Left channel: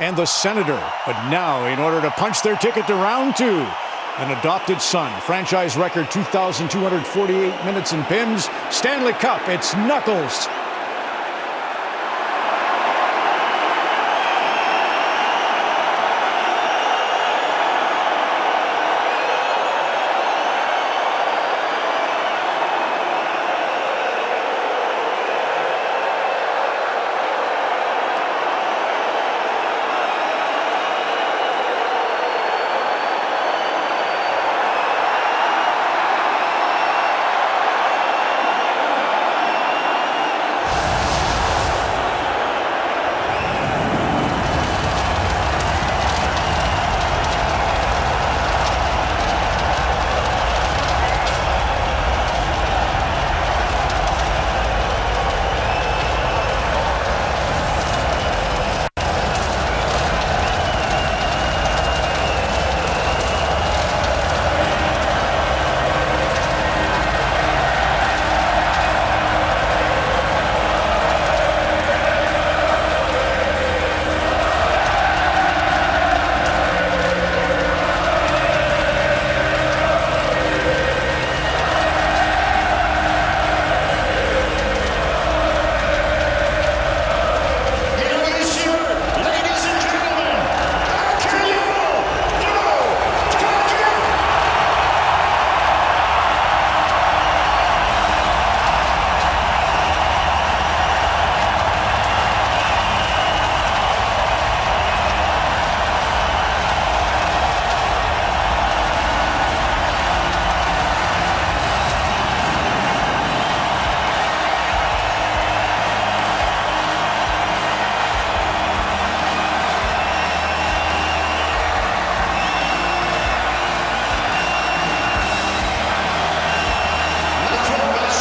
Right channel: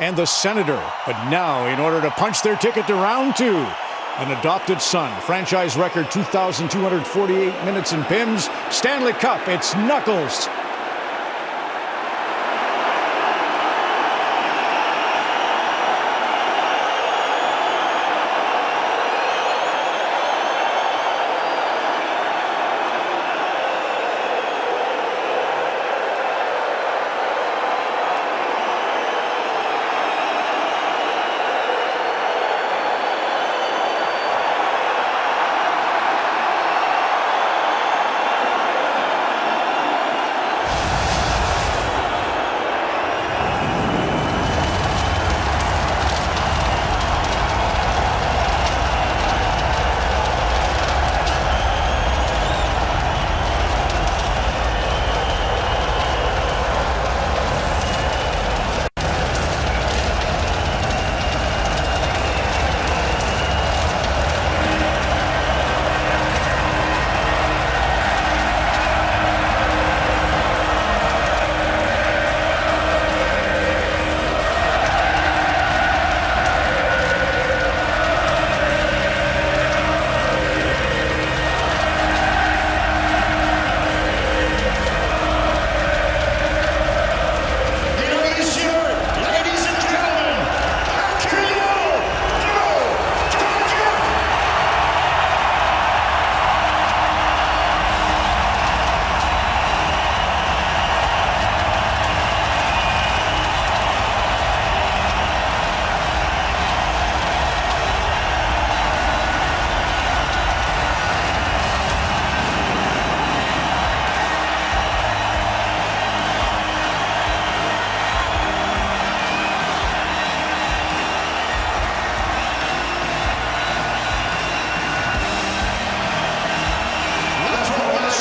and the Senator. But now, in order to punch their ticket to round two, an adopted son, franchise record 2,248 minutes in PIMS, Stanley Cup, it's Knuckles.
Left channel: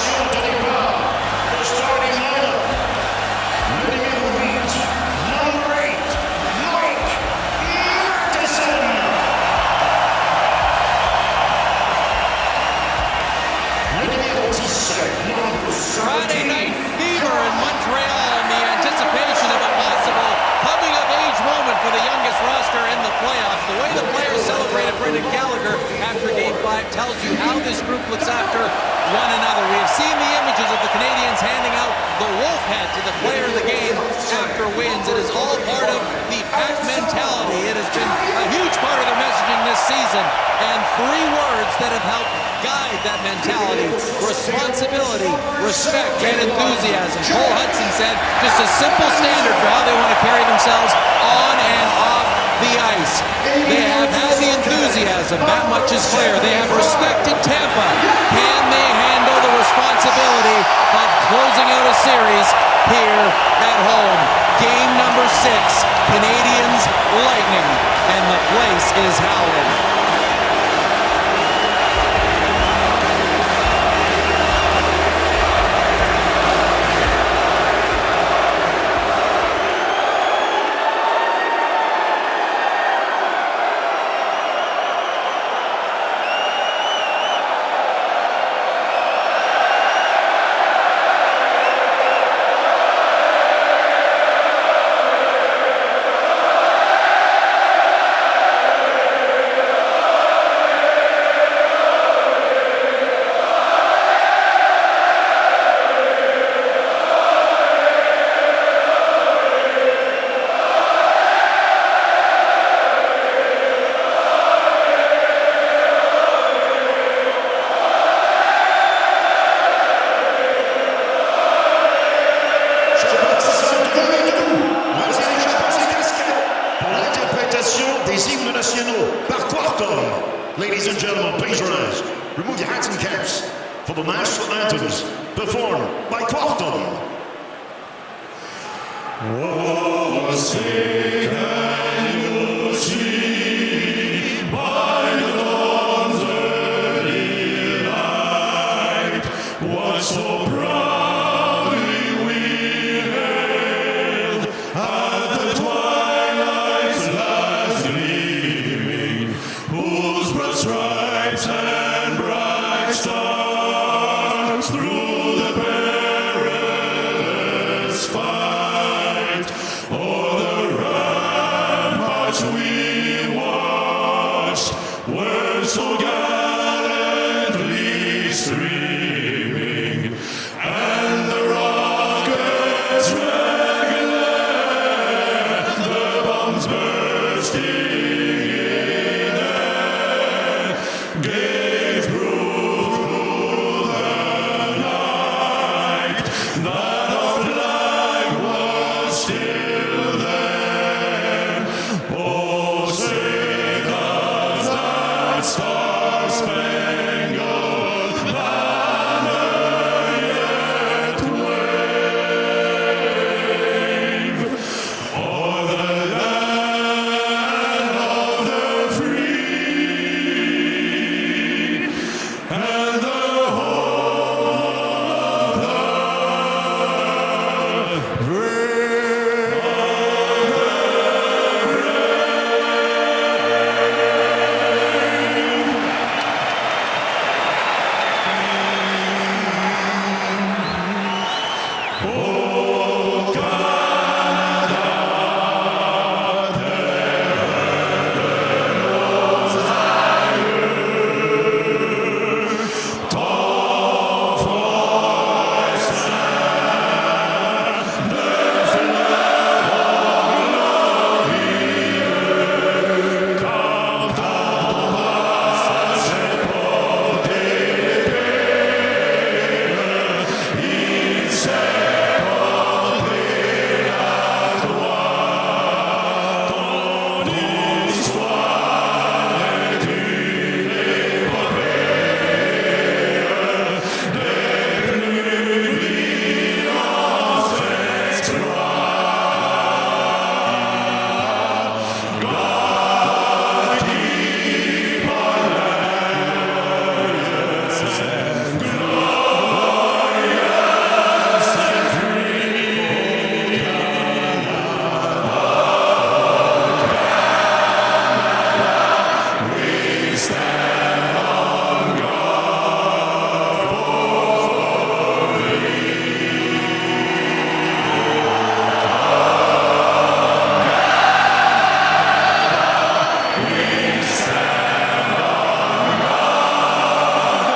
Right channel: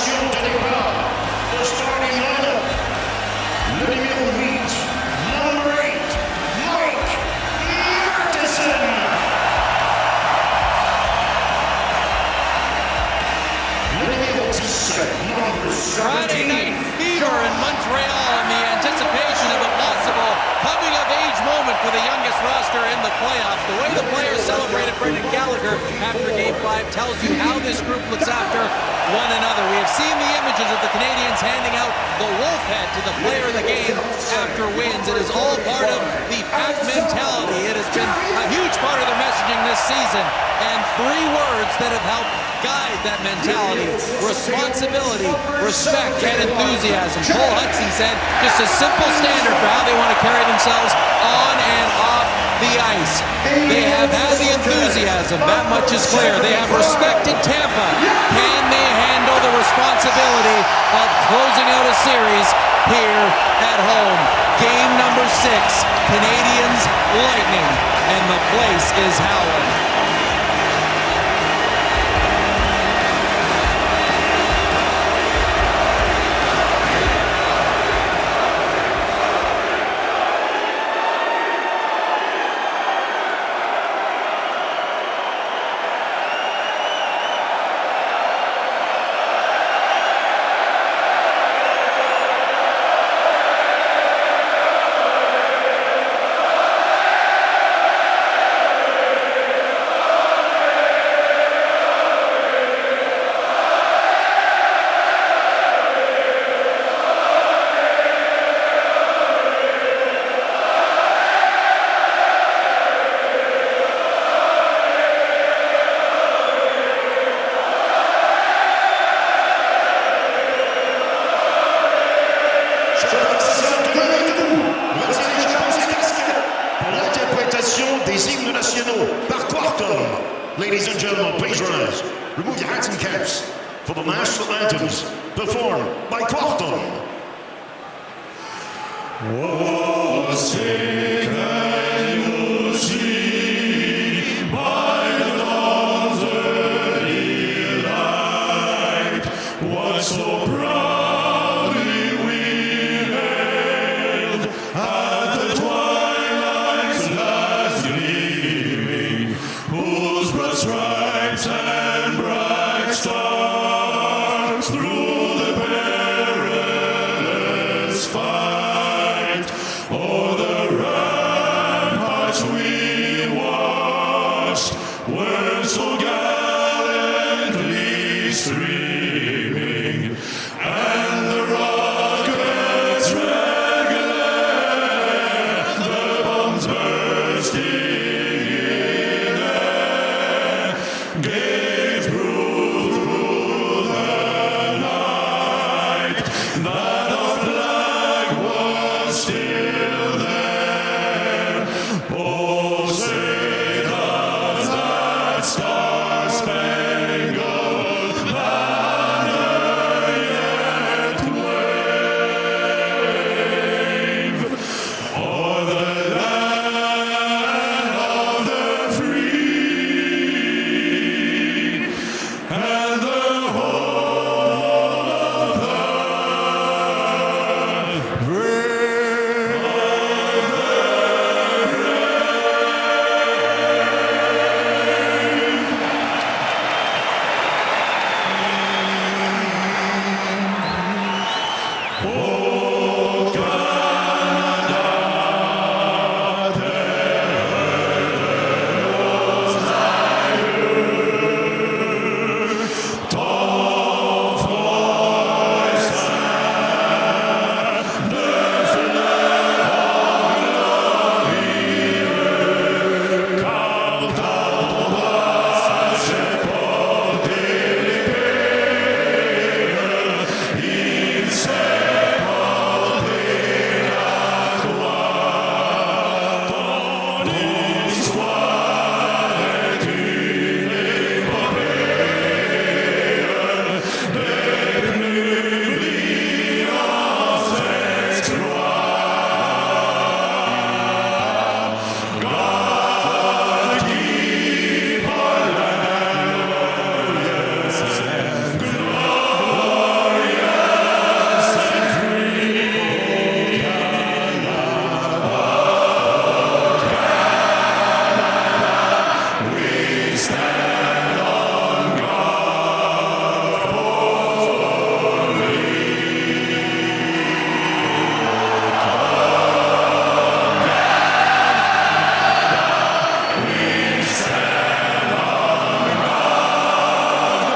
De départ, the starting lineup. Le numéro 8, number 8, Mike Matheson. Le numéro 10, number 7. Friday night fever in Montreal in the anticipation of a possible coming-of-age moment for the youngest roster in the playoffs. The way the players celebrated Brendan Gallagher after Game 5 tells you how this group looks after one another. We have seen the images of the Canadiens handing out the wolf head to the player of the game after wins. It is all part of the pack mentality. It has been a huge part of their messaging this season. And three words that have helped guide that mentality: responsibility, respect, and enthusiasm. Cole Hudson said just a simple standard for how they want to carry themselves on and off the ice. They have had the enthusiasm, that much is clear. They have respected Tampa. Can they handle the responsibility of closing out a series here at home? Game number 6, Canadiens Lightning, and the place is howling. Chers partisans, demeurez debout, retirez chapeaux et casquettes pour l'interprétation des hymnes nationaux par Quartum. Ladies and gentlemen, please rise. Remove your hats and caps for the national anthems performed by Quartum. Oh, say can you see by the dawn's early light what so proudly we hailed at the twilight's last gleaming, whose broad stripes and bright stars through the perilous fight o'er the much we watched were so gallantly streaming, and the rockets' red glare, the bombs bursting in air, gave proof through the night that our flag was still there. Oh, say does that star-spangled banner yet wave o'er the land of the free and the home of the brave? Oh, Canada, there was I heard ton voice and the flag glorieux, car ton bras j'ai porté l'épée, il s'est porté la gloire. Ton histoire est une épopée des plus brillants exploits. God keep our land glorious and glorious and free. Oh, Canada, we stand on guard for Canada, we stand on guard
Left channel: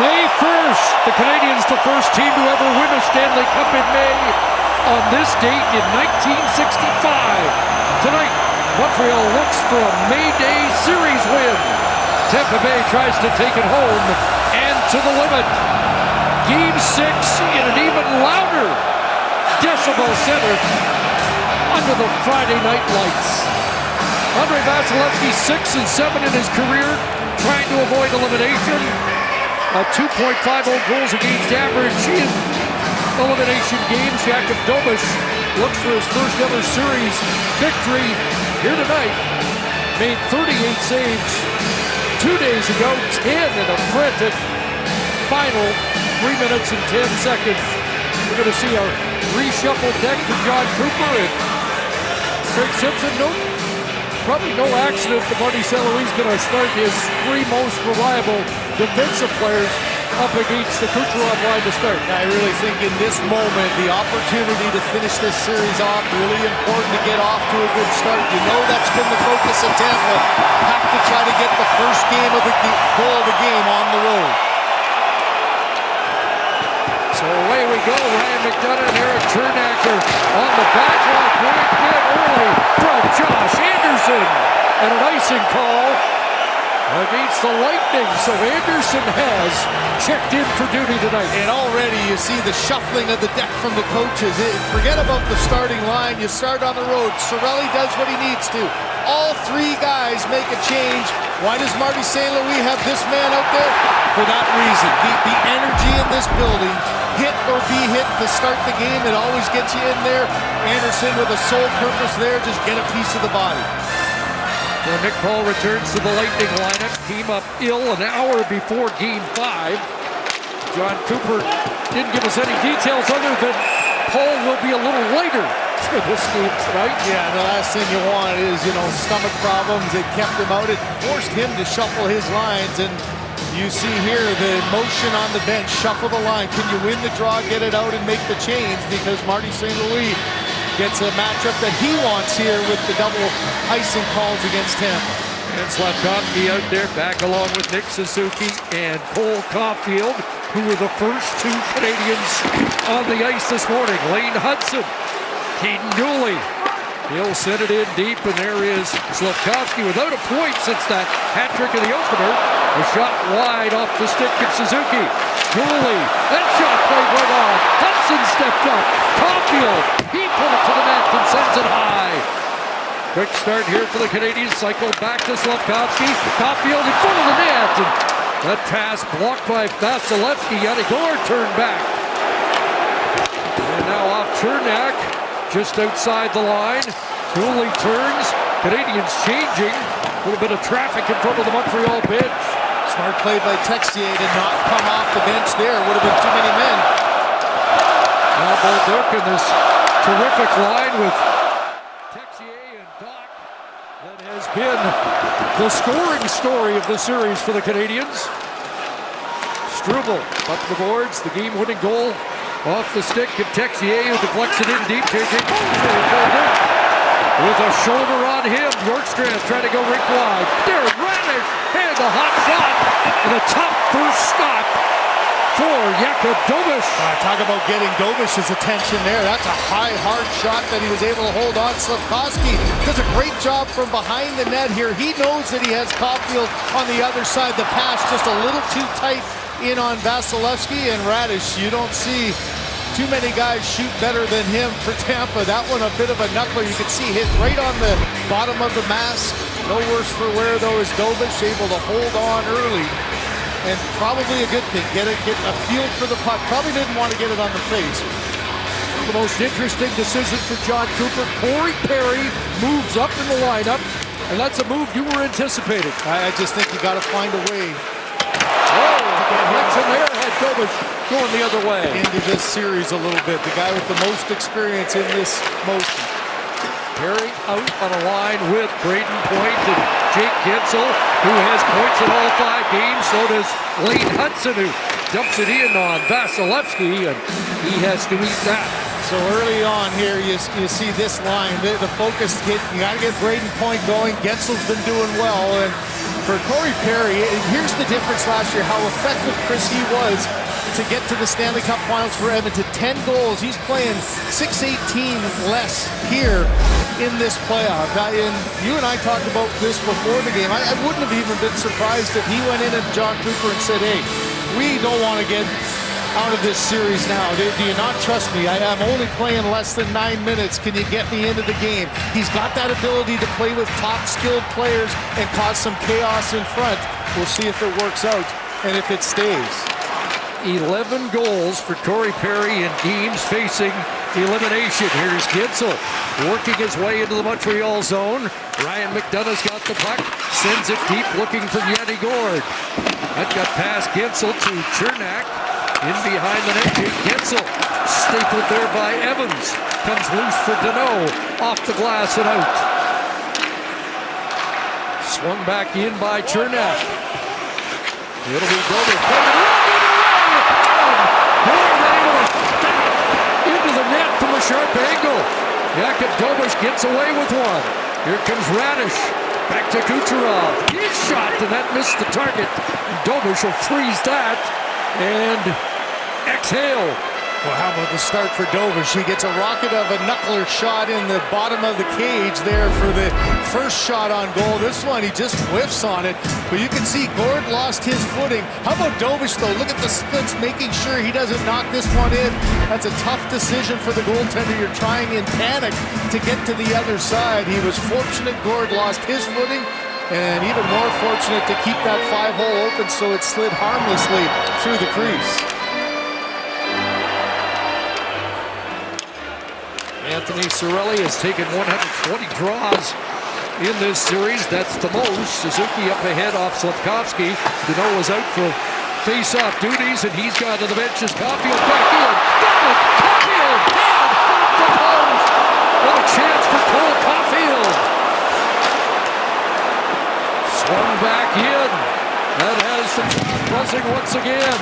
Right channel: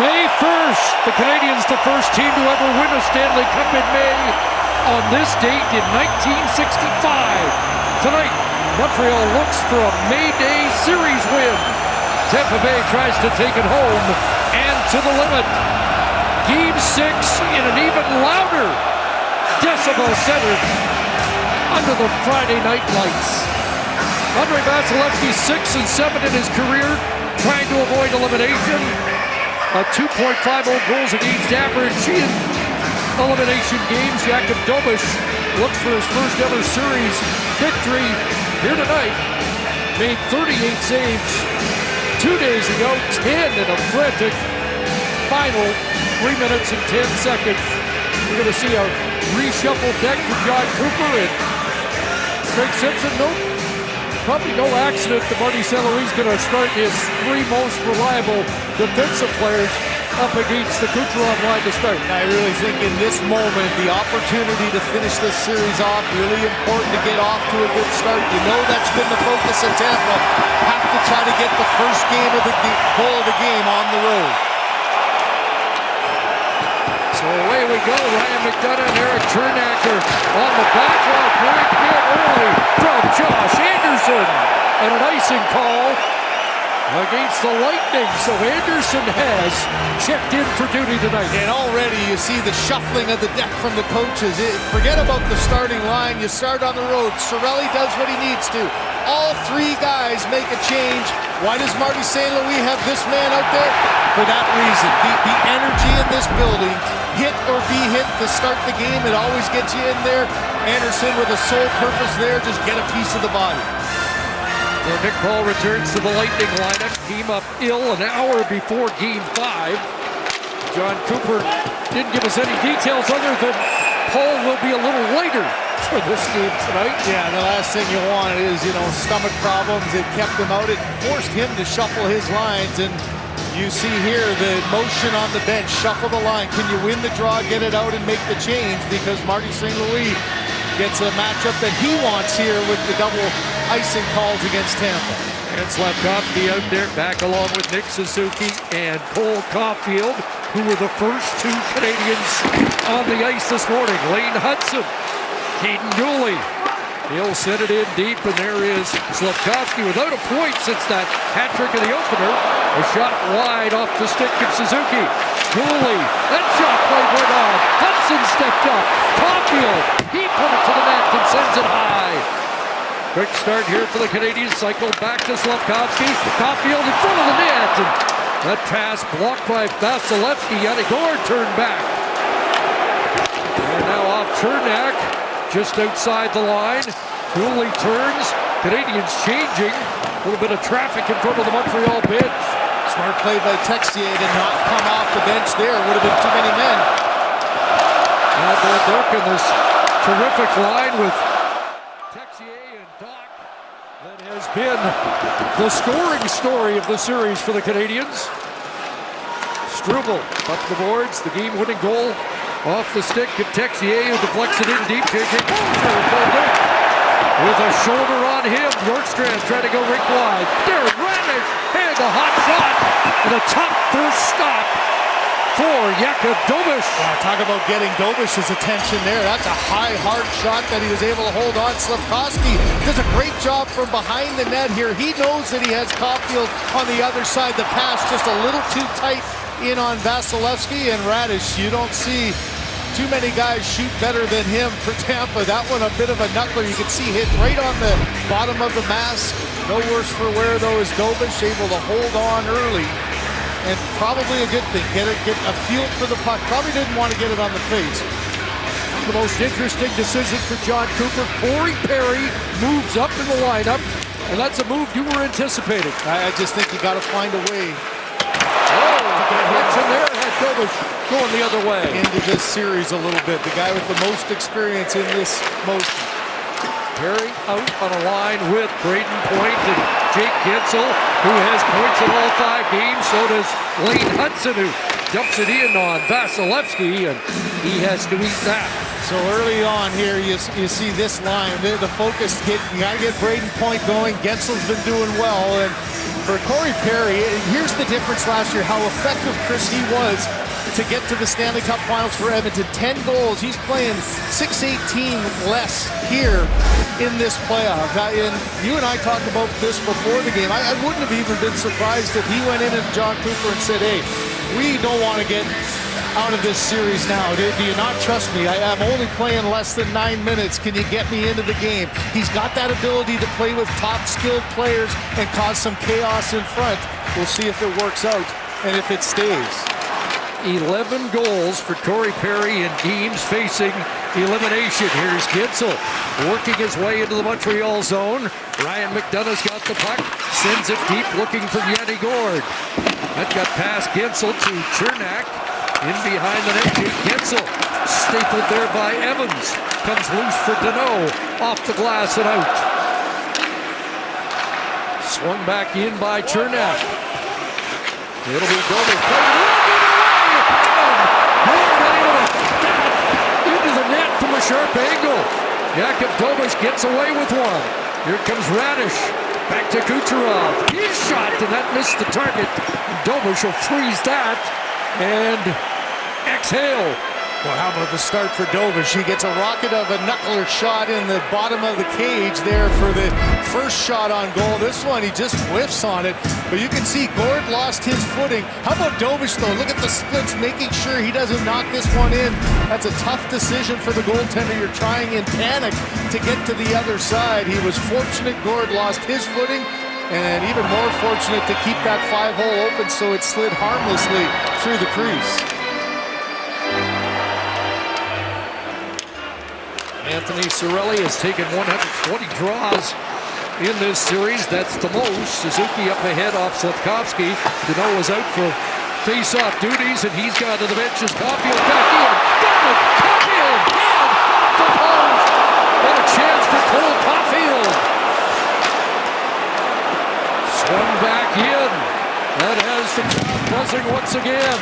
May 1st, the Canadiens, the first team to ever win a Stanley Cup in May on this date in 1965. Tonight, Montreal looks for a May Day series win. Tampa Bay tries to take it home and to the limit. Game 6 in an even louder Decibel Center under the Friday night lights. Andrei Vasilevsky 6-7 in his career, trying to avoid elimination. 2.50 goals against average in elimination games. Jakub Dobish looks for his first ever series victory here tonight. Made 38 saves 2 days ago, 10 in a frantic final 3 minutes and 10 seconds. We're going to see a reshuffled deck for John Cooper and Craig Simpson. Probably no accident that Marty St. Louis is going to start his three most reliable defensive players up against the Kucherov line to start. I really think in this moment, the opportunity to finish this series off, really important to get off to a good start. You know that's been the focus of Tampa. Have to try to get the first game of the goal of the game on the road. So away we go. Ryan McDonough and Eric Chernacker on the back line. Point hit early from Josh Anderson. And an icing call against the Lightning. So Anderson has checked in for duty tonight. And already you see the shuffling of the deck from the coaches. Forget about the starting line. You start on the road. Cirelli does what he needs to. All three guys make a change. Why does Marty St. Louis have this man out there? For that reason. The energy in this building, hit or be hit to start the game, it always gets you in there. Anderson with a sole purpose there, just get a piece of the body. So Nick Paul returns to the Lightning lineup. Came up ill an hour before Game 5. John Cooper didn't give us any details other than Paul will be a little lighter for this game tonight. Yeah, the last thing you want is, stomach problems. It kept him out. It forced him to shuffle his lines. And, You see here the motion on the bench, shuffle the line. Can you win the draw, get it out, and make the change? Because Marty St. Louis gets a matchup that he wants here with the double icing calls against Tampa. And Slavkovsky out there, back along with Nick Suzuki and Cole Caulfield, who were the first two Canadians on the ice this morning. Lane Hudson, Caden Dooley. He'll send it in deep, and there is Slavkovsky without a point since that hat trick of the opener. A shot wide off the stick of Suzuki. Dooley, that shot played right on. Hudson stepped up. Caulfield, he put it to the net and sends it high. Quick start here for the Canadiens. Cycle back to Slavkovsky. Caulfield in front of the net. And that pass blocked by Vasilevsky. Yanni-Gourde turned back. And now off Chernak, just outside the line. Dooley turns. Canadiens changing. A little bit of traffic in front of the Montreal bench. Smart play by Texier to not come off the bench there. Would have been too many men. Now Bolduc in this terrific line with Texier and Doc. That has been the scoring story of the series for the Canadiens. Struble up the boards, the game-winning goal off the stick of Texier, who deflects it in deep. J.J. Bolduc with a shoulder on him. Bjorkstrand trying to go rink wide. Darren Ranish and a hot shot and a tough first stop for Jakub Dobeš. Talk about getting Dobeš's attention there. That's a high, hard shot that he was able to hold on. Slavkovsky does a great job from behind the net here. He knows that he has Caulfield on the other side. The pass just a little too tight in on Vasilevsky and Radish. You don't see too many guys shoot better than him for Tampa. That one a bit of a knuckler. You can see hit right on the bottom of the mask. No worse for wear though is Dobeš able to hold on early. And probably a good thing. Get a feel for the puck. Probably didn't want to get it on the face. One of the most interesting decisions for John Cooper. Corey Perry moves up in the lineup, and that's a move you were anticipating. I just think you got to find a way. Deflection there had Dobeš going the other way. Into this series a little bit. The guy with the most experience in this motion. Perry out on a line with Braden Point and Jake Gensel, who has points in all 5 games. So does Lane Hudson, who dumps it in on Vasilevsky, and he has to eat that. So early on here, you see this line. The focus, you got to get Braden Point going. Gensel's been doing well, and for Corey Perry, here's the difference last year, how effective Chris he was to get to the Stanley Cup Finals for Edmonton. 10 goals. He's playing 6-18 less here in this playoff. And you and I talked about this before the game. I wouldn't have even been surprised if he went in and John Cooper and said, hey, we don't want to get out of this series now. Do you not trust me? I'm only playing less than 9 minutes. Can you get me into the game? He's got that ability to play with top skilled players and cause some chaos in front. We'll see if it works out and if it stays. 11 goals for Corey Perry in games facing elimination. Here's Gensel working his way into the Montreal zone. Ryan McDonough's got the puck, sends it deep looking for Yanni-Gourde. That got past Gensel to Chernak. In behind the net, Jake Gensel, stapled there by Evans. Comes loose for Deneau, off the glass and out. Swung back in by Chernak. It'll be Dobeš. Played it away, and Gourde able to put that into the net from a sharp angle. Jakub Dobeš gets away with one. Here comes Radish. Back to Kucherov. His shot, and that missed the target. And Dobeš will freeze that and exhale. Well, how about the start for Dobeš? He gets a rocket of a knuckler shot in the bottom of the cage there for the first shot on goal. This one, he just whiffs on it. But you can see Gourde lost his footing. How about Dobeš, though? Look at the splits, making sure he doesn't knock this one in. That's a tough decision for the goaltender. You're trying in panic to get to the other side. He was fortunate Gourde lost his footing, and even more fortunate to keep that 5-hole open so it slid harmlessly through the crease. Anthony Cirelli has taken 120 draws in this series. That's the most. Suzuki up ahead off Slavkovsky. Deneau is out for face-off duties, and he's gone to the bench as Caulfield back in. Got it! Caulfield! And off the post! What a chance for Cole Caulfield! Swung back in. That has the crowd buzzing once again.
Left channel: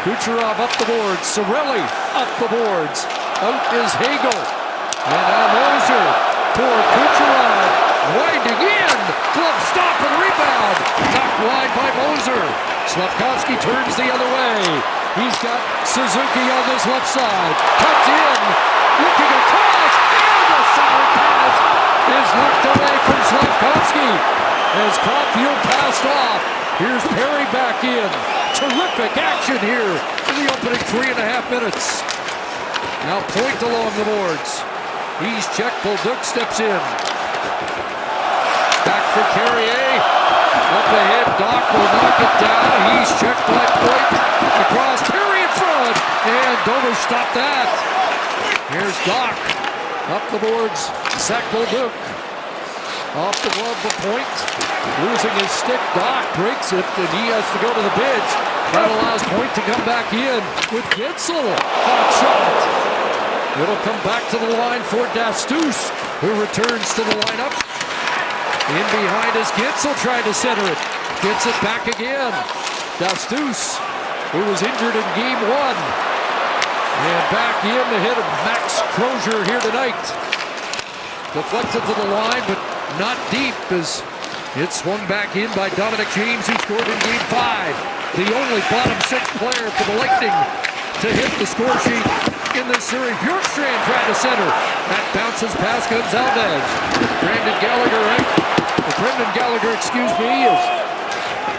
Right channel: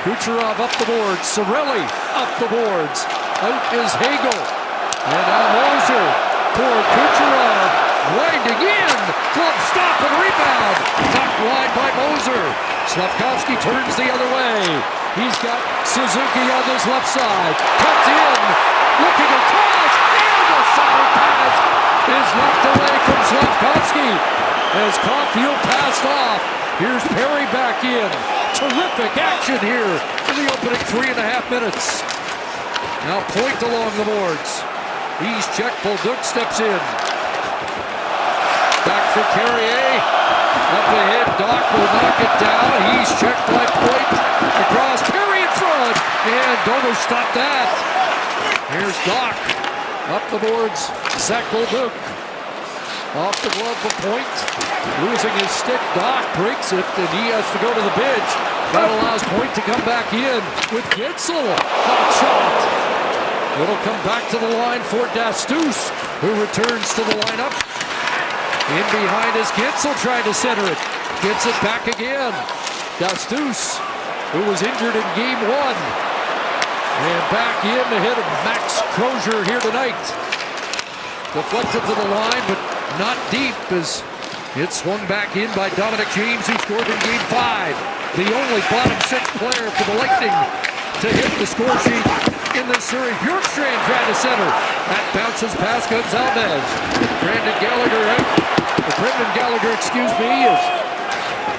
Kucherov up the boards. Cirelli up the boards. Out is Hagel. And now Moser for Kucherov. Winding in. Glove stop and rebound. Knocked wide by Moser. Slavkovsky turns the other way. He's got Suzuki on his left side. Cuts in. Looking across. And a solid pass is knocked away from Slavkovsky as Caulfield passed off. Here's Perry back in. Terrific action here in the opening 3.5 minutes. Now Point along the boards. He's checked. Bolduc steps in. Back for Carrier. Up ahead. Doc will knock it down. He's checked by Point. Across. Perry in front. And Dover stopped that. Here's Doc. Up the boards. Zach Bolduc. Off the glove for Point. Losing his stick. Doc breaks it, and he has to go to the bench. That allows Point to come back in with Gitzel. Hot shot. It'll come back to the line for Dastus, who returns to the lineup. In behind is Gitzel trying to center it. Gets it back again. Dastus, who was injured in game 1. And back in the hit of Max Crozier here tonight. Deflected to the line, but not deep as it's swung back in by Dominic James, who scored in game 5. The only bottom 6 player for the Lightning to hit the score sheet in this series. Bjorkstrand trying to center. That bounces past Gonzalez. Brendan Gallagher, is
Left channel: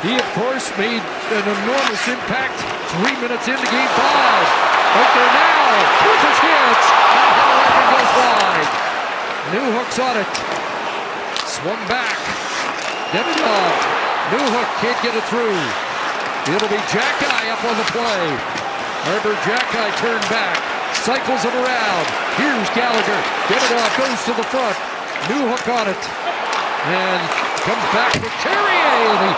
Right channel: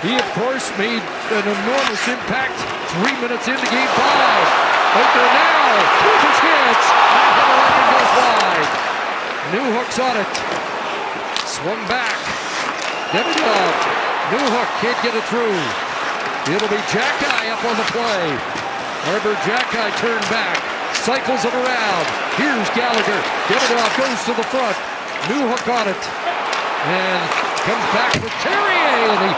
he of course made an enormous impact 3 minutes into game 5. Out there now with a chance. That hit goes wide. Newhook's on it. Swung back. Demidov. Newhook can't get it through. It'll be Jackeye up on the play. Arbor Jackeye turned back. Cycles it around. Here's Gallagher. Demidov goes to the front. Newhook on it. And comes back for Carrier. And he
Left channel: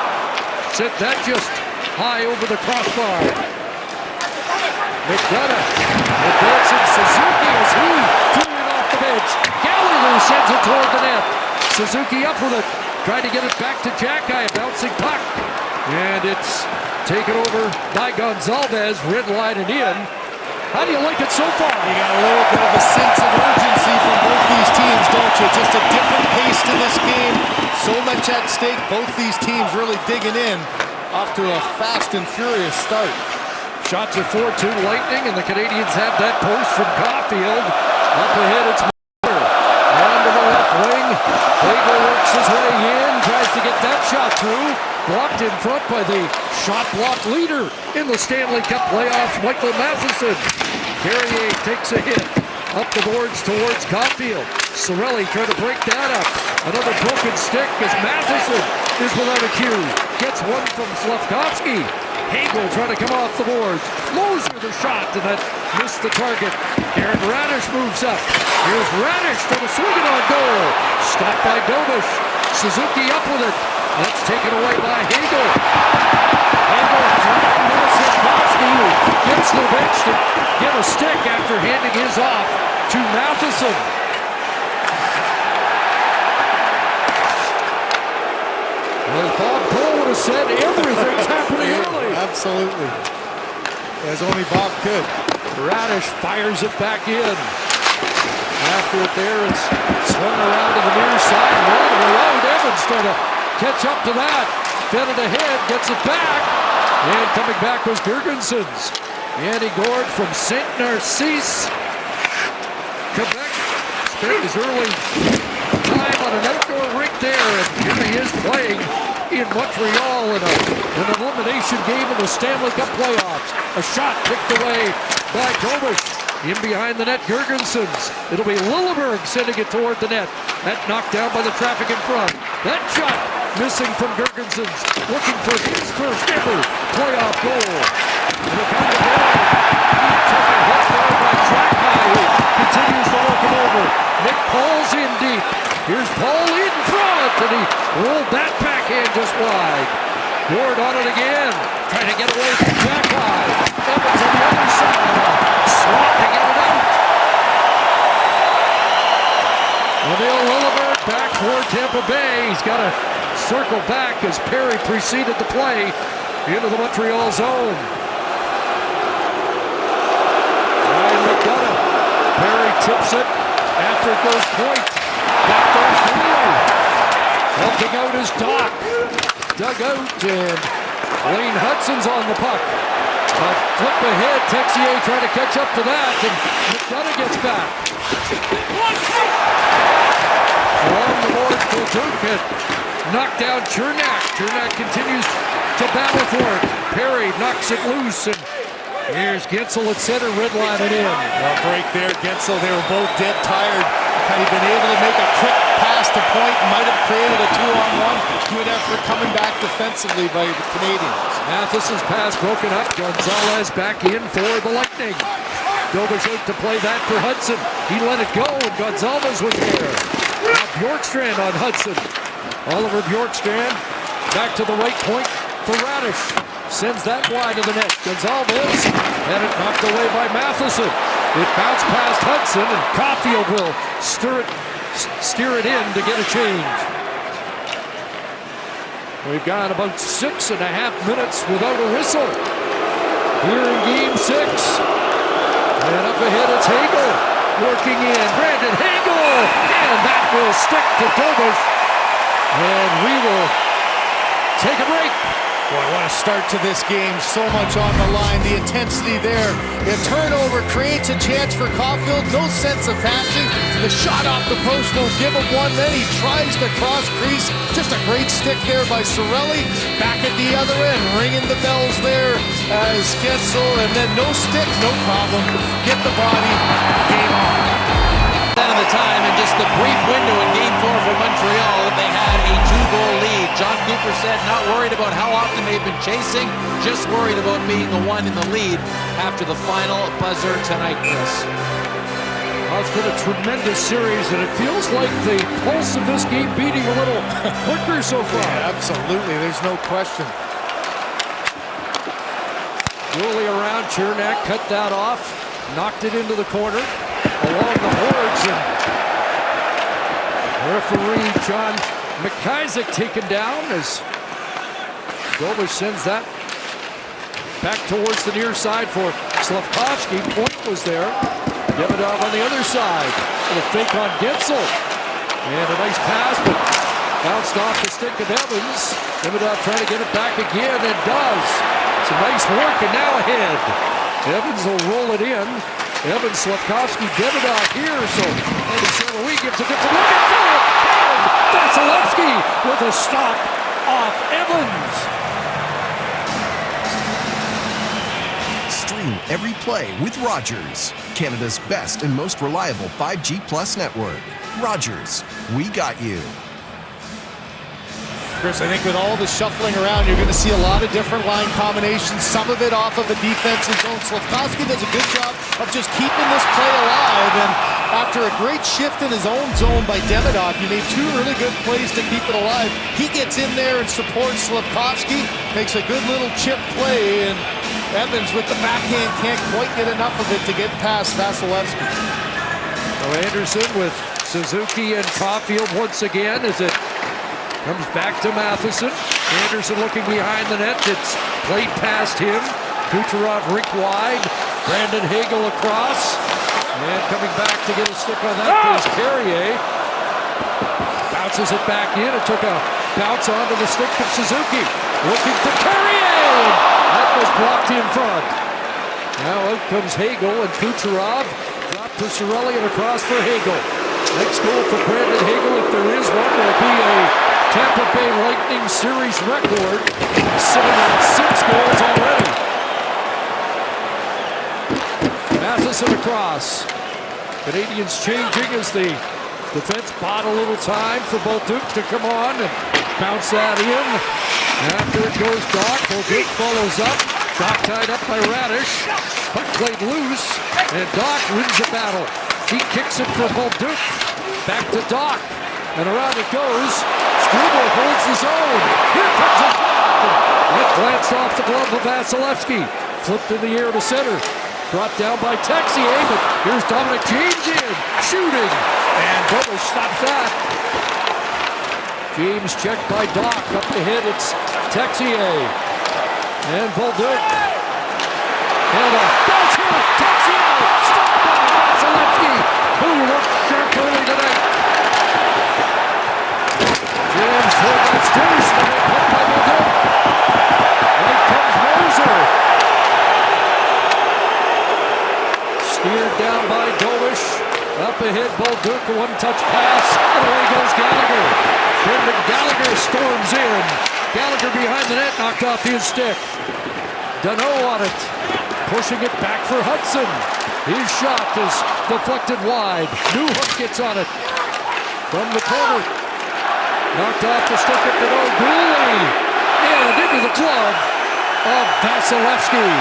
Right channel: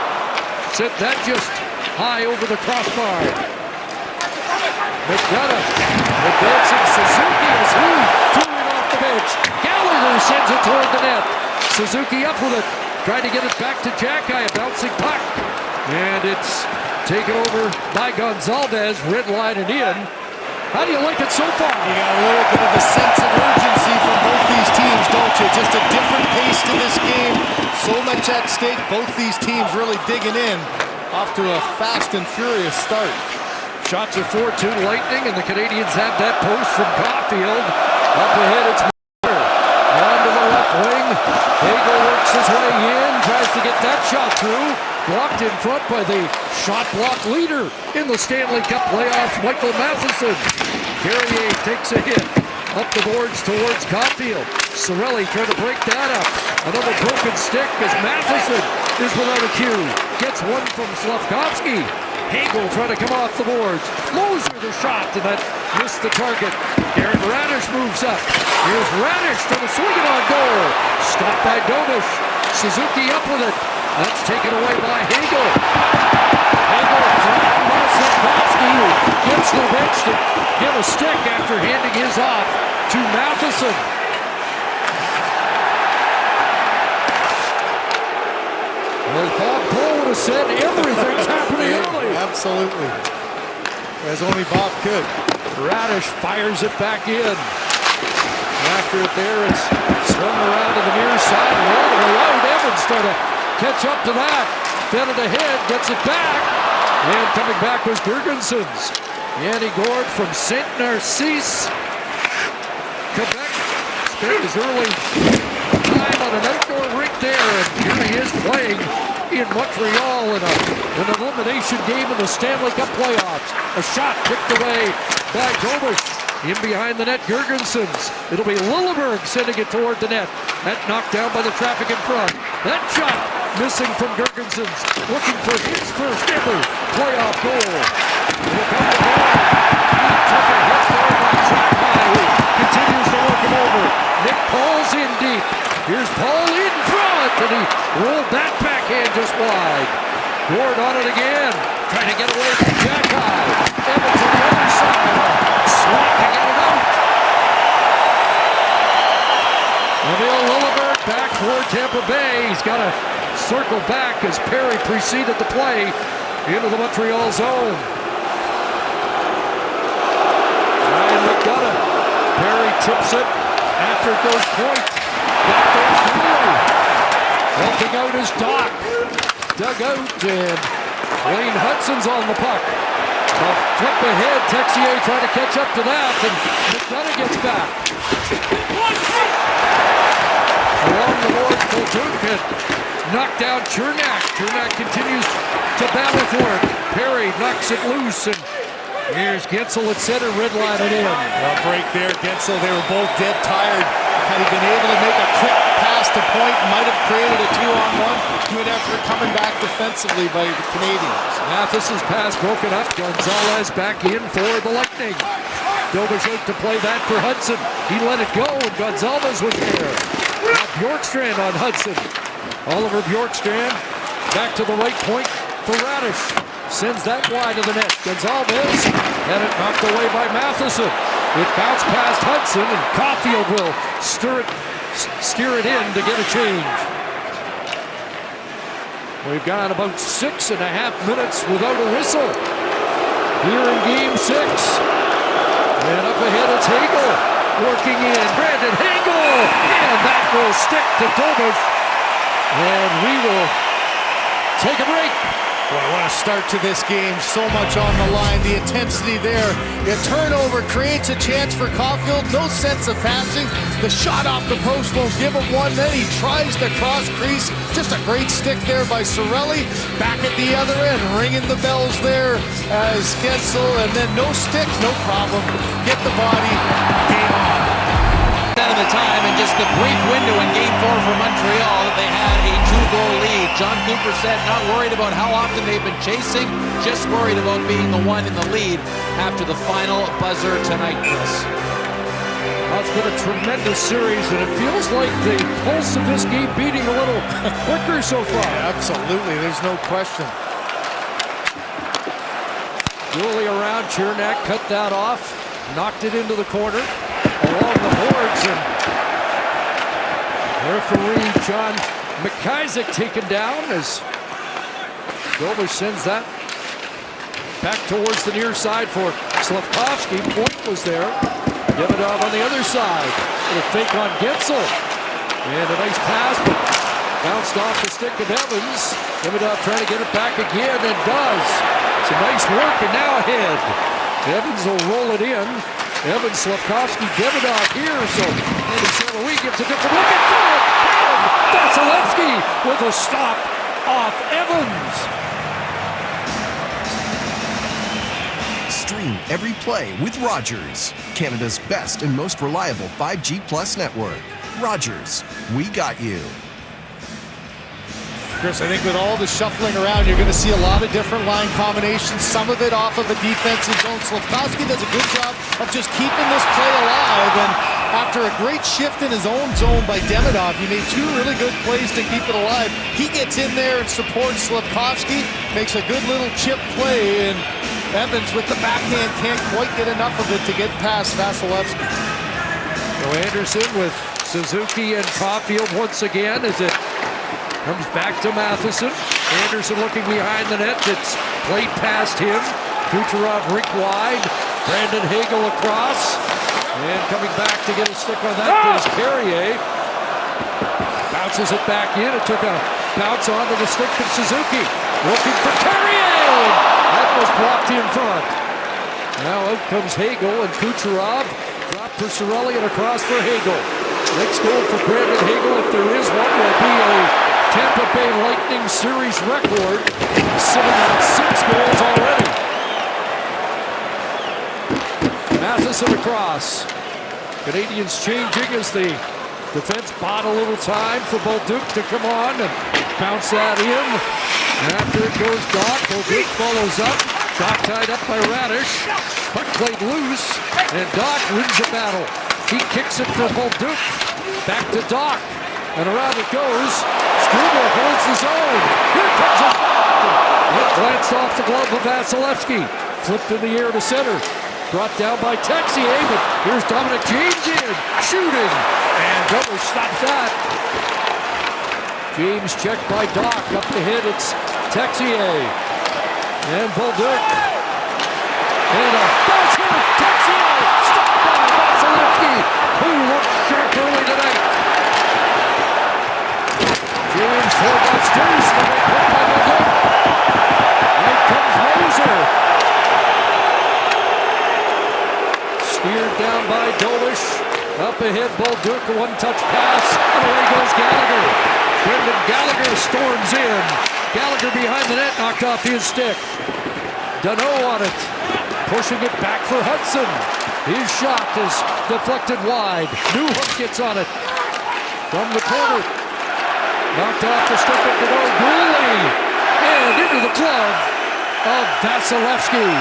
sent that just high over the crossbar. McDonough advancing Suzuki as he threw it off the bench. Gallagher sends it toward the net. Suzuki up with it. Trying to get it back to Jackeye. A bouncing puck. And it's taken over by Gonzalez. Red line and in. How do you like it so far? You got a little bit of a sense of urgency from both these teams, don't you? Just a different pace to this game. So much at stake. Both these teams really digging in. Off to a fast and furious start. Shots are 4-2 Lightning, and the Canadiens have that post from Caulfield. Up ahead, it's Miller. On to the left wing. Hagel works his way in, tries to get that shot through. Blocked in front by the shot block leader in the Stanley Cup playoffs, Michael Matheson. Carrier takes a hit. Up the boards towards Caulfield. Cirelli trying to break that up. Another broken stick as Matheson is without a cue. Gets one from Slavkovsky. Hagel trying to come off the boards. Moser the shot, and that missed the target. Aaron Radish moves up. Here's Radish trying to swing it on goal. Stopped by Dobish. Suzuki up with it. That's taken away by Hagel. Hagel flattened by Slavkovsky, who gets the bench to get a stick after handing his off to Matheson. As Bob Cole would have said, everything's happening early. Absolutely. As only Bob could. Radish fires it back in. After it there, it's swung around to the near side and all the way out. Evans trying to catch up to that. Fed it ahead, gets it back. And coming back was Girgensons. Yanni Gord from Saint Narcisse, Quebec, spent his early time on an outdoor rink there, and here he is playing in Montreal in an elimination game in the Stanley Cup playoffs. A shot kicked away by Dobish. In behind the net, Girgensons. It'll be Lilleberg sending it toward the net. That knocked down by the traffic in front. That shot missing from Girgensons, looking for his first ever playoff goal. It'll come to Boyd. He took a hit there by Jackeye, who continues to work him over. Nick Paul's in deep. Here's Paul in front, and he rolled that backhand just wide. Ward on it again, trying to get away from Jackeye. Evans on the other side, swat to get it out. Emil Lilleberg back for Tampa Bay. He's got a circle back as Perry preceded the play into the Montreal zone. Ryan McDonough. Perry tips it after it goes point. Back goes Wheeler. Helping out is Doc. Dug out, and Wayne Hudson's on the puck. A flip ahead, Texier trying to catch up to that, and McDonough gets back. Along the boards, Kulturkin knocked down Chernak. Chernak continues to battle for it. Perry knocks it loose, and here's Gensel at center, redlining in. Well, break there, Gensel. They were both dead tired. Had he been able to make a quick pass to point, might have created a 2-on-1. Good effort coming back defensively by the Canadiens. Mathis's pass broken up. Gonzalez back in for the Lightning. Dobish out to play that for Hudson. He let it go, and Gonzalez was there. Now Bjorkstrand on Hudson. Oliver Bjorkstrand back to the right point for Radish. Sends that wide of the net. Gonzalez had it knocked away by Matheson. It bounced past Hudson, and Caulfield will steer it in to get a change. We've got about 6.5 minutes without a whistle here in Game 6. And up ahead, it's Hagel working in. Brandon Hagel, and that will stick to Dobish. And we will take a break. Boy, what a start to this game. So much on the line. The intensity there. A turnover creates a chance for Caulfield. No sense of passing. The shot off the post won't give him one. Then he tries the cross crease. Just a great stick there by Cirelli. Back at the other end, ringing the bells there as Gensel. And then no stick, no problem. Get the body. Game on. Of the time, and just the brief window in Game 4 for Montreal that they had a 2-goal lead. John Cooper said not worried about how often they've been chasing, just worried about being the one in the lead after the final buzzer tonight, Chris. Well, it's been a tremendous series, and it feels like the pulse of this game beating a little quicker so far. Yeah, absolutely, there's no question. Dually around, Chernak cut that off, knocked it into the corner. Along the boards, and referee John McIsaac taken down as Dobish sends that back towards the near side for Slavkovsky. Point was there. Demidov on the other side. And a fake on Gensel. And a nice pass, but bounced off the stick of Evans. Demidov trying to get it back again, and does. Some nice work, and now ahead. Evans will roll it in. Evans, Slavkovsky, Demidov here, so Andy St. Louis gives a different look at it, and Vasilevsky with a stop off Evans. Stream every play with Rogers, Canada's best and most reliable 5G Plus network. Rogers, we got you. Chris, I think with all the shuffling around, you're going to see a lot of different line combinations, some of it off of a defensive zone. Slavkovsky does a good job of just keeping this play alive, and after a great shift in his own zone by Demidov, he made 2 really good plays to keep it alive. He gets in there and supports Slavkovsky, makes a good little chip play, and Evans with the backhand can't quite get enough of it to get past Vasilevsky. So Anderson with Suzuki and Caulfield once again as it comes back to Matheson. Anderson looking behind the net. It's played past him. Kucherov rink wide. Brandon Hagel across. And coming back to get a stick on that is Carrier. Bounces it back in. It took a bounce onto the stick of Suzuki. Looking for Carrier. That was blocked in front. Now out comes Hagel, and Kucherov dropped for Cirelli and across for Hagel. Next goal for Brandon Hagel, if there is one, will be a Tampa Bay Lightning series record, sitting at 6 goals already. Matheson across. Canadiens changing as the defense bought a little time for Bolduc to come on and bounce that in. After it goes Doc, Bolduc follows up. Doc tied up by Radish. Puck played loose, and Doc wins the battle. He kicks it for Bolduc. Back to Doc, and around it goes. Struble holds his own. Here comes a shot. It glanced off the glove of Vasilevsky. Flipped in the air to center. Brought down by Texier, but here's Dominic James in. Shooting. And Dobish stops that. James checked by Doc. Up ahead, it's Texier. And Bolduc. And a bouncer. Texier. Stopped by Vasilevsky, who looked sharp early tonight. James for Deuce. And they put by Bolduc. Out comes Moser. Steered down by Dobish. Up ahead, Bolduc, a one-touch pass, and away goes Gallagher. Brendan Gallagher storms in. Gallagher behind the net, knocked off his stick. Danault on it, pushing it back for Hudson. His shot is deflected wide. Newhook gets on it from the corner. Knocked off the stick of Danault. Gooley, and into the glove of Vasilevsky.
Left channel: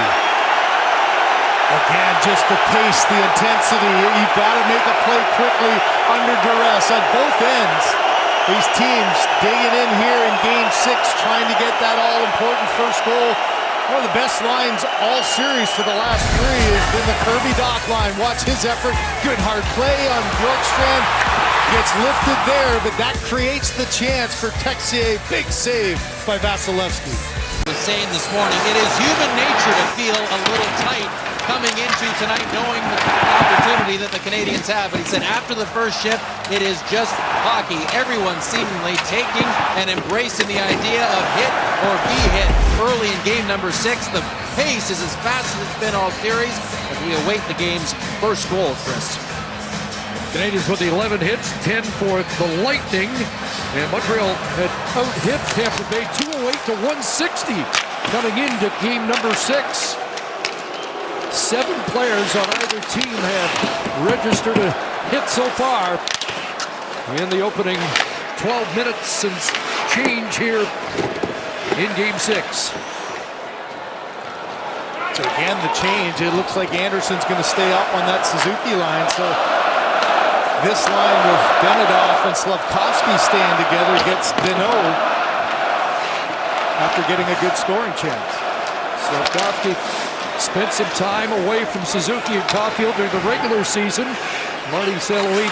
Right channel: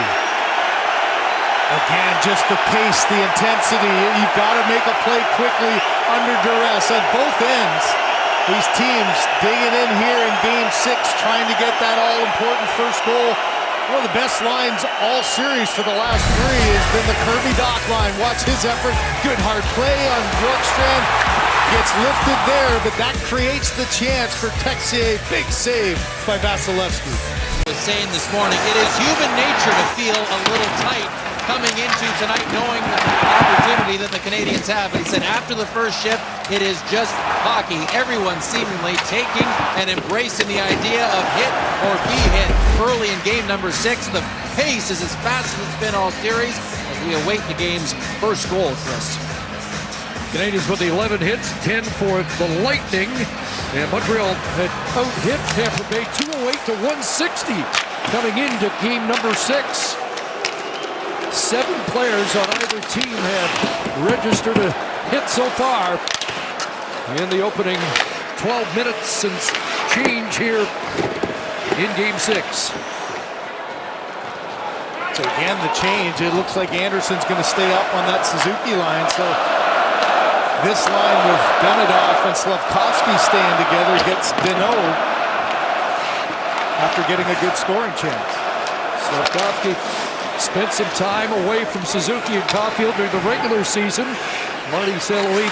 Again, just the pace, the intensity. You've got to make a play quickly under duress on both ends. These teams digging in here in Game 6, trying to get that all-important first goal. One of the best lines all series for the last three has been the Kirby Doc line. Watch his effort. Good hard play on Bjorkstrand. Gets lifted there, but that creates the chance for Texier. Big save by Vasilevsky. Was saying this morning, it is human nature to feel a little tight coming into tonight, knowing the opportunity that the Canadiens have. But he said after the first shift, it is just hockey. Everyone seemingly taking and embracing the idea of hit or be hit early in game number 6. The pace is as fast as it's been all series as we await the game's first goal, Chris. Canadiens with 11 hits, 10 for the Lightning. And Montreal had out-hit Tampa Bay 208 to 160 coming into game number 6. 7 players on either team have registered a hit so far in the opening 12 minutes and change here in game 6. So again, the change. It looks like Anderson's going to stay up on that Suzuki line. So this line with Benedov and Slavkovsky staying together gets Danault after getting a good scoring chance. Slavkovsky spent some time away from Suzuki and Caulfield during the regular season. Marty St. Louis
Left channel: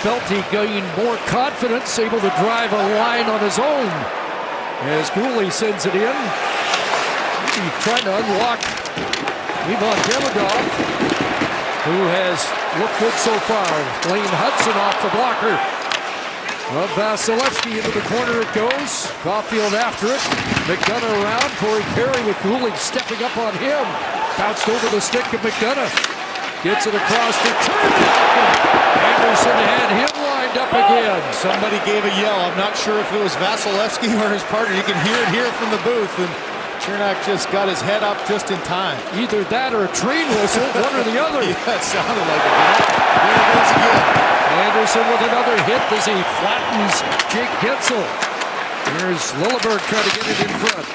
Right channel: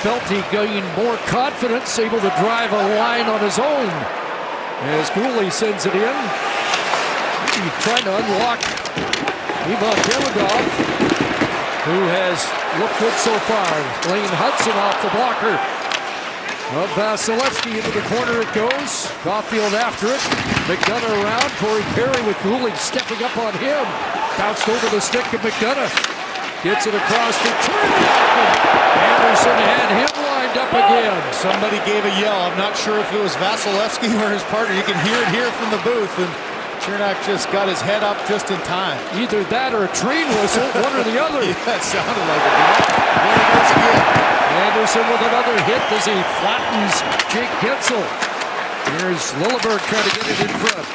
felt he gained more confidence, able to drive a line on his own. As Gooley sends it in, maybe trying to unlock Ivan Demidov, who has looked good so far. Lane Hudson off the blocker of Vasilevsky. Into the corner it goes. Caulfield after it. McDonough around. Corey Perry with Gooley stepping up on him. Bounced over the stick of McDonough. Gets it across for Chernak. Anderson had him lined up again. Somebody gave a yell. I'm not sure if it was Vasilevsky or his partner. You can hear it here from the booth. And Chernak just got his head up just in time. Either that or a train whistle, one or the other. Yeah, it sounded like it. There it goes again. Anderson with another hit as he flattens Jake Gensel. Here's Lilleberg trying to get it in front.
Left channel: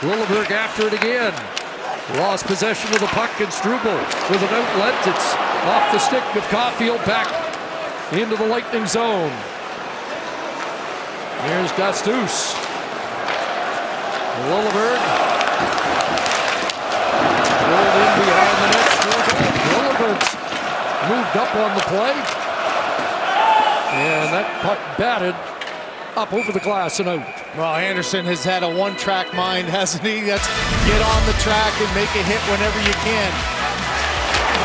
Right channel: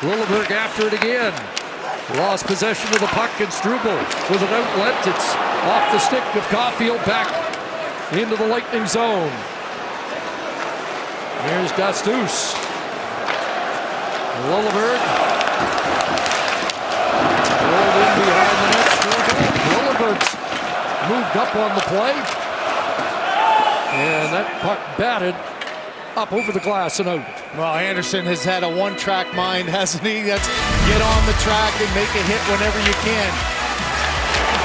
Lilleberg after it again. Lost possession of the puck, and Struble with an outlet. It's off the stick of Caulfield, back into the Lightning zone. Here's Dastous. Lilleberg rolled in behind the net. Lilleberg's moved up on the play. And that puck batted up over the glass and out. Well, Anderson has had a one-track mind, hasn't he? That's get on the track and make a hit whenever you can.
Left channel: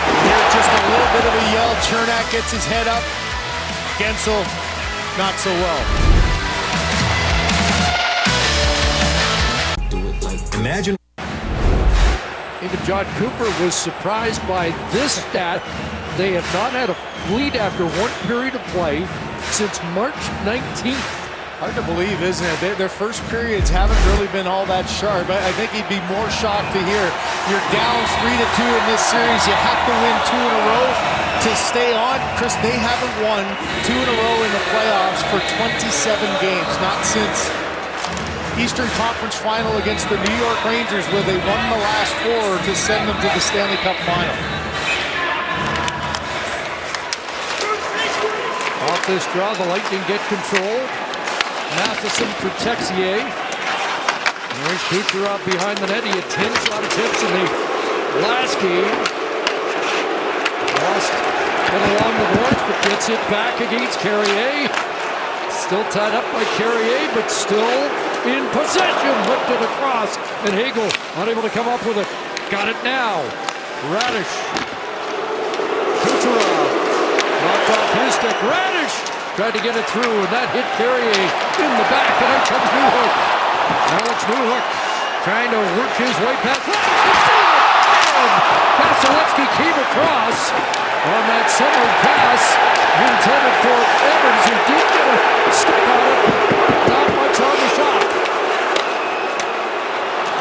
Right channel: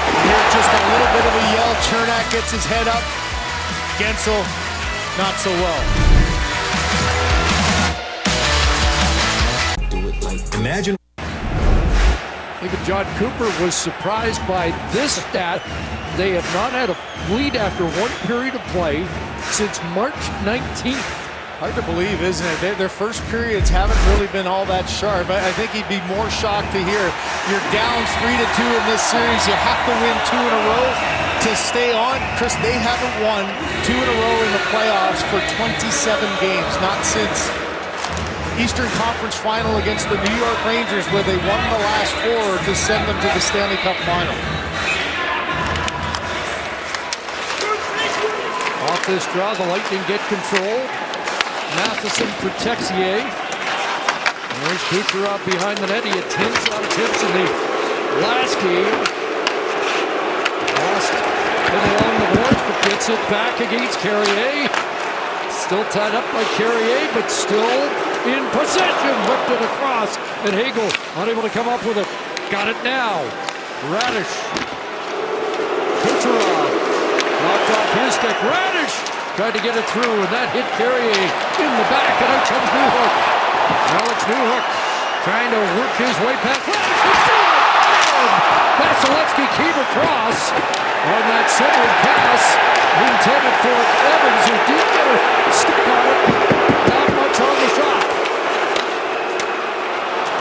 You hear just a little bit of a yell. Chernak gets his head up. Gensel, not so well. Imagine. Even John Cooper was surprised by this stat. They have not had a lead after one period of play since March 19th. Hard to believe, isn't it? Their first periods haven't really been all that sharp. I think he'd be more shocked to hear you're down 3-2 in this series. You have to win 2 in a row to stay on. Chris, they haven't won 2 in a row in the playoffs for 27 games. Not since Eastern Conference Final against the New York Rangers, where they won the last 4 to send them to the Stanley Cup Final. Off this draw, the Lightning get control. Matheson for Texier. There's Kucherov behind the net. He had 10 shot attempts in the last game. Lost it along the boards, but gets it back against Carrier. Still tied up by Carrier, but still in possession. Whipped it across, and Hagel unable to come up with it. Got it now. Radish. Kucherov knocked off his stick. Radish tried to get it through, and that hit Carrier in the back, and out comes Newhook. Alex Newhook trying to work his way past Radish. And Vasilevsky came across on that centering pass intended for Evans, who did get a stick on it, but not much on the shot.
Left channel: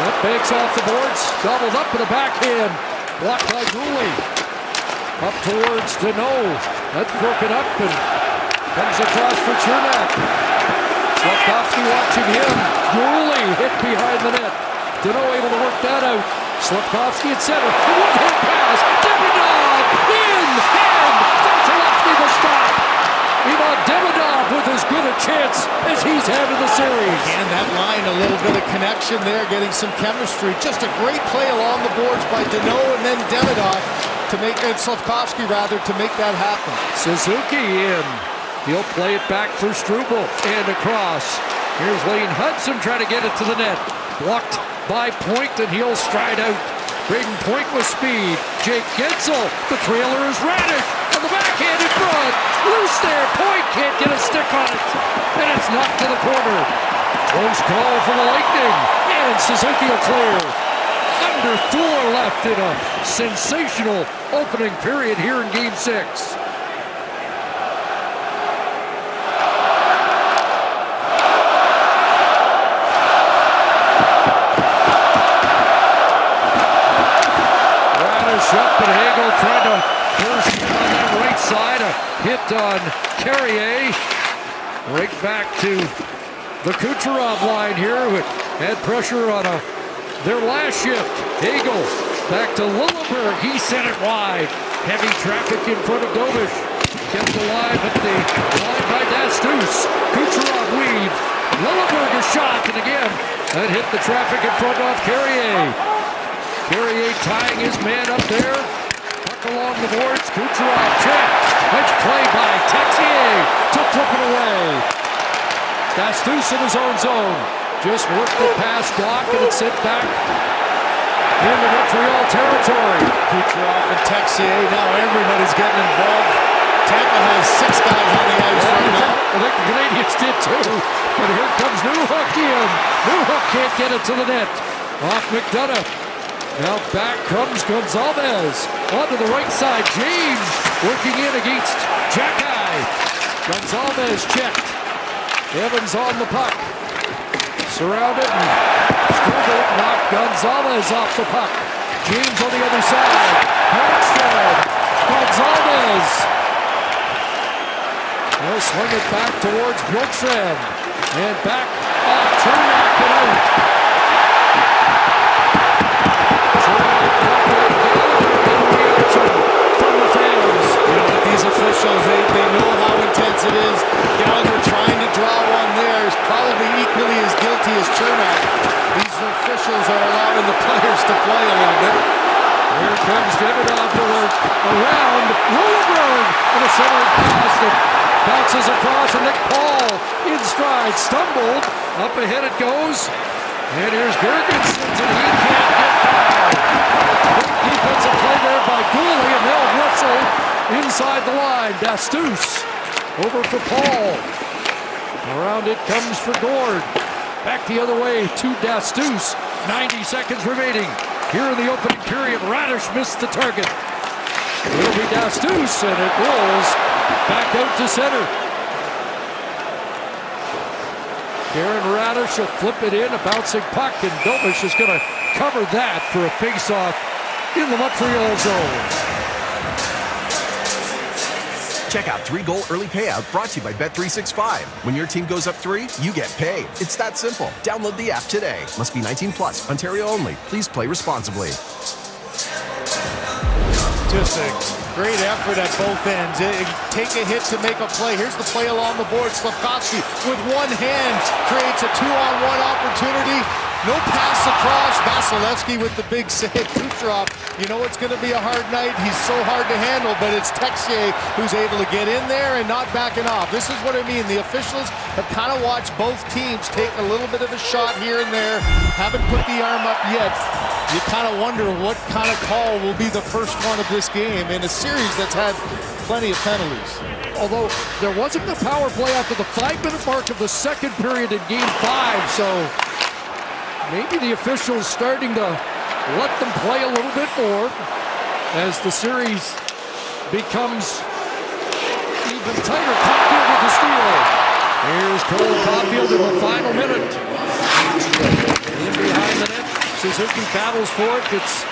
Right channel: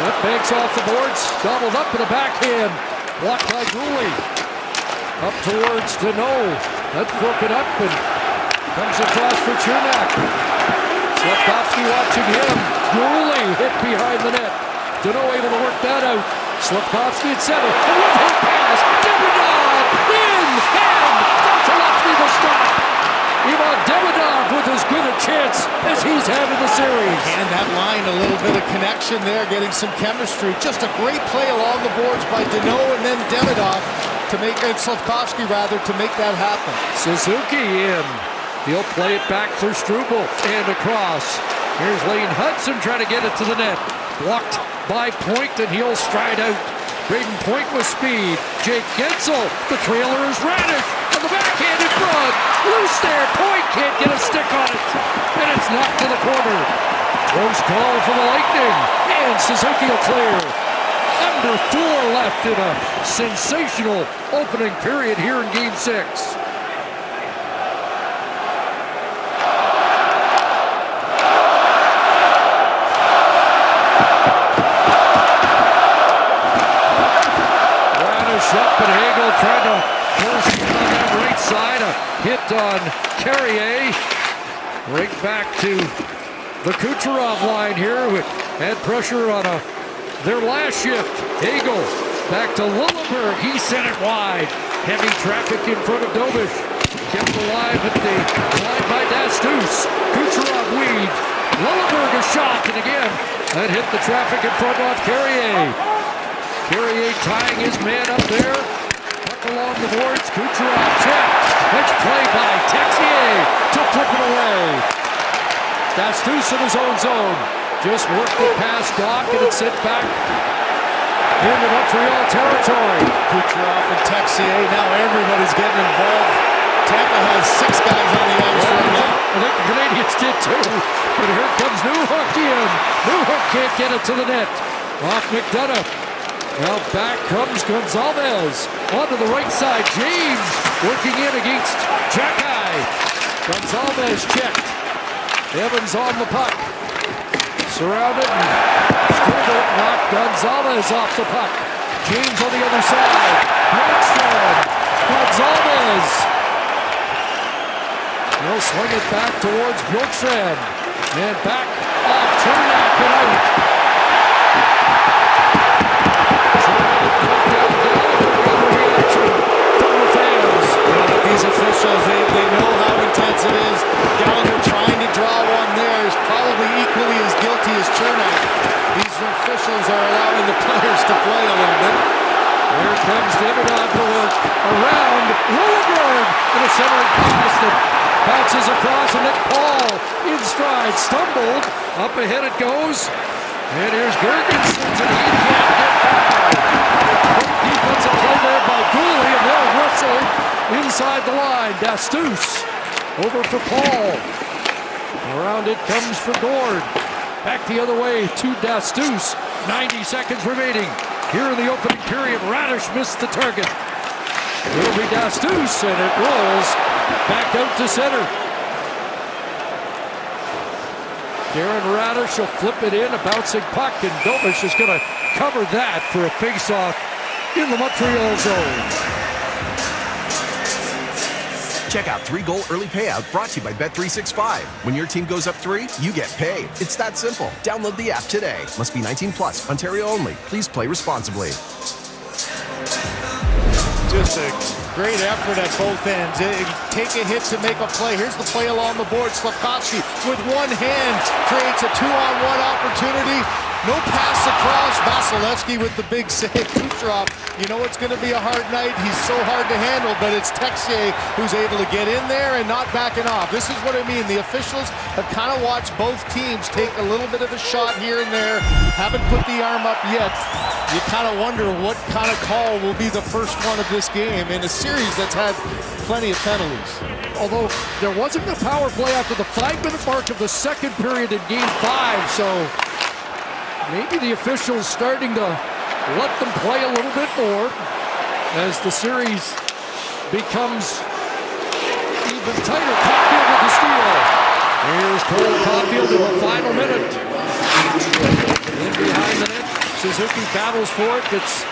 That banks off the boards, gobbled up in the backhand, blocked by Gooley. Up towards Deneau. That's broken up and comes across for Chernak. Slavkovsky watching him. Gooley hit behind the net. Deneau able to work that out. Slavkovsky at center. A one-hit pass. Demidov in hand. Vasilevsky the stop. Ivan Demidov with as good a chance as he's had in the series. And that line, a little bit of connection there, getting some chemistry. Just a great play along the boards by Deneau and then Demidov to make, and Slavkovsky rather, to make that happen. Suzuki in. He'll play it back for Struble and across. Here's Lane Hudson trying to get it to the net. Blocked by Point, and he'll stride out. Braden Point with speed. Jake Gensel. The trailer is Radish. On the backhand in front. Loose there. Point can't get a stick on it. And it's knocked to the corner. Close call for the Lightning. And Suzuki will clear. Under 4 left in a sensational opening period here in Game 6. Up, and Hagel tried to burst in on that right side. A hit on Carrier. Right back to the Kucherov line here, who had pressure on their last shift. Hagel back to Lilleberg. He sent it wide. Heavy traffic in front of Dobish. Kept alive at the line by Dastus. Kucherov weaved. Lilleberg a shot, and again, that hit the traffic in front of Carrier. Carrier tying his man up there. Puck along the boards. Kucherov checked. Nice play by Texier to flip it away. Dastus in his own zone. Just worked it past Doc, and it's sent back into Montreal territory. Kucherov and Texier, now everybody's getting involved. Tampa has 6 guys on the ice right now. I think the Canadiens did too. But here comes Newhook in. Newhook can't get it to the net. Off McDonough. Now back comes Gonzalez. Onto the right side. James working in against Jacky. Gonzalez checked. Evans on the puck. Surrounded, and Struble knocked Gonzalez off the puck. James on the other side. Bjorkstrand. Gonzalez. He'll swing it back towards Bjorkstrand. And back off Chernak and out. From the fans. You know, these officials, they know how intense it is. Gallagher trying to draw one there is probably equally as guilty as Chernak. These officials are allowing the players to play a little bit. Here comes Demidov to work around Lilleberg in a centering pass that bounces across, and Nick Paul in stride, stumbled. Up ahead it goes. And here's Gergensen, and he can't get by. Great defensive play there by Gooley, and they'll wrestle inside the line. Dastus over for Paul. Around it comes for Gord. Back the other way to Dastus. 90 seconds remaining. Here in the opening period, Radish missed the target. It'll be Dastus, and it rolls back out to center. Darren Radish will flip it in, a bouncing puck, and Dobish is going to cover that for a face-off in the Montreal zone. Check out 3-goal early payout brought to you by Bet365. When your team goes up 3, you get paid. It's that simple. Download the app today. Must be 19 plus. Ontario only. Please play responsibly. Just a great effort at both ends. Take a hit to make a play. Here's the play along the board. Slavkovsky with one hand creates a 2-on-1 opportunity. No pass across. Vasilevsky with the big save. Kucherov, you know it's going to be a hard night. He's so hard to handle, but it's Texier who's able to get in there and not backing off. This is what I mean. The officials have kind of watched both teams take a little bit of a shot here and there. Haven't put the arm up yet. You kind of wonder what kind of call will be the first one of this game in a series that's had plenty of penalties. Although there wasn't a power play after the 5-minute mark of the second period in Game 5, so maybe the officials starting to let them play a little bit more as the series becomes even tighter. Caulfield with the steal. Here's Cole Caulfield in the final minute. In behind the net, Suzuki battles for it, gets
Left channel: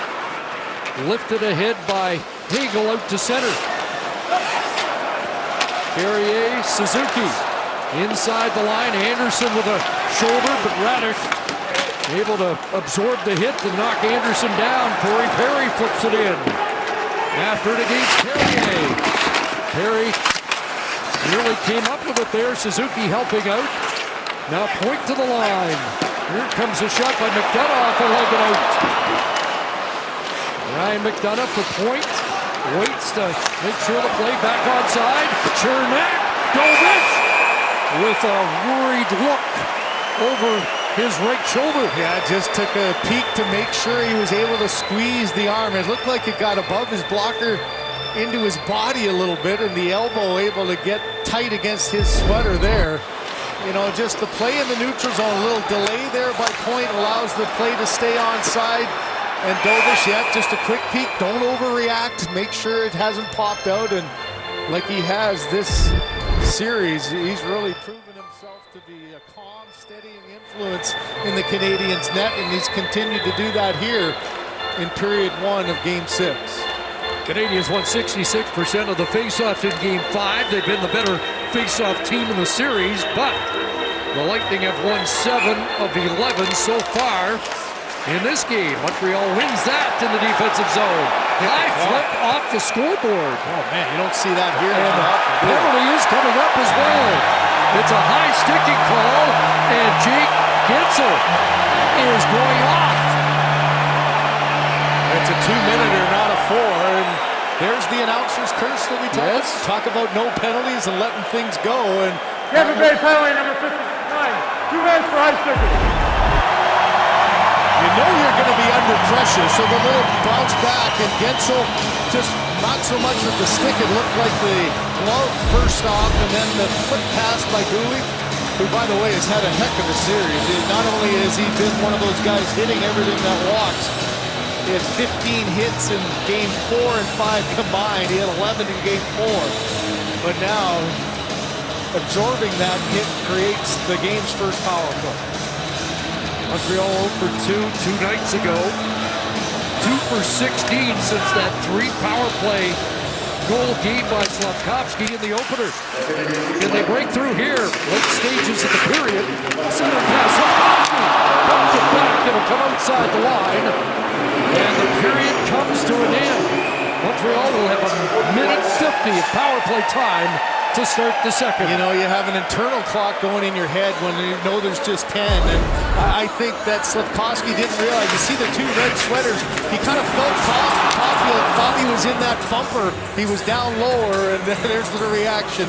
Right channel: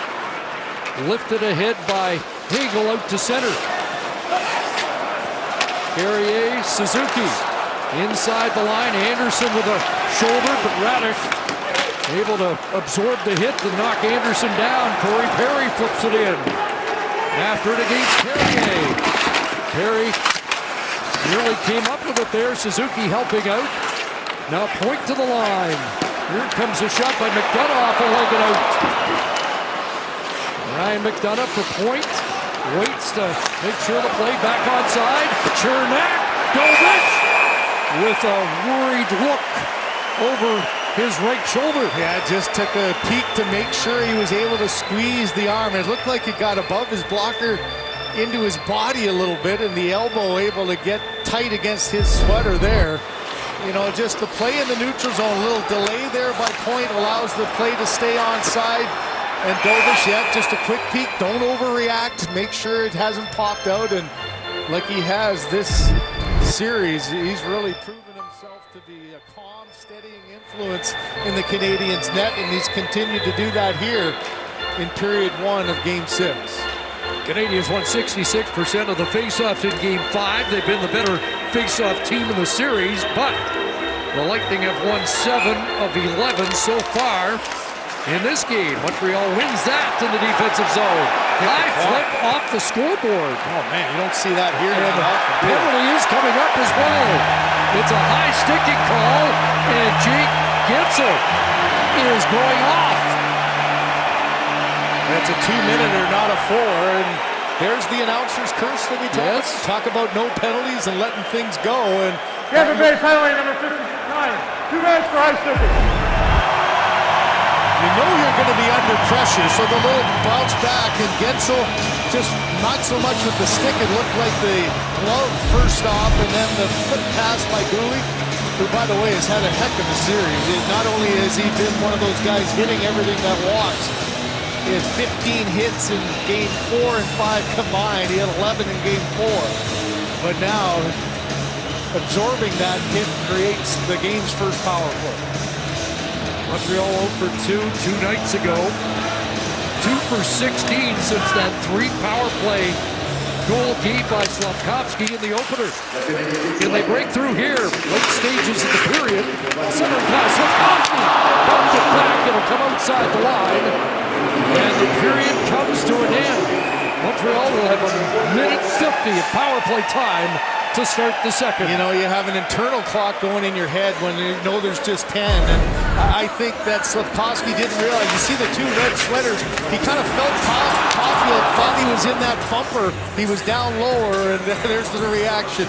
lifted ahead by Hagel out to center. Carrier, Suzuki inside the line. Anderson with a shoulder, but Radish able to absorb the hit to knock Anderson down. Corey Perry flips it in. After it against Carrier. Perry nearly came up with it there. Suzuki helping out. Now point to the line. Here comes a shot by McDonough off a leg and out. Ryan McDonough for point. Waits to make sure the play back onside. Chernak, Dovish with a worried look over his right shoulder. Yeah, just took a peek to make sure he was able to squeeze the arm. It looked like it got above his blocker into his body a little bit, and the elbow able to get tight against his sweater there. You know, just the play in the neutral zone, a little delay there by point allows the play to stay onside. And Dovish, yeah, just a quick peek. Don't overreact. Make sure it hasn't popped out. And like he has this series, he's really proven himself to be a calm, steadying influence in the Canadiens' net. And he's continued to do that here in period 1 of Game 6. Canadiens won 66% of the faceoffs in Game 5. They've been the better faceoff team in the series, but the Lightning have won 7 of 11 so far. In this game, Montreal wins that in the defensive zone. High flip off the scoreboard. Oh man, you don't see that here And that often. penalty is coming up as well. It's a high sticking call, and Jake Gensel is going off. It's a 2-minute, not a 4, and there's the announcer's curse that we talk about. Talk about no penalties and letting things go. And Tampa Bay penalty number 59. 2 minutes for high sticking. you know you're going to be under pressure, so the little bounce back, and Gensel just not so much with the stick. It looked like the glove first off, and then the flip pass by Gouli, who, by the way, has had a heck of a series. Not only has he been one of those guys hitting everything that walks, he had 15 hits in Game 4 and 5 combined. He had 11 in Game 4. But now, absorbing that hit creates the game's first power play. Montreal 0 for 2 nights ago. 2 for 16 since that 3 power play goal game by Slavkovsky in the opener. Can they break through here? Late stages of the period. Center pass, Slavkovsky bumped it back. It'll come outside the line. And the period comes to an end. Montreal will have a minute 50 of power play time to start the second. You know, you have an internal clock going in your head when you know there's just 10, and I think that Slavkovsky didn't realize. You see the 2 red sweaters. He kind of felt Caulfield, thought he was in that bumper. He was down lower, and there's the reaction.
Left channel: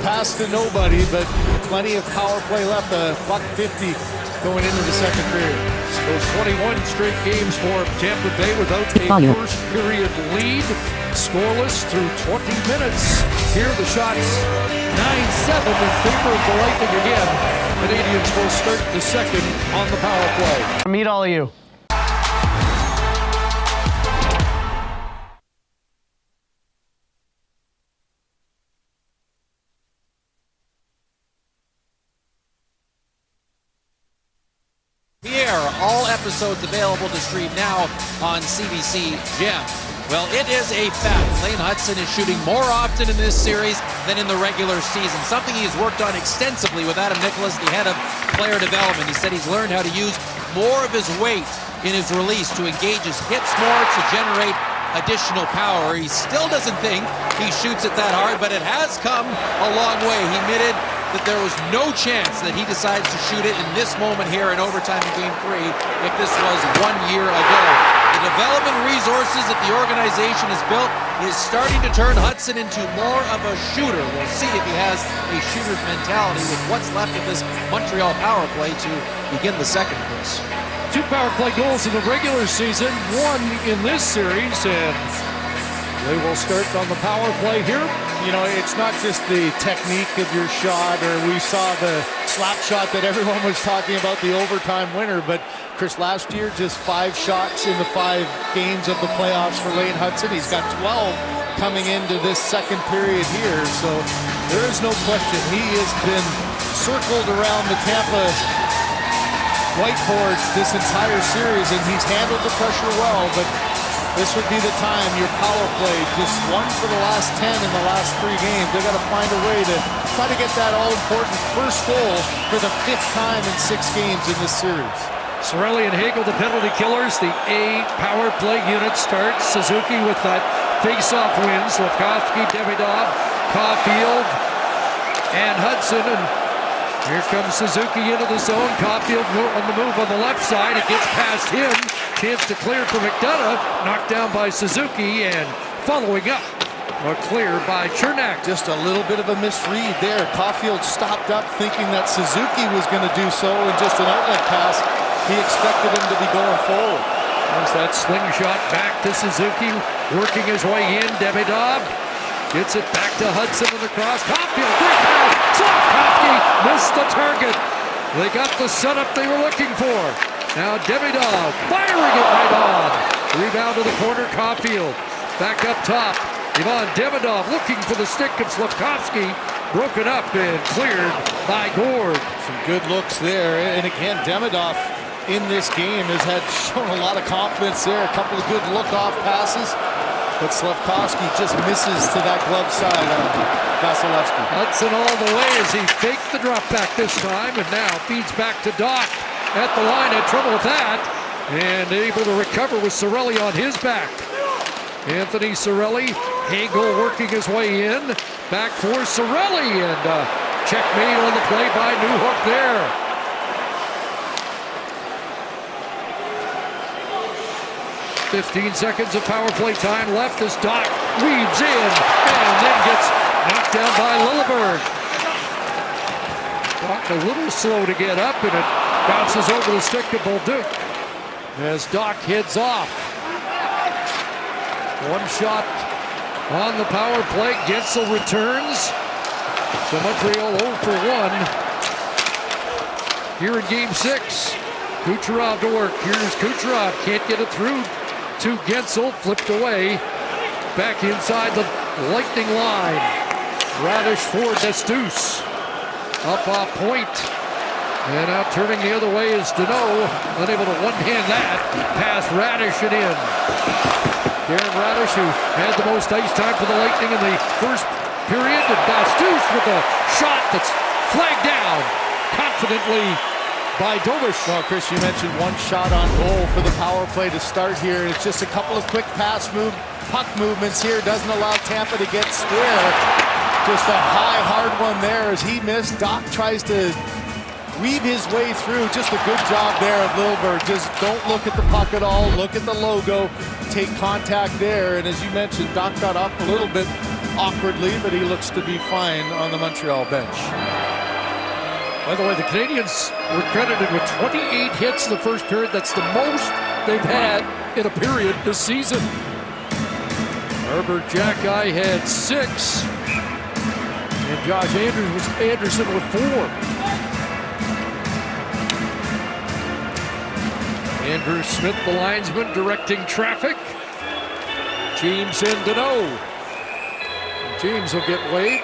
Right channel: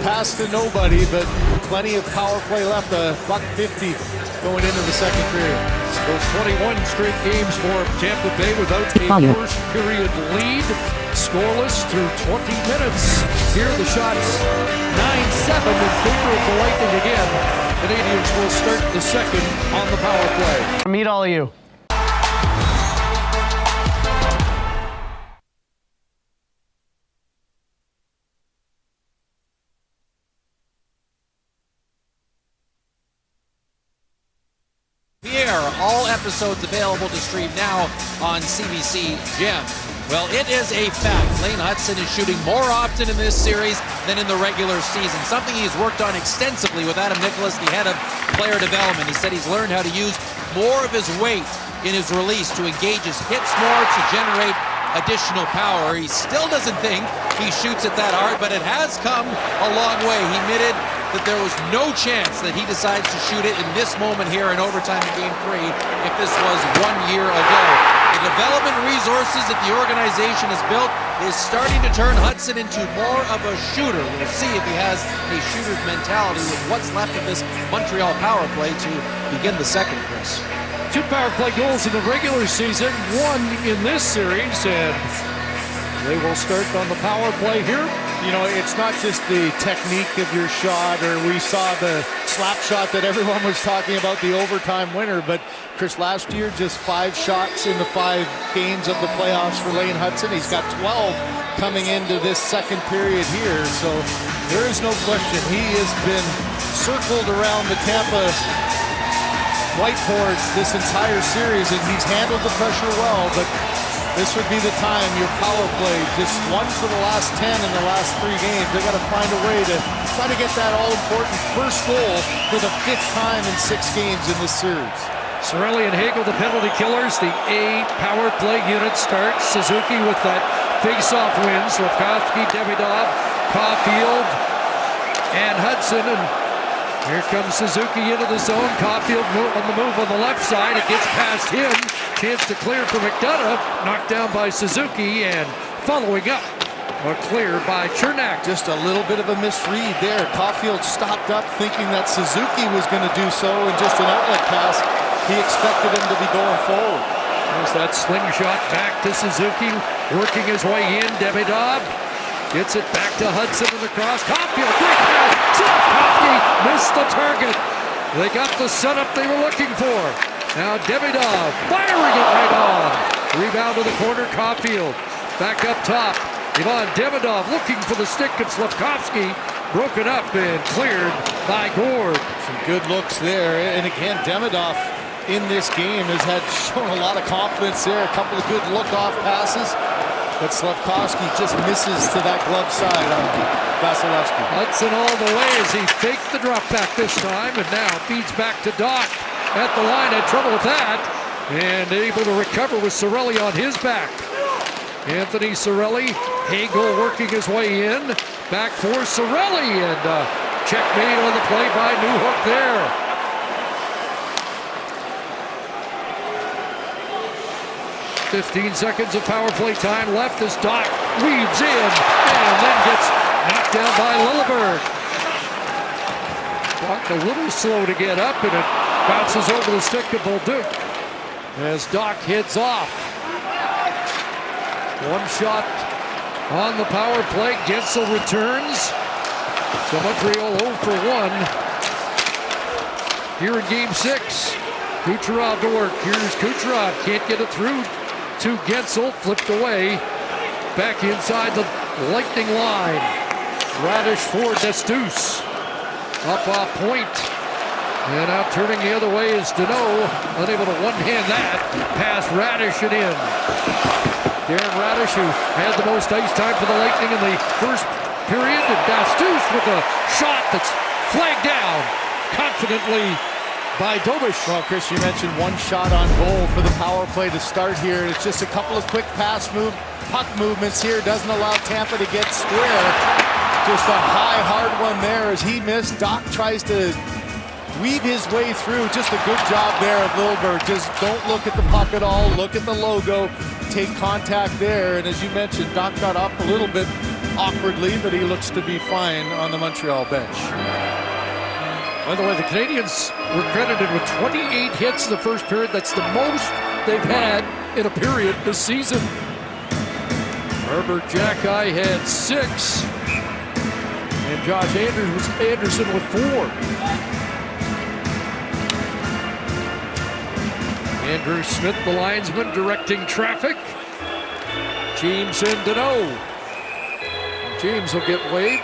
Pass to nobody, but plenty of power play left. $1.50 going into the second period. Those 21 straight games for Tampa Bay without a first period lead. Scoreless through 20 minutes. Here are the shots 9-7 in favor of the Lightning again. Canadiens will start the second on the power play. Meet all of you. Pierre, all episodes available to stream now on CBC Gem. Well, it is a fact. Lane Hutson is shooting more often in this series than in the regular season, something he's worked on extensively with Adam Nicholas, the head of player development. He said he's learned how to use more of his weight in his release to engage his hits more, to generate additional power. He still doesn't think he shoots it that hard, but it has come a long way. He that there was no chance that he decides to shoot it in this moment here in overtime in Game 3 if this was 1 year ago. The development resources that the organization has built is starting to turn Hudson into more of a shooter. We'll see if he has a shooter's mentality with what's left of this Montreal power play to begin the second, Chris. 2 power play goals in the regular season, 1 in this series, and they will start on the power play here. You know, it's not just the technique of your shot, or we saw the slap shot that everyone was talking about, the overtime winner, but Chris, last year just 5 shots in the 5 games of the playoffs for Lane Hudson. He's got 12 coming into this second period here, so there is no question he has been circled around the Tampa whiteboards this entire series, and he's handled the pressure well, but this would be the time. Your power play, just 1 for the last 10 in the last 3 games. They got to find a way to try to get that all-important first goal for the 5th time in 6 games in this series. Cirelli and Hagel, the penalty killers. The A power play unit starts. Suzuki with that face-off win. Slavkovsky, Davidov, Caulfield, and Hudson. And here comes Suzuki into the zone. Caulfield on the move on the left side. It gets past him. Chance to clear for McDonough. Knocked down by Suzuki, and following up, a clear by Chernak. Just a little bit of a misread there. Caulfield stopped up thinking that Suzuki was going to do so, and just an outlet pass. He expected him to be going forward. There's that slingshot back to Suzuki, working his way in. Davidov gets it back to Hudson in the cross. Caulfield, great pass. Slavkovsky missed the target. They got the setup they were looking for. Now Davidov firing it right on. Rebound to the corner, Caulfield. Back up top. Ivan Davidov looking for the stick of Slavkovsky. Broken up and cleared by Gord. Some good looks there. And again, Davidov in this game has shown a lot of confidence there. A couple of good look-off passes. But Slavkovsky just misses to that glove side on Vasilevsky. Hudson all the way as he faked the drop back this time, and now feeds back to Doc at the line. Had trouble with that, and able to recover with Cirelli on his back. Anthony Cirelli, Hagel working his way in. Back for Cirelli, and checkmate on the play by Newhook there. "15 seconds of power play time left as Doc weaves in and then gets knocked down by Lilleberg. Doc a little slow to get up, and it bounces over the stick of Bolduc as Doc heads off. 1 shot on the power play. Gensel returns. So Montreal 0 for 1 here in Game 6. Kucherov to work. Here's Kucherov. Can't get it through to Gensel. Flipped away. Back inside the Lightning line. Radish for Destus. Up off point. And now turning the other way is Deneau. Unable to one-hand that. Pass Radish and in. Darren Radish, who had the most ice time for the Lightning in the first period. And Destus with a shot that's flagged down confidently by Dobish. Well, Chris, you mentioned 1 shot on goal for the power play to start here. It's just a couple of quick puck movements here. Doesn't allow Tampa to get square. Just a high, hard one there as he missed. Doc tries to weave his way through. Just a good job there of Lilleberg. Just don't look at the puck at all. Look at the logo. Take contact there. And as you mentioned, Doc got up a little bit awkwardly, but he looks to be fine on the Montreal bench. By the way, the Canadiens were credited with 28 hits in the first period. That's the most they've had in a period this season. Herbert Jacki had 6. And Josh Anderson with 4. Andrew Smith, the linesman, directing traffic. James and Deneau. James will get waived.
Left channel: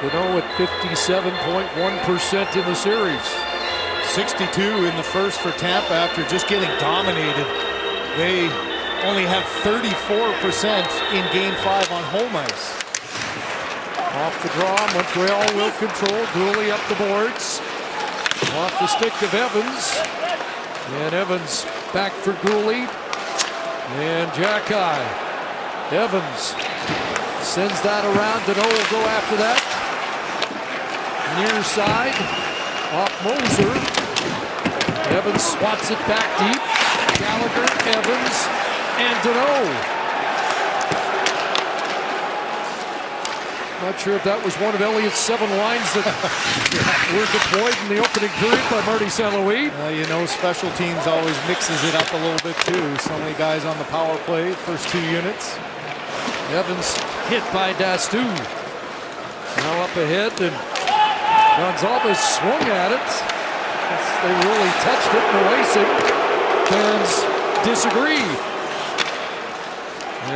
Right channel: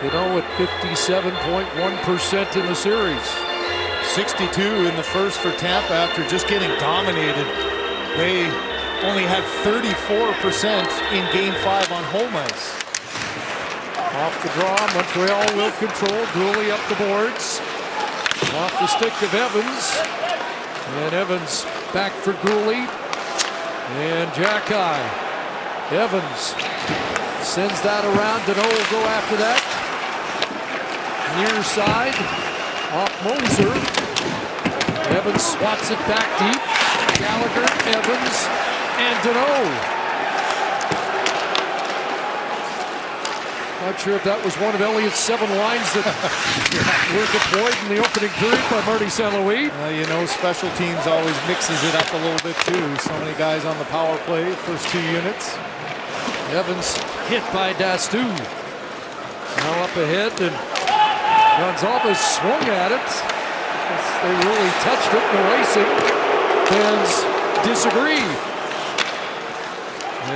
Deneau at 57.1% in the series. 62 in the first for Tampa after just getting dominated. They only had 34% in Game 5 on home ice. Off the draw, Montreal will control. Dooley up the boards. Off the stick of Evans. And Evans back for Gooley. And Jacki. Evans sends that around. Deneau will go after that. Near side, off Moser. Evans swats it back deep. Gallagher, Evans, and Deneau. Not sure if that was one of Elliott's 7 lines that were deployed in the opening period by Marty St. Louis. You know, special teams always mixes it up a little bit too. So many guys on the power play, first 2 units. Evans hit by Dastu. Now up ahead, and Gonzalez swung at it. They really touched it, no icing. Fans disagree.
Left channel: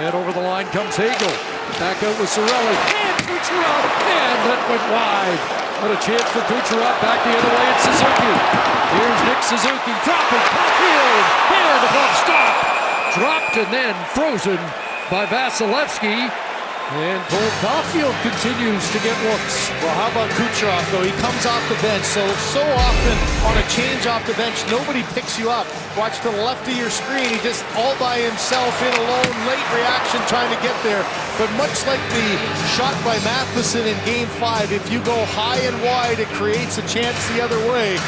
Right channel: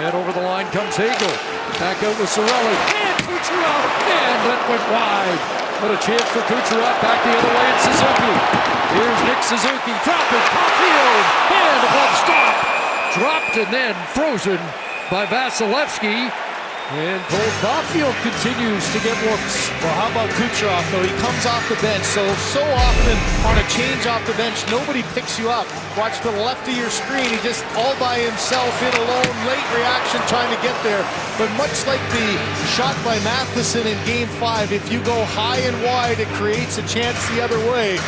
And over the line comes Hagel. Back out with Cirelli. And Kucherov. And that went wide. What a chance for Kucherov. Back the other way, it's Suzuki. Here's Nick Suzuki. Dropping. Caulfield. And a glove stop. Dropped and then frozen by Vasilevsky. And Cole Caulfield continues to get looks. Well, how about Kucherov, though? He comes off the bench. So often on a change off the bench, nobody picks you up. Watch to the left of your screen. He just all by himself in alone. Late reaction trying to get there. But much like the shot by Matheson in Game 5, if you go high and wide, it creates a chance the other way.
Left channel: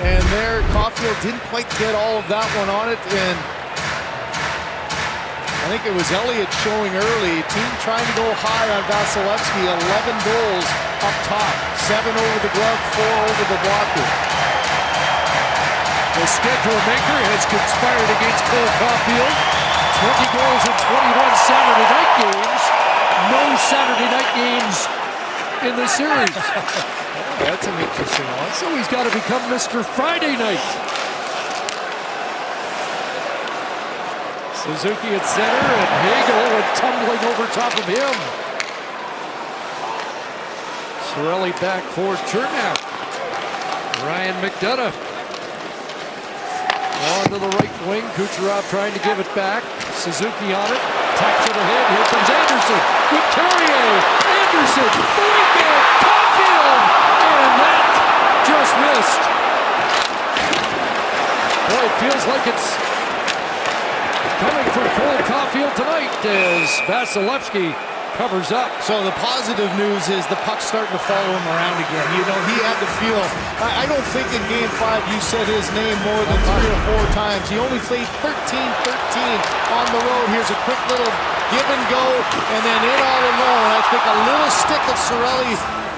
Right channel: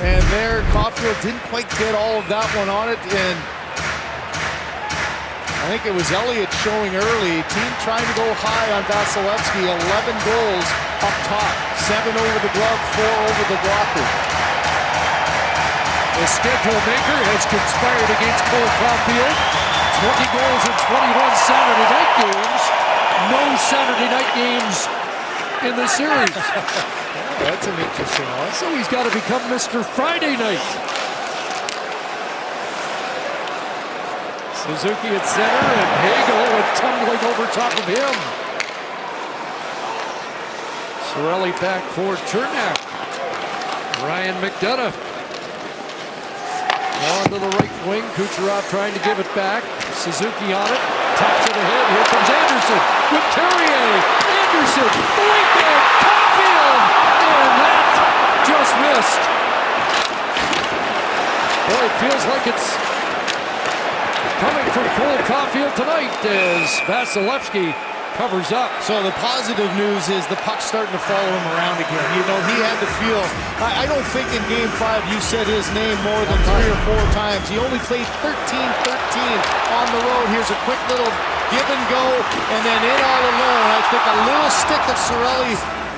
And there, Caulfield didn't quite get all of that one on it. And I think it was Elliott showing early. Team trying to go high on Vasilevsky. 11 goals up top. 7 over the glove, 4 over the blocker. The schedule maker has conspired against Cole Caulfield. 20 goals in 21 Saturday night games. No Saturday night games in the series. Oh, that's an interesting one. So he's got to become Mr. Friday night. Suzuki at center, and Hagel went tumbling over top of him. Cirelli back for Chernak. Ryan McDonough on to the right wing. Kucherov trying to give it back. Suzuki on it. Taps it ahead. Here comes Anderson with Carrier. Anderson, the wingman, Caulfield, and that just missed. Boy, it feels like it's coming for Cole Caulfield tonight as Vasilevsky covers up. So the positive news is the puck's starting to follow him around again. You know, he had to feel, I don't think in Game 5 you said his name more than 3 or 4 times. He only played 13-13 on the road. Here's a quick little give and go, and then in all alone. I think a little stick of Cirelli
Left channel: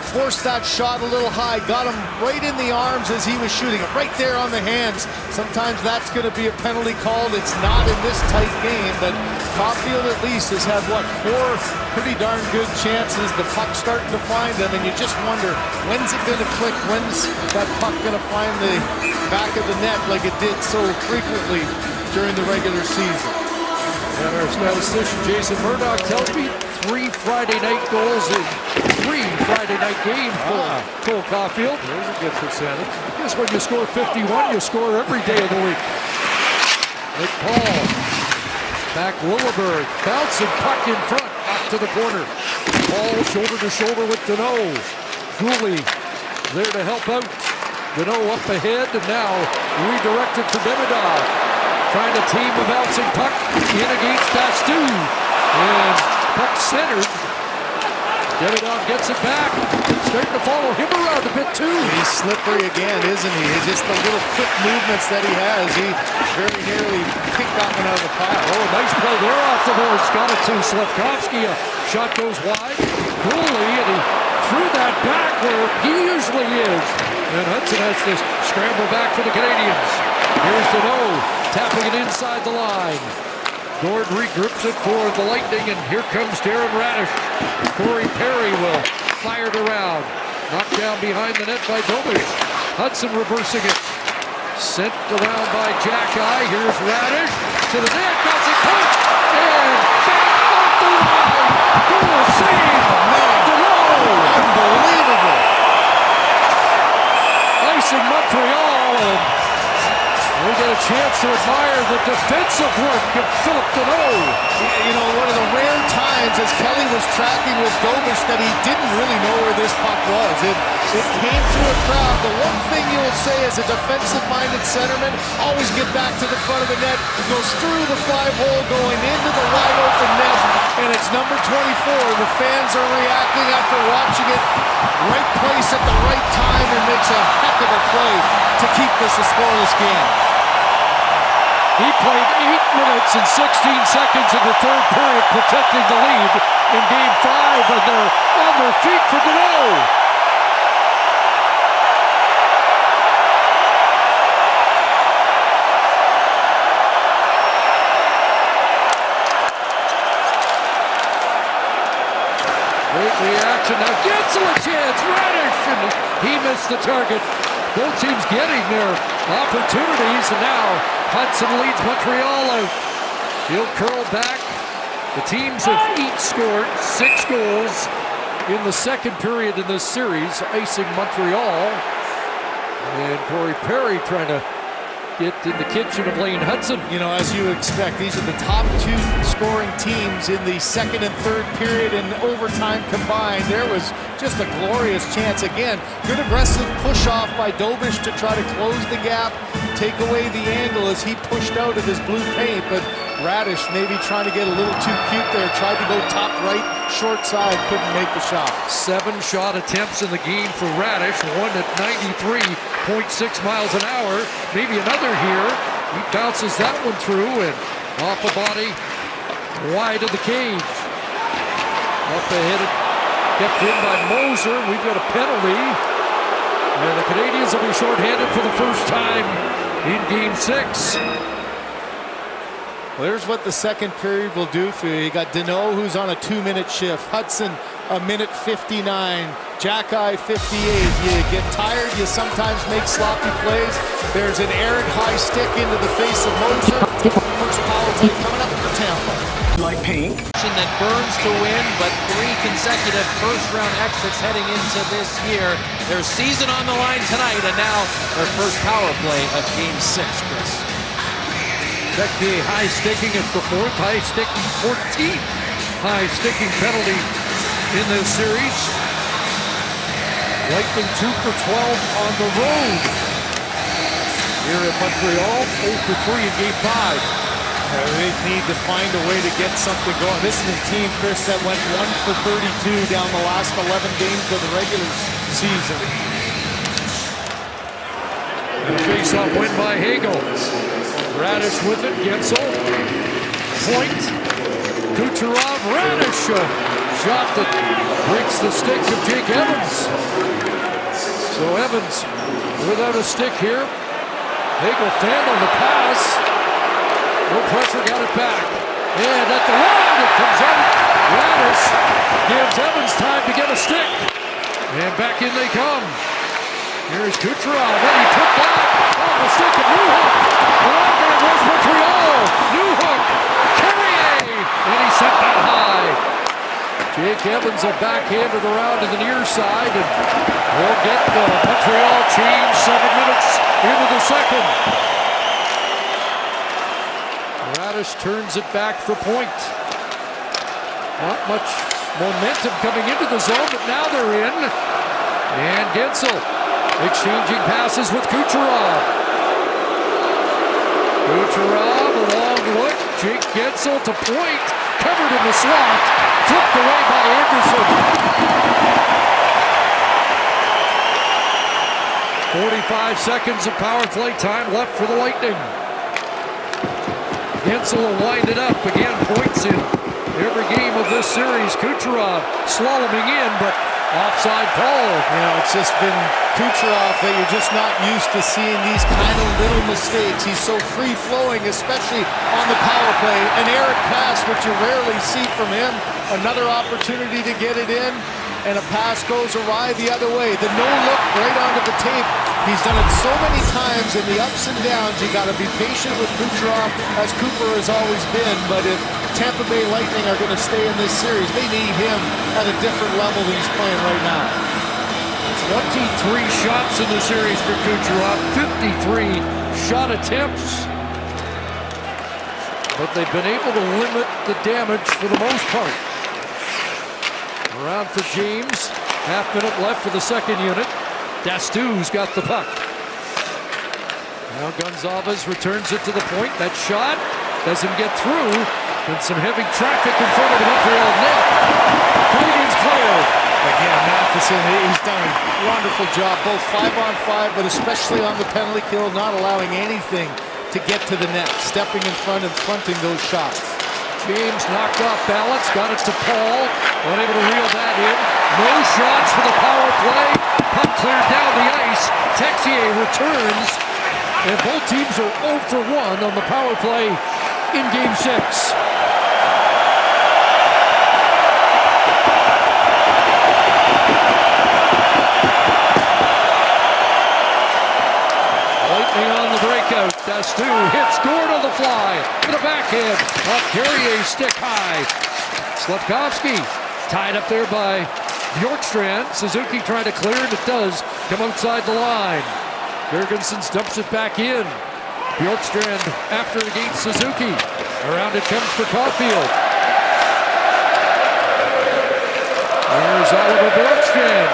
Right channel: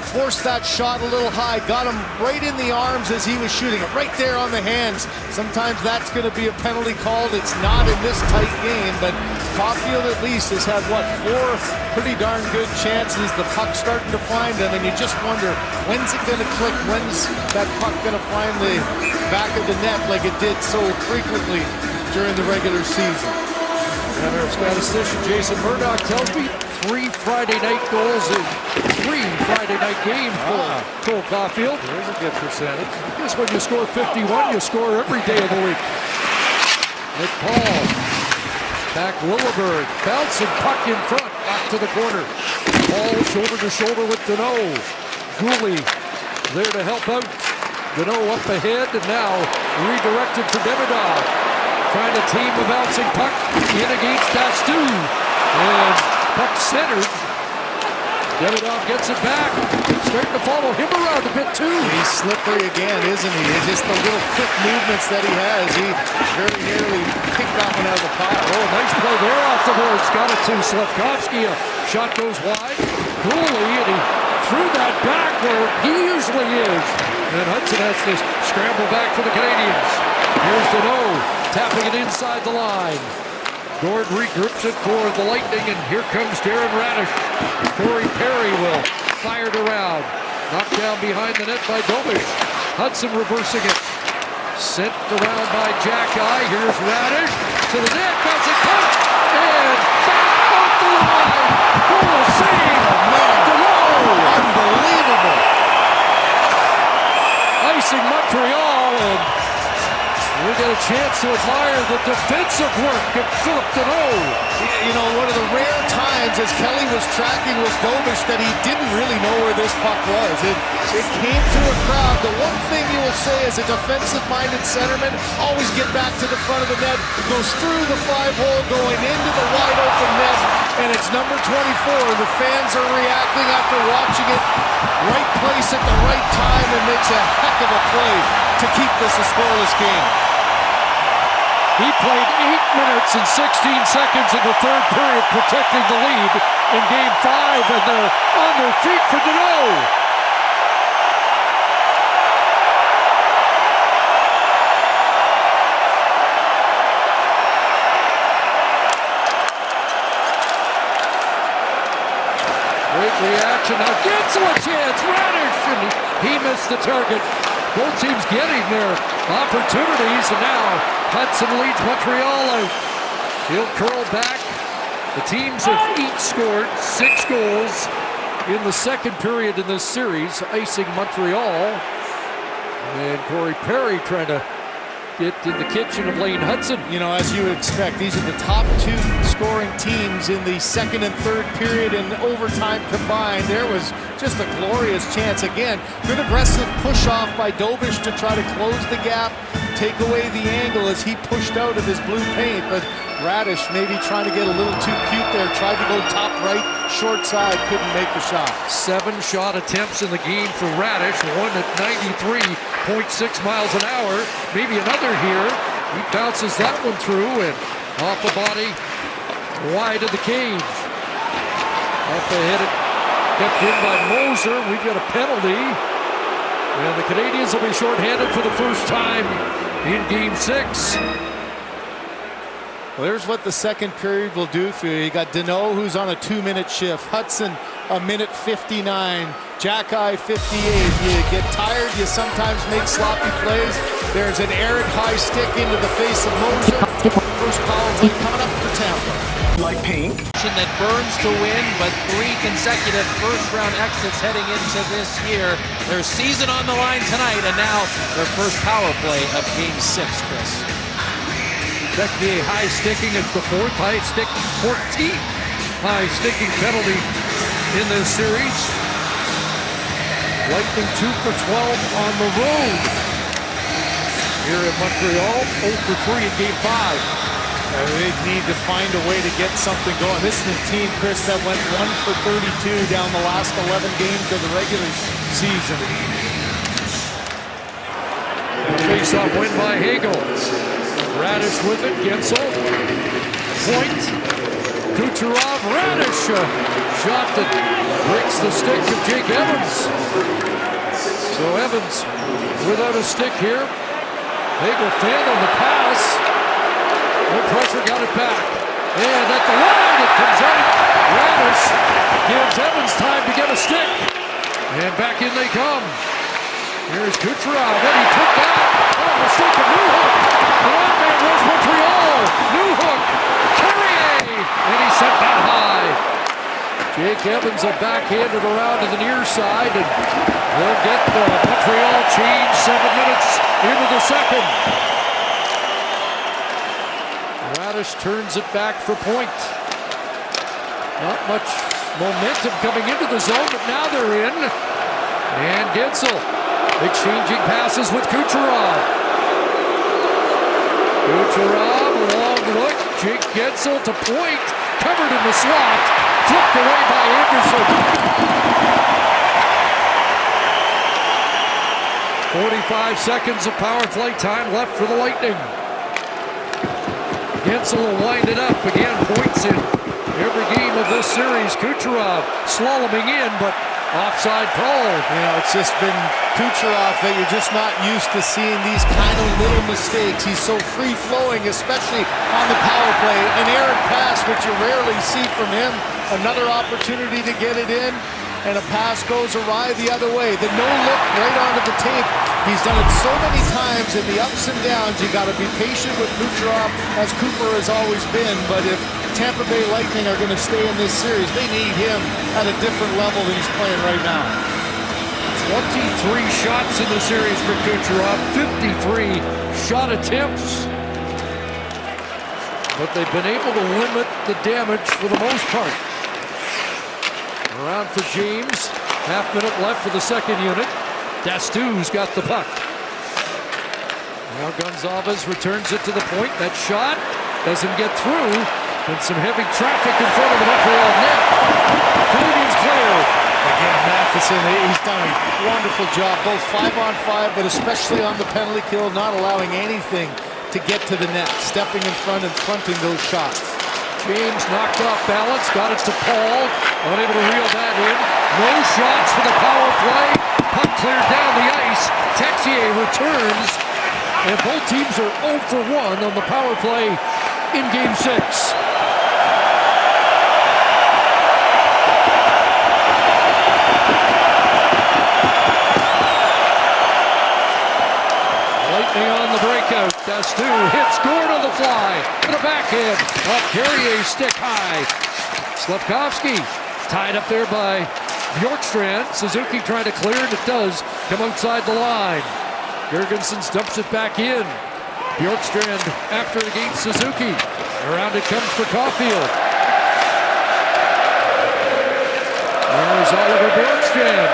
forced that shot a little high, got him right in the arms as he was shooting it, right there on the hands. Sometimes that's going to be a penalty called. It's not in this tight game, but Caulfield at least has had, 4 pretty darn good chances. The puck's starting to find him, and you just wonder, when's it going to click? When's that puck going to find the back of the net like it did so frequently during the regular season? And our statistician Jason Murdoch tells me 3 Friday night goals in 3 Friday night games for Cole Caulfield. There's a good percentage. I guess when you score 51, you score every day of the week. Nick Paul, back Lilleberg, bouncing puck in front, back to the corner. Paul shoulder to shoulder with Deneau. Gooley there to help out. Deneau up ahead, and now redirected for Demidov. Trying to team a bouncing puck in against Dastu. And puck centered. Demidov gets it back. Starting to follow him around a bit too. He's slippery again, isn't he? It's just the little quick movements that he has. He very nearly picked that one out of the pile. Oh, nice play there off the boards. Got it to Slafkovsky. A shot goes wide. Gooley, and he threw that back where he usually is. And Hudson has to scramble back for the Canadiens. Here's Deneau, tapping it inside the line. Gord regroups it for the Lightning, and here comes Darren Radish. Corey Perry will fire it around. Knocked down behind the net by Dobish. Hudson reversing it. Sent around by Jack-Eye. Here's Radish to the net. Bouncing puck. And back off the line. Goal save. Oh, man. Deneau. Unbelievable. Icing Montreal, and We get a chance to admire the defensive work of Philip Deneau. You know, one of the rare times as Kelly was tracking with Dobish that he didn't really know where this puck was. It came through a crowd. The one thing you will say as a defensive-minded centerman, always get back to the front of the net, goes through the 5-hole, going into the wide-open net, and it's number 24. The fans are reacting after watching it. Right place at the right time, and makes a heck of a play to keep this a scoreless game. He played 8 minutes and 16 seconds in the third period, protecting the lead in Game 5, and they're on their feet for Deneau. Great reaction. Now Gensel a chance. Radish, and he missed the target. Both teams getting their opportunities, and now Hudson leads Montreal out. He'll curl back. The teams have each scored 6 goals in the second period in this series, icing Montreal. And Corey Perry trying to get in the kitchen of Lane Hudson. You know, as you would expect, these are the top 2 scoring teams in the second and third period and overtime combined. There was just a glorious chance. Again, good aggressive push off by Dobish to try to close the gap, take away the angle as he pushed out of his blue paint. But Radish maybe trying to get a little too cute there, tried to go top right, short side, couldn't make the shot. 7 shot attempts in the game for Radish, one at 93.6 miles an hour. Maybe another here. He bounces that one through and off the body, wide of the cage. Up ahead, kept in by Moser. We've got a penalty, and the Canadiens will be shorthanded for the first time in Game 6. Well, there's what the second period will do for you. You got Deneau, who's on a 2-minute shift. Hudson, a minute 59. Jack-Eye, 58. You get tired, you sometimes make sloppy plays. There's an errant high stick into the face of Moser. First power play coming up for Tampa. Like pink. That burns to win, but 3 consecutive first-round exits heading into this year. Their season on the line tonight, and now their first power play of Game 6, Chris. Tequier high sticking at the 4th, high sticking 14th high sticking penalty in this series. Lightning 2 for 12 on the road here in Montreal, 0 for 3 in Game 5. They need to find a way to get something going. This is a team, Chris, that went 1 for 32 down the last 11 games of the regular season. And a face-off win by Hagel. Radish with it, Gensel, point, Kucherov, Radish, shot that breaks the stick of Jake Evans. So Evans without a stick here. Hagel fanned on the pass, no pressure, got it back. And at the line, it comes out. Radish gives Evans time to get a stick. And back in they come. Here's Kucherov, and he took that off the stick of Newhook. The long man was Montreal. Newhook, Carrier, and he sent that high. Jake Evans will backhand it around to the near side, and they'll get Montreal change 7 minutes into the second. Radish turns it back for point. Not much momentum coming into the zone, but now they're in. And Gensel exchanging passes with Kucherov. Kucherov, a long look. Jake Gensel to point. Covered in the slot. Flipped away by Anderson. 45 seconds of power play time left for the Lightning. Gensel will wind it up. Again, points in every game of this series. Kucherov slaloming in, but offside call. You know, it's just been Kucherov that you're just not used to seeing these kind of little mistakes. He's so free-flowing, especially on the power play. An errant pass, which you rarely see from him. Another opportunity to get it in, and a pass goes awry the other way. The no-look right onto the tape. He's done it so many times in the ups and downs. You got to be patient with Kucherov, as Cooper has always been. But if Tampa Bay Lightning are going to stay in this series, they need him at a different level than he's playing right now. 23 shots in the series for Kucherov, 53 shot attempts. But they've been able to limit the damage for the most part. Around for James, half-minute left for the second unit. Dastu's got the puck. Now Gonzalez returns it to the point. That shot doesn't get through. Been some heavy traffic in front of the Montreal net. Canadiens clear. Again, Matheson, he's done a wonderful job, both 5-on-5, but especially on the penalty kill, not allowing anything to get to the net, stepping in front and fronting those shots. James knocked off balance, got it to Paul, unable to reel that in. No shots for the power play. Puck cleared down the ice. Texier returns, and both teams are 0 for 1 on the power play in Game 6. Lightning on the breakout. Dastu hits Gord on the fly. To the backhand. Up Carrier, stick high. Slavkovsky tied up there by Bjorkstrand. Suzuki trying to clear, and it does come outside the line. Jurgensen dumps it back in. Bjorkstrand after it against Suzuki. Around it comes for Caulfield. There's Oliver Bjorkstrand.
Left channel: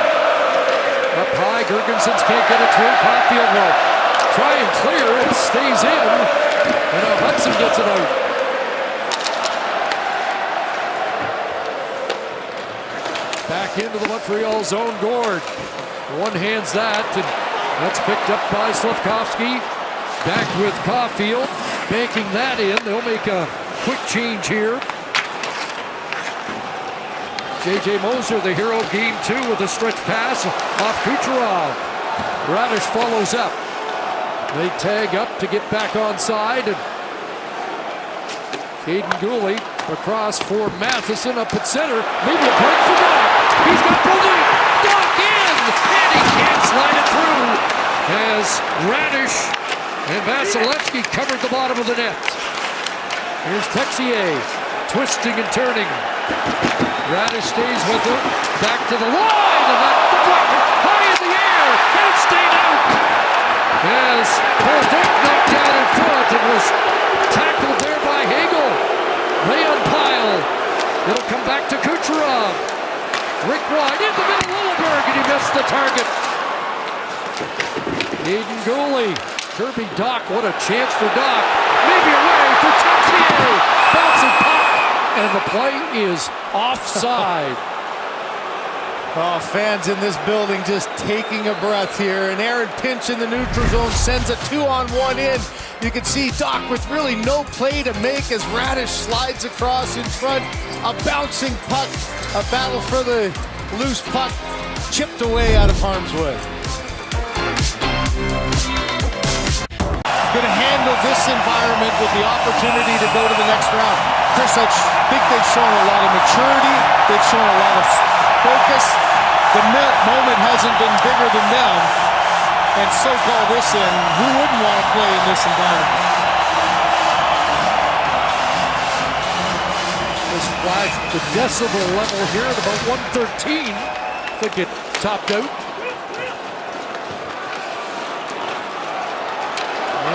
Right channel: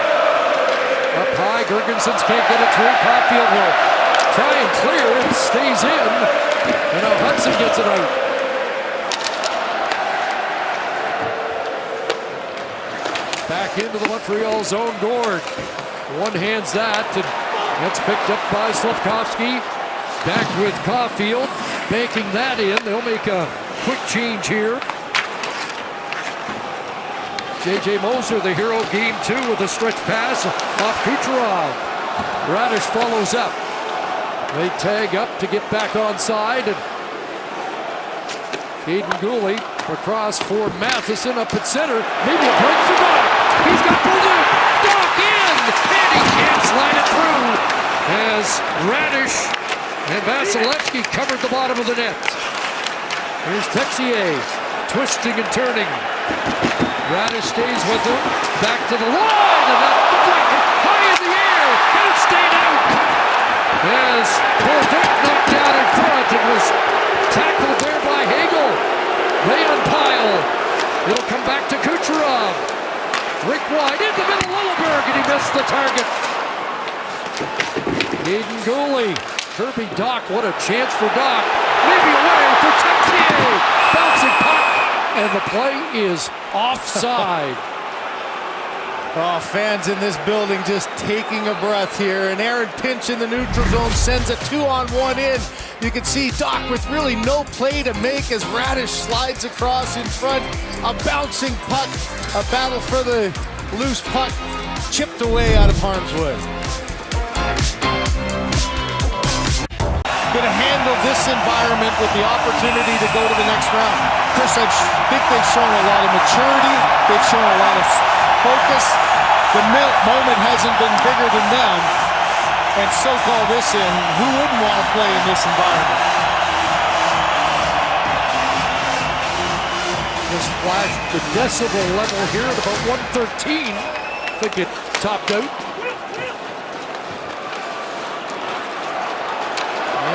Up high, Jurgensen can't get it through. Caulfield will try and clear, it stays in, and now Hudson gets it out. Back into the Montreal zone, Gord. One hands that, and that's picked up by Slavkovsky. Back with Caulfield, banking that in. They'll make a quick change here. J.J. Moser, the hero of Game 2 with a stretch pass off Kucherov. Radish follows up. They tag up to get back onside, and Caden Gooley across for Matheson up at center. Maybe a break for Doc. He's got Bolduc. Doc in, and he can't slide it through as Radish and Vasilevsky covered the bottom of the net. Here's Texier twisting and turning. Radish stays with him. Back to the line, and that deflected high in the air, and it stayed out. As Bolduc knocked out in front and was tackled there by Hagel. They unpile. It'll come back to Kucherov. Rick wide in the middle, Lilleberg, and he missed the target. Caden Gooley. Kirby Doc, what a chance for Doc. Maybe away for Texier. Bouncing puck, and the play is offside. Oh, fans in this building just taking a breath here. An Aaron pinch in the neutral zone sends a 2-on-1 in. You can see Doc with really no play to make as Radish slides across in front. A bouncing puck, a battle for the loose puck, chipped away out of harm's way. Going to handle this environment with the opportunity to go to the next round. Chris, I think they've shown a lot of maturity. They've shown a lot of focus. The moment hasn't been bigger than them, and so call this in. Who wouldn't want to play in this environment? Just flashed the decibel level here at about 113. I think it topped out.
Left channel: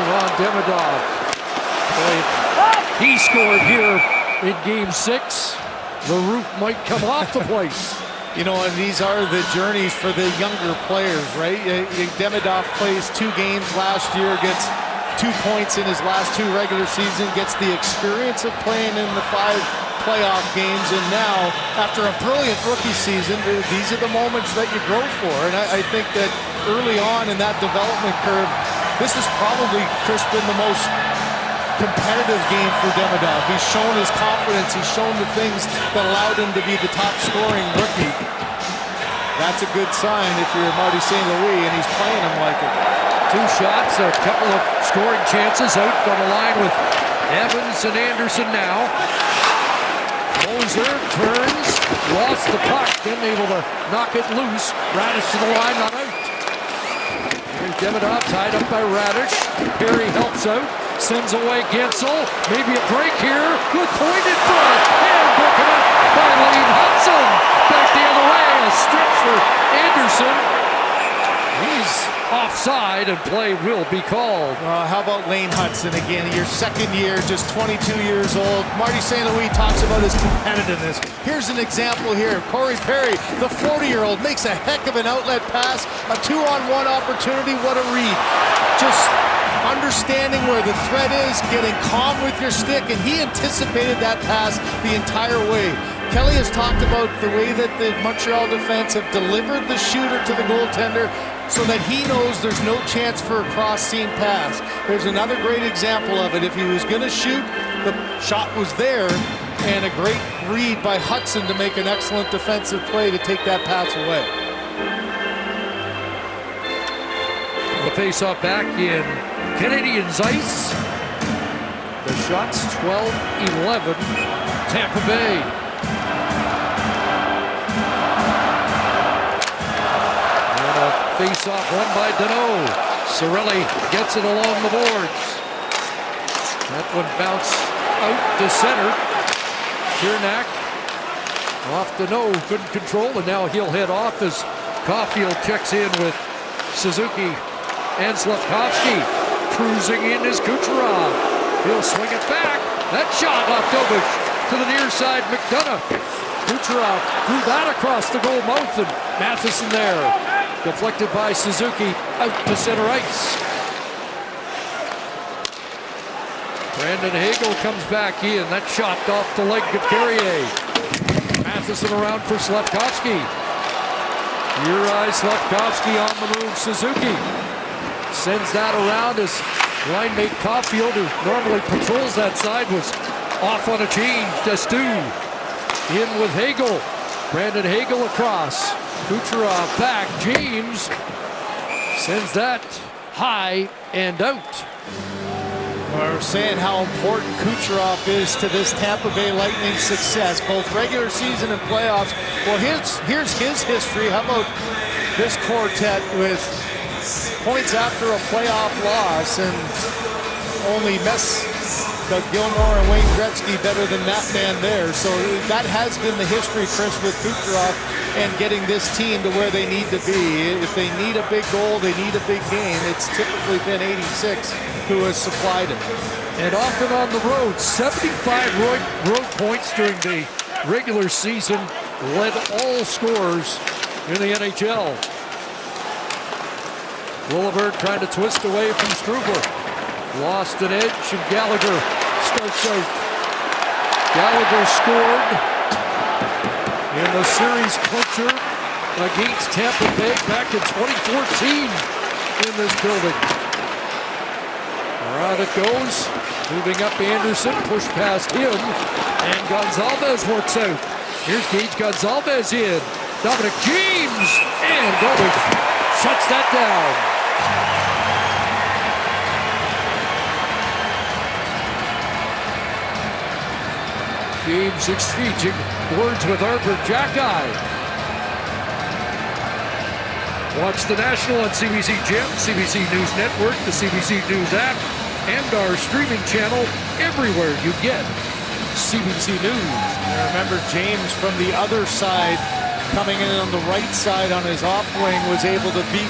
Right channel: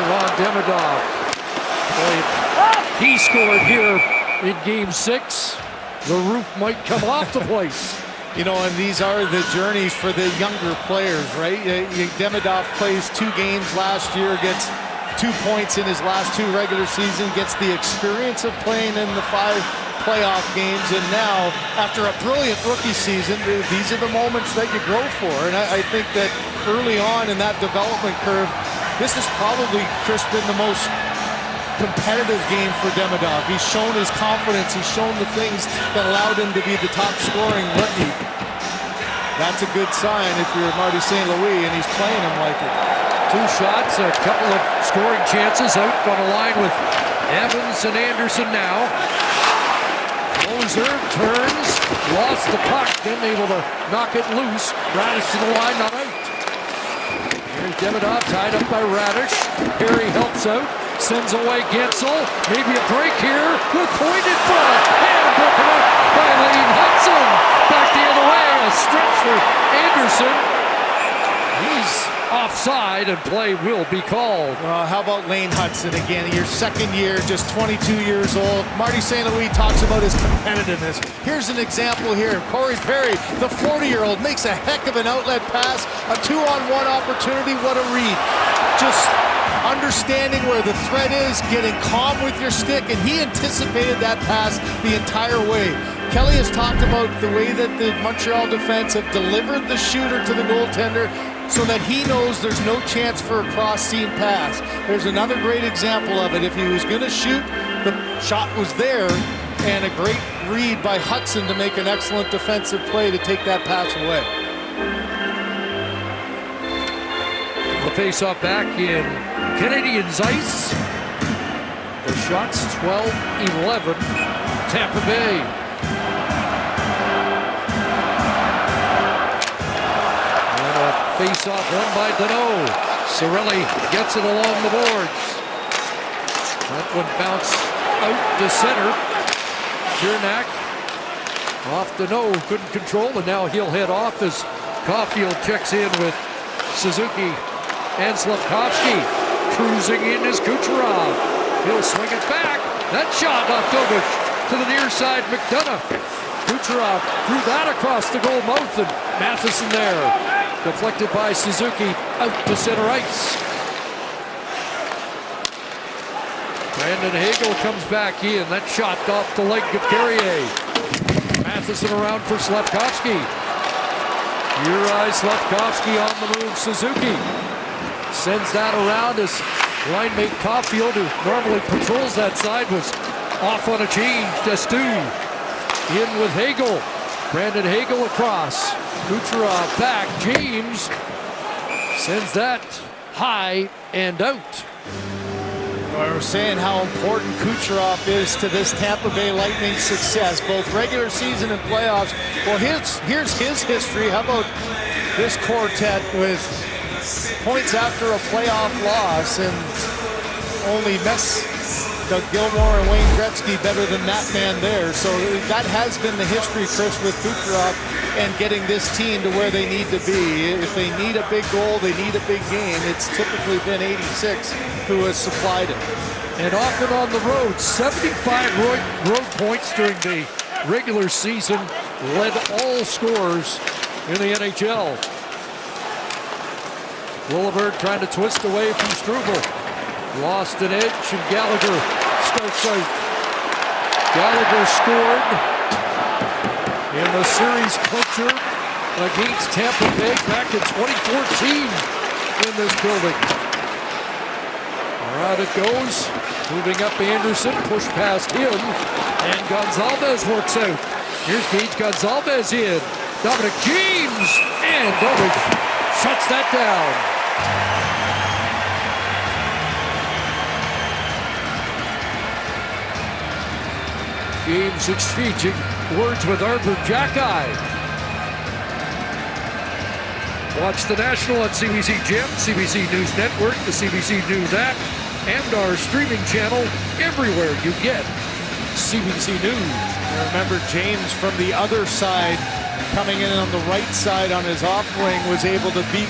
Ron Demidov. Boy, if he scored here in Game 6, the roof might come off the place. You know, and these are the journeys for the younger players, right? Demidov plays 2 games last year, gets 2 points in his last 2 regular season, gets the experience of playing in the 5 playoff games, and now, after a brilliant rookie season, these are the moments that you grow for. And I think that early on in that development curve, this has probably, Chris, been the most competitive game for Demidov. He's shown his confidence. He's shown the things that allowed him to be the top scoring rookie. That's a good sign if you're Marty St. Louis, and he's playing him like it. 2 shots, a couple of scoring chances out on a line with Evans and Anderson now. Moser turns, lost the puck, then able to knock it loose. Radish to the line, not out. Here's Demidov tied up by Radish. Perry helps out, sends away Gensel. Maybe a break here with point in front, and broken up by Lane Hudson. Back the other way, a stretch for Anderson. He's offside and play will be called. Well, how about Lane Hudson again? Your second year, just 22 years old. Marty St. Louis talks about his competitiveness. Here's an example here. Corey Perry, the 40-year-old, makes a heck of an outlet pass. A 2-on-1 opportunity. What a read. Just understanding where the threat is, getting calm with your stick, and he anticipated that pass the entire way. Kelly has talked about the way that the Montreal defense have delivered the shooter to the goaltender so that he knows there's no chance for a cross-seam pass. There's another great example of it. If he was going to shoot, the shot was there, and a great read by Hudson to make an excellent defensive play to take that pass away. The face-off back in Canadiens ice. The shots 12-11, Tampa Bay. And a face-off won by Danault. Cirelli gets it along the boards. That one bounced out to center. Cernak off Danault, couldn't control, and now he'll head off as Caulfield checks in with Suzuki and Slavkovsky. Cruising in is Kucherov. He'll swing it back. That shot off Dobish to the near side. McDonough. Kucherov threw that across the goal mouth, and Matheson there. Deflected by Suzuki out to center ice. Brandon Hagel comes back in. That shot off the leg of Carrier. Matheson around for Slavkovsky. Juraj Slavkovsky on the move. Suzuki sends that around as line mate Caulfield, who normally patrols that side, was off on a change. Destu in with Hagel. Brandon Hagel across. Kucherov back. James sends that high and out. We're saying how important Kucherov is to this Tampa Bay Lightning success, both regular season and playoffs. Well, here's his history. How about this quartet with points after a playoff loss, and only Doug Gilmour and Wayne Gretzky better than that man there. So that has been the history, Chris, with Kucherov and getting this team to where they need to be. If they need a big goal, they need a big game, it's typically been 86 who has supplied it. And often on the road, 75 road points during the regular season, led all scorers in the NHL. Willibird trying to twist away from Struble. Lost an edge, and Gallagher starts out. Gallagher scored in the series clincher against Tampa Bay back in 2014 in this building. Around it goes. Moving up Anderson, push past him, and Gonzalez works out. Here's Gage Gonzalez in. Dominic James, and Dobish shuts that down. James exchanging words with Arbor Jacki. Watch the National on CBC Gem, CBC News Network, the CBC News app, and our streaming channel everywhere you get CBC News. I remember James from the other side, coming in on the right side on his off wing, was able to beat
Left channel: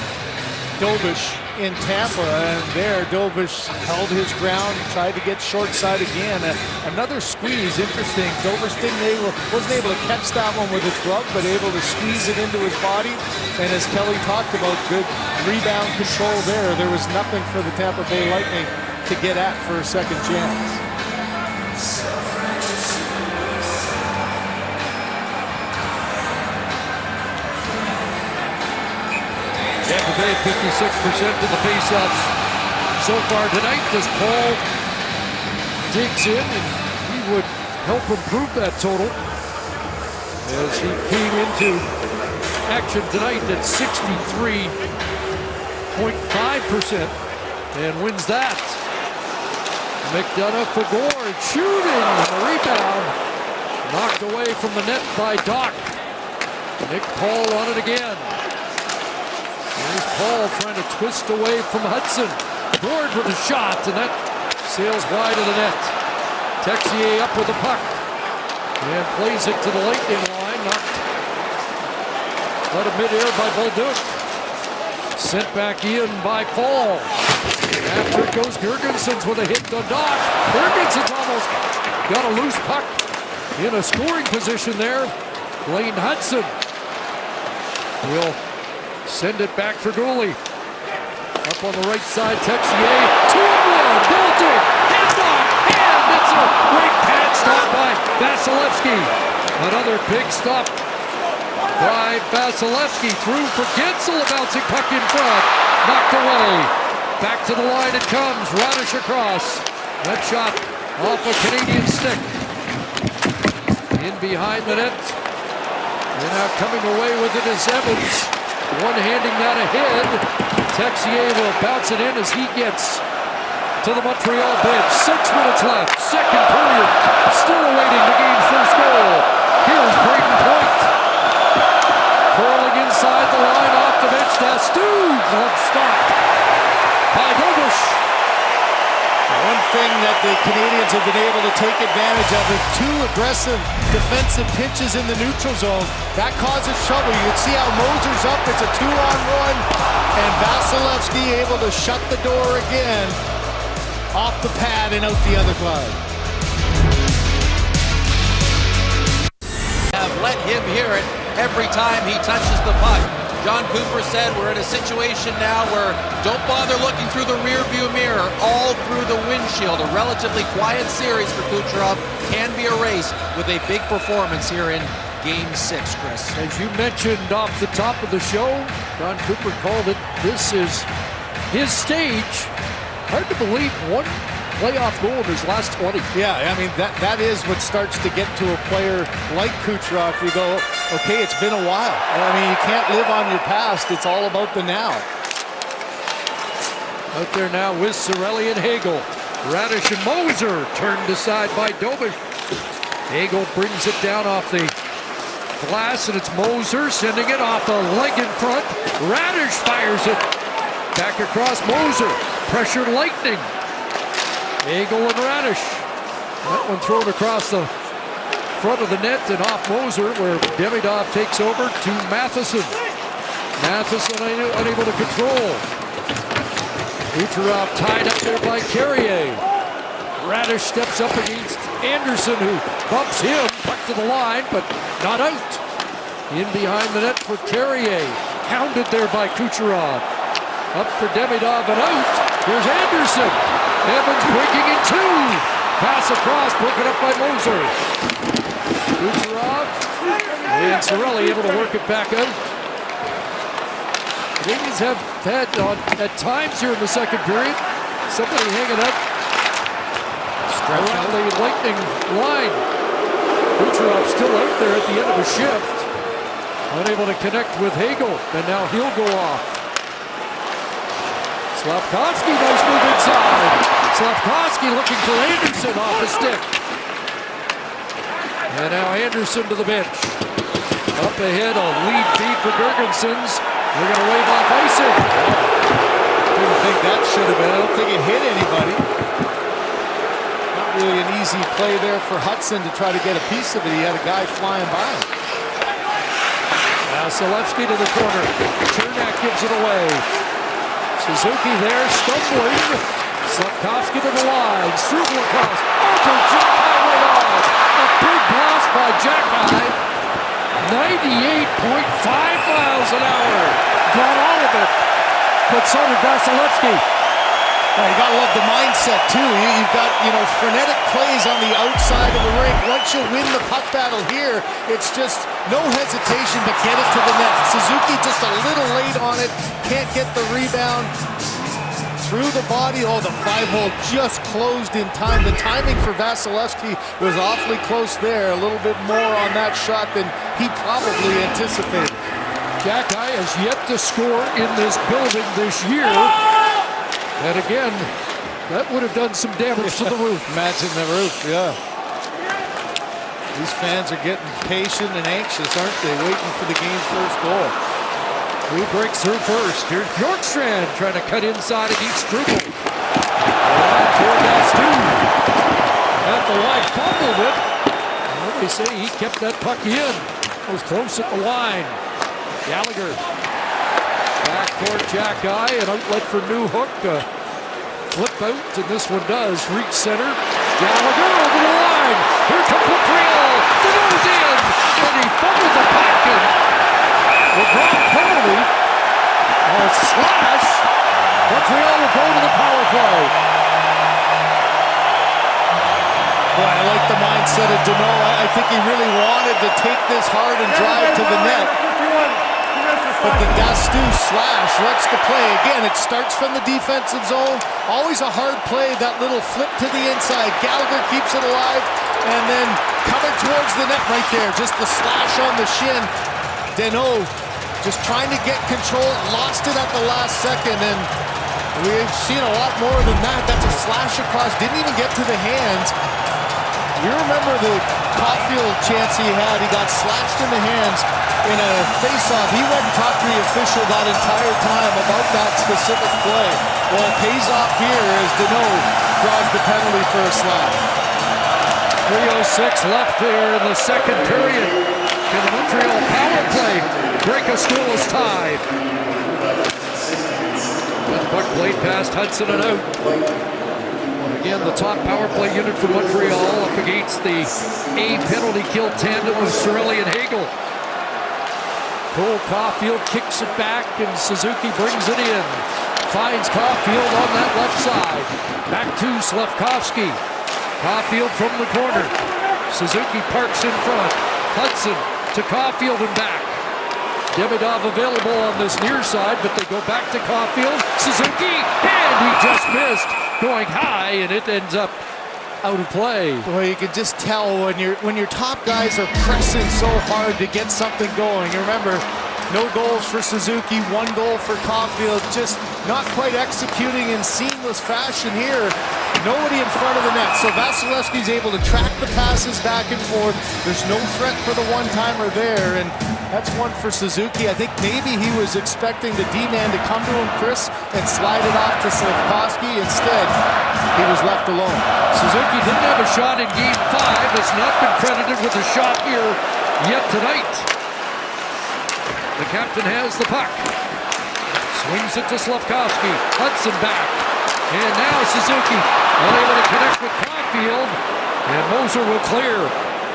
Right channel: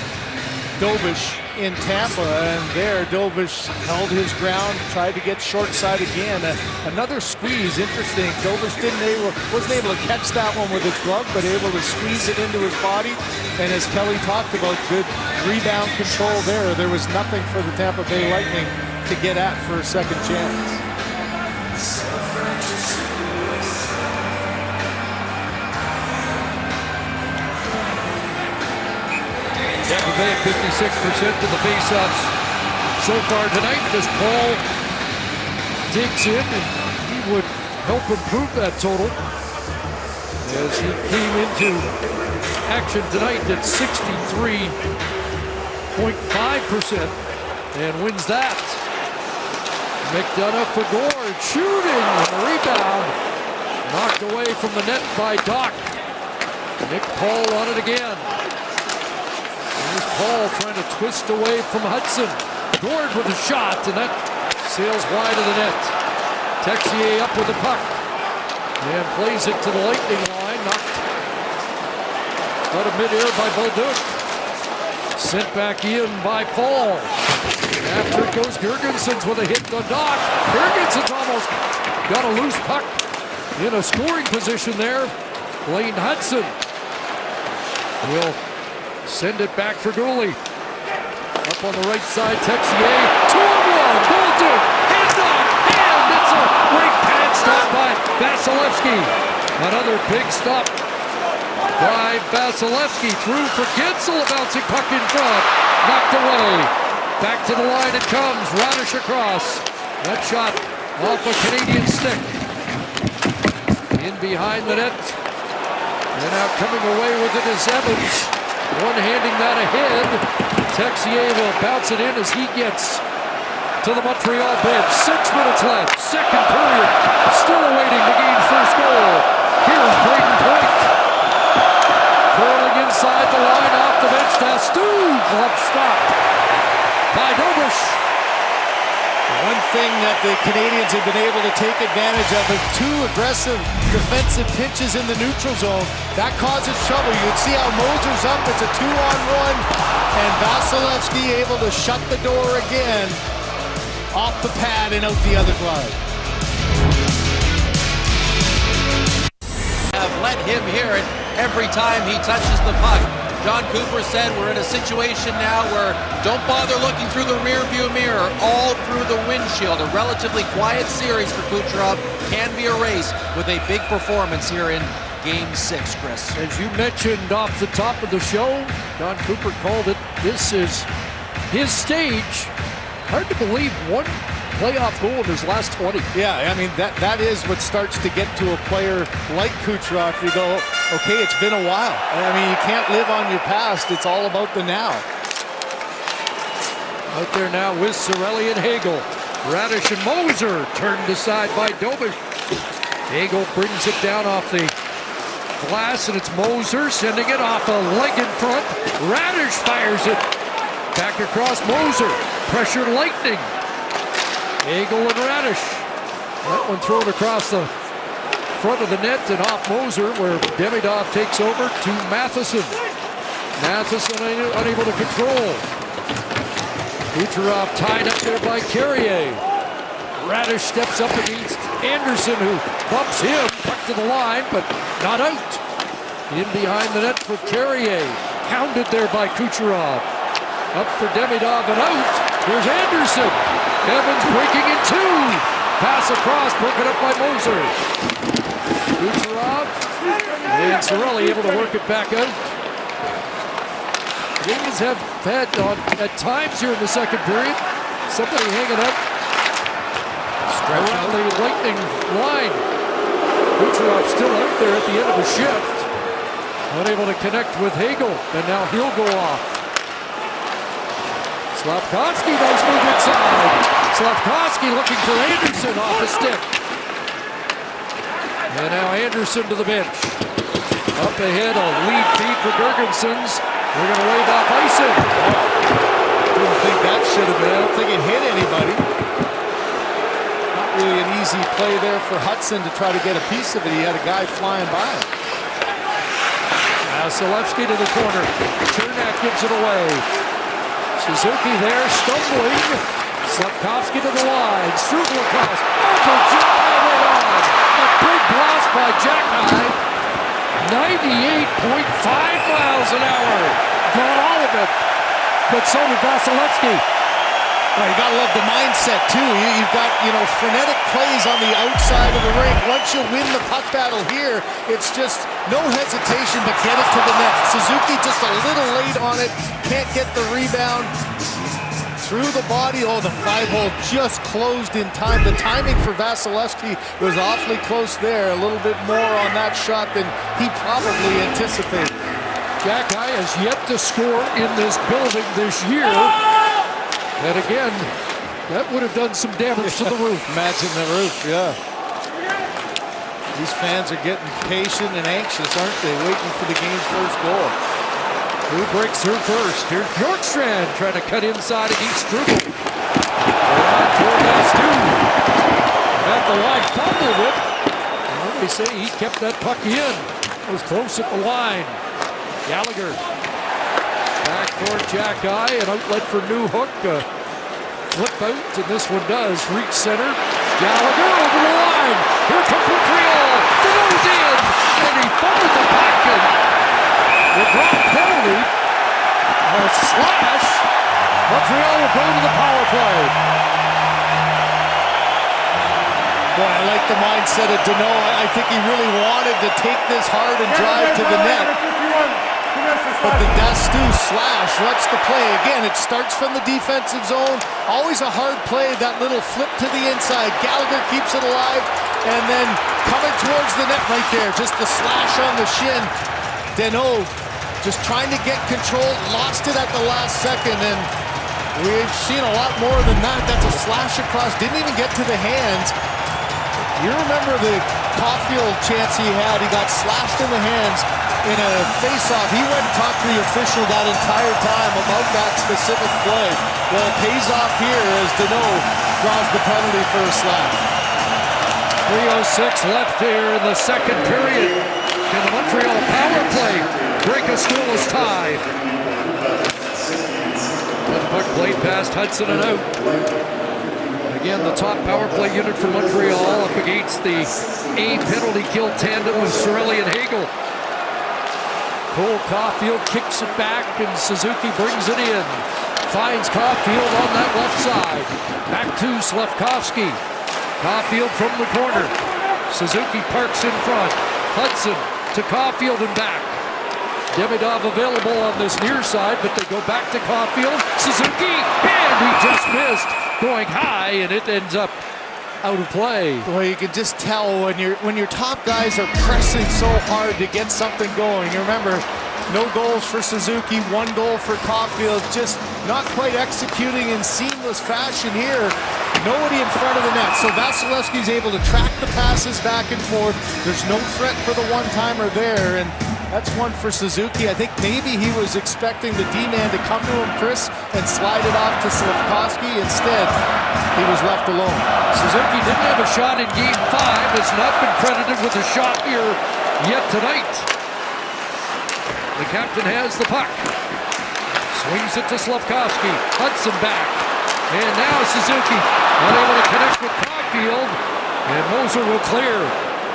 Dobish in Tampa, and there Dobish held his ground, tried to get short side again. Another squeeze, interesting. Dobish wasn't able to catch that one with his glove, but able to squeeze it into his body. And as Kelly talked about, good rebound control there. There was nothing for the Tampa Bay Lightning to get at for a second chance. Tampa Bay 56% of the faceoffs so far tonight as Paul digs in, and he would help improve that total as he came into action tonight at 63.5% and wins that. McDonough for Gord, shooting, and the rebound knocked away from the net by Doc. Nick Paul on it again. Here's Paul trying to twist away from Hudson. Gord with a shot, and that sails wide of the net. Texier up with the puck and plays it to the Lightning line. Knocked out of midair by Bolduc. Sent back in by Paul. After it goes Girgensons with a hit to Doc. Girgensons almost got a loose puck in a scoring position there. Blaine Hudson will send it back for Goalie. Up on the right side, Texier. 2-on-1, Bolduc, and Doc, and it's a great pad stop by Vasilevsky. Another big stop by Vasilevsky. Through for Gensel, a bouncing puck in front. Knocked away. Back to the line it comes. Radish across. That shot off a Canadian stick. In behind the net. And now coming away with it is Evans. One-handing that ahead. Texier will bounce it in as he gets to the Montreal bench. 6 minutes left. Second period. Still awaiting the game's first goal. Here's Braden Point. Curling inside the line off the bench. Dastu. Glove stop by Dobish. One thing that the Canadiens have been able to take advantage of is 2 aggressive defensive pinches in the neutral zone. That causes trouble. You can see how Moser's up. It's a 2-on-1. And Vasilevsky able to shut the door again off the pad and out the other side. Have let him hear it every time he touches the puck. John Cooper said we're in a situation now where don't bother looking through the rear view mirror, all through the windshield. A relatively quiet series for Kucherov can be erased with a big performance here in Game 6, Chris. As you mentioned off the top of the show, John Cooper called it, this is his stage. Hard to believe one playoff goal in his last 20. Yeah, I mean, that is what starts to get to a player like Kucherov. You go, okay, it's been a while. I mean, you can't live on your past. It's all about the now. Out there now with Cirelli and Hagel. Radish and Moser turned aside by Dobish. Hagel brings it down off the glass, and it's Moser sending it off a leg in front. Radish fires it back across Moser. Pressured Lightning. Hagel and Radish. That one thrown across the front of the net and off Moser, where Demidov takes over to Matheson. Matheson unable to control. Kucherov tied up there by Carrier. Radish steps up against Anderson, who bumps him. Puck to the line, but not out. In behind the net for Carrier. Hounded there by Kucherov. Up for Demidov and out. Here's Anderson. Evans breaking in 2. Pass across, broken up by Moser. Kucherov and Cirelli able to work it back out. The Canadiens have had at times here in the second period somebody hanging up around the Lightning line. Kucherov still out there at the end of a shift. Unable to connect with Hagel, and now he'll go off. Slavkovsky, nice move inside. Slavkovsky looking for Anderson off the stick. And now Anderson to the bench. Up ahead, a lead feed for Girgensons. They're going to wave off icing. Didn't think that should have been. I don't think it hit anybody. Not really an easy play there for Hudson to try to get a piece of it. He had a guy flying by him. Vasilevsky to the corner. Chernak gives it away. Suzuki there, stumbling. Slavkovsky to the line. Struble across. Over Jack-High right on. A big blast by Jack-High. 98.5 miles an hour. Got all of it. But so did Vasilevsky. Well, you gotta love the mindset too. You've got, frenetic plays on the outside of the rink. Once you win the puck battle here, it's just no hesitation but get it to the net. Suzuki just a little late on it, can't get the rebound. Through the body, the 5-hole just closed in time. The timing for Vasilevsky was awfully close there. A little bit more on that shot than he probably anticipated. Jack-High has yet to score in this building this year. And again, that would have done some damage to the roof. Imagine the roof, yeah. These fans are getting patient and anxious, aren't they? Waiting for the game's first goal. Who breaks through first? Here's Bjorkstrand trying to cut inside against Struble. Around for Dastu. At the line, fumbled it. Well, they say he kept that puck in. It was close at the line. Gallagher Backcourt Jack Eye, an outlet for Newhook. Flip out, and this one does reach center. Gallagher over the line. Here comes Montreal. Dano's in, and he fumbled the puck. And will draw a penalty. A slash. Montreal will go to the power play. Boy, I like the mindset of Dano. I think he really wanted to take this hard and drive to the net. But the Dastu slash ruts the play. Again, it starts from the defensive zone. Always a hard play, that little flip to the inside. Gallagher keeps it alive, and then coming towards the net right there. Just the slash on the shin. Dano just trying to get control, lost it at the last second, and we've seen a lot more than that. That's a slash across, didn't even get to the hands. You remember the Caulfield chance he had. He got slashed in the hands in a face-off. He went and talked to the official that entire time about that specific play. Well, it pays off here as Dano draws the penalty for a slash. 3:06 left here in the second period. Can the Montreal power play break a scoreless tie? That puck played past Hudson and out. Again, the top power play unit for Montreal up against the A penalty kill tandem of Cirelli and Hagel. Cole Caulfield kicks it back, and Suzuki brings it in. Finds Caulfield on that left side. Back to Slafkovsky. Caulfield from the corner. Suzuki parks in front. Hudson to Caulfield and back. Demidov available on this near side, but they go back to Caulfield. Suzuki, and he just missed. Going high, and it ends up out of play. Boy, you can just tell when your top guys are pressing so hard to get something going. You remember, no goals for Suzuki, 1 goal for Caulfield. Just not quite executing in seamless fashion here. Nobody in front of the net. So Vasilevsky's able to track the passes back and forth. There's no threat for the one-timer there, and that's one for Suzuki. I think maybe he was expecting the D-man to come to him, Chris, and slide it off to Slafkovsky. Instead, he was left alone. Suzuki didn't have a shot in Game 5. Has not been credited with a shot here yet tonight. The captain has the puck. Swings it to Slafkovsky. Hudson back. And now Suzuki unable to connect with Caulfield. And Moser will clear.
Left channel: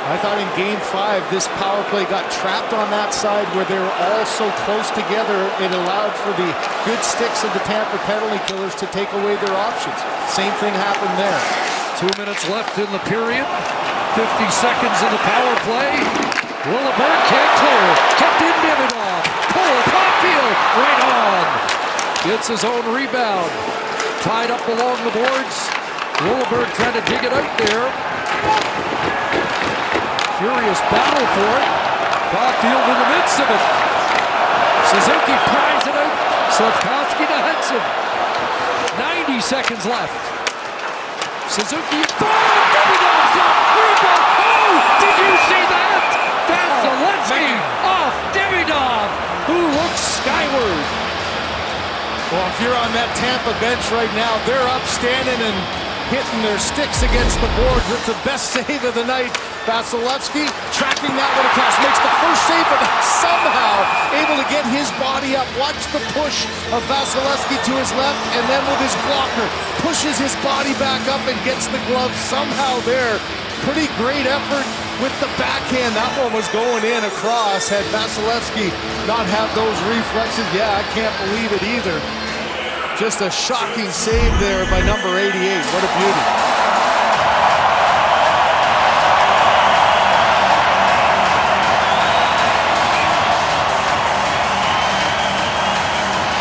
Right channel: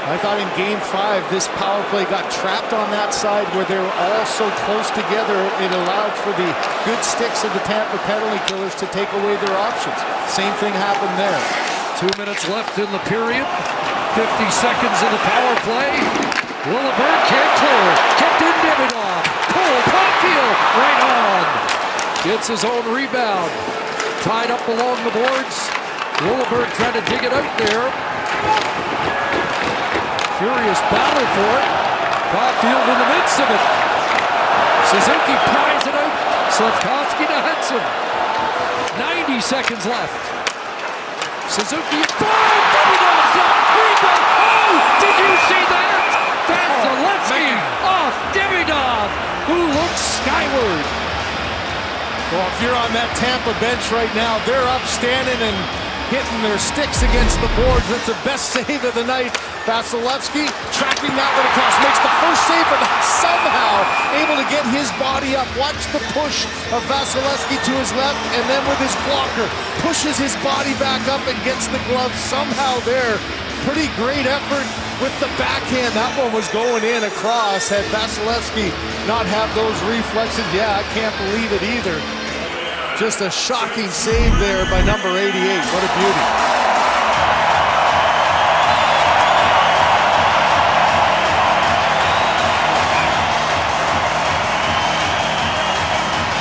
I thought in Game 5, this power play got trapped on that side where they were all so close together. It allowed for the good sticks of the Tampa penalty killers to take away their options. Same thing happened there. 2 minutes left in the period. 50 seconds in the power play. Willeberg can't clear. Kept in Demidov. Cole Caulfield right on. Gets his own rebound. Tied up along the boards. Willeberg trying to dig it out there. Furious battle for it. Caulfield in the midst of it. Suzuki pries it out. Slafkovsky to Hudson. 90 seconds left. Suzuki in front. Demidov's up. Rebound. Oh, did you see that? Vasilevsky off Demidov, who looks skyward. Well, if you're on that Tampa bench right now, they're up standing and hitting their sticks against the boards. That's the best save of the night. Vasilevsky tracking that one across, makes the first save, but somehow able to get his body up. Watch the push of Vasilevsky to his left, and then with his blocker, pushes his body back up and gets the glove somehow there. Pretty great effort with the backhand. That one was going in across. Had Vasilevsky not have those reflexes, yeah, I can't believe it either. Just a shocking save there by number 88. What a beauty.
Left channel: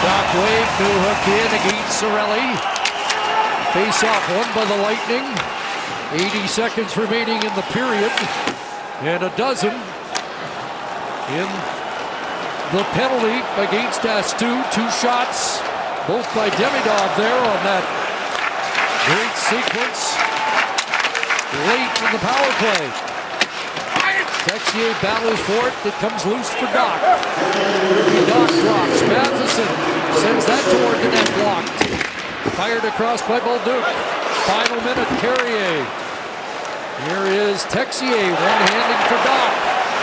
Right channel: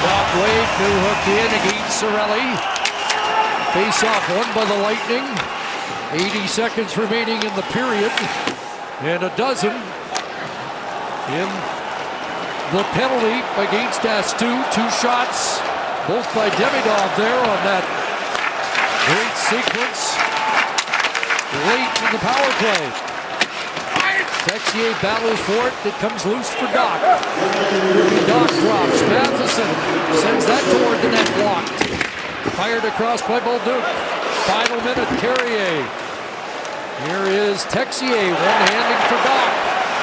Doc wave, Newhook in against Cirelli. Face-off won by the Lightning. 80 seconds remaining in the period. And a dozen in the penalty against Dastu. 2 shots, both by Demidov there on that great sequence late in the power play. Texier battles for it. It comes loose for Doc. Doc drops. Matheson sends that toward the net, blocked. Fired across by Bolduc. Final minute, Carrier. Here is Texier, one-handing for Doc.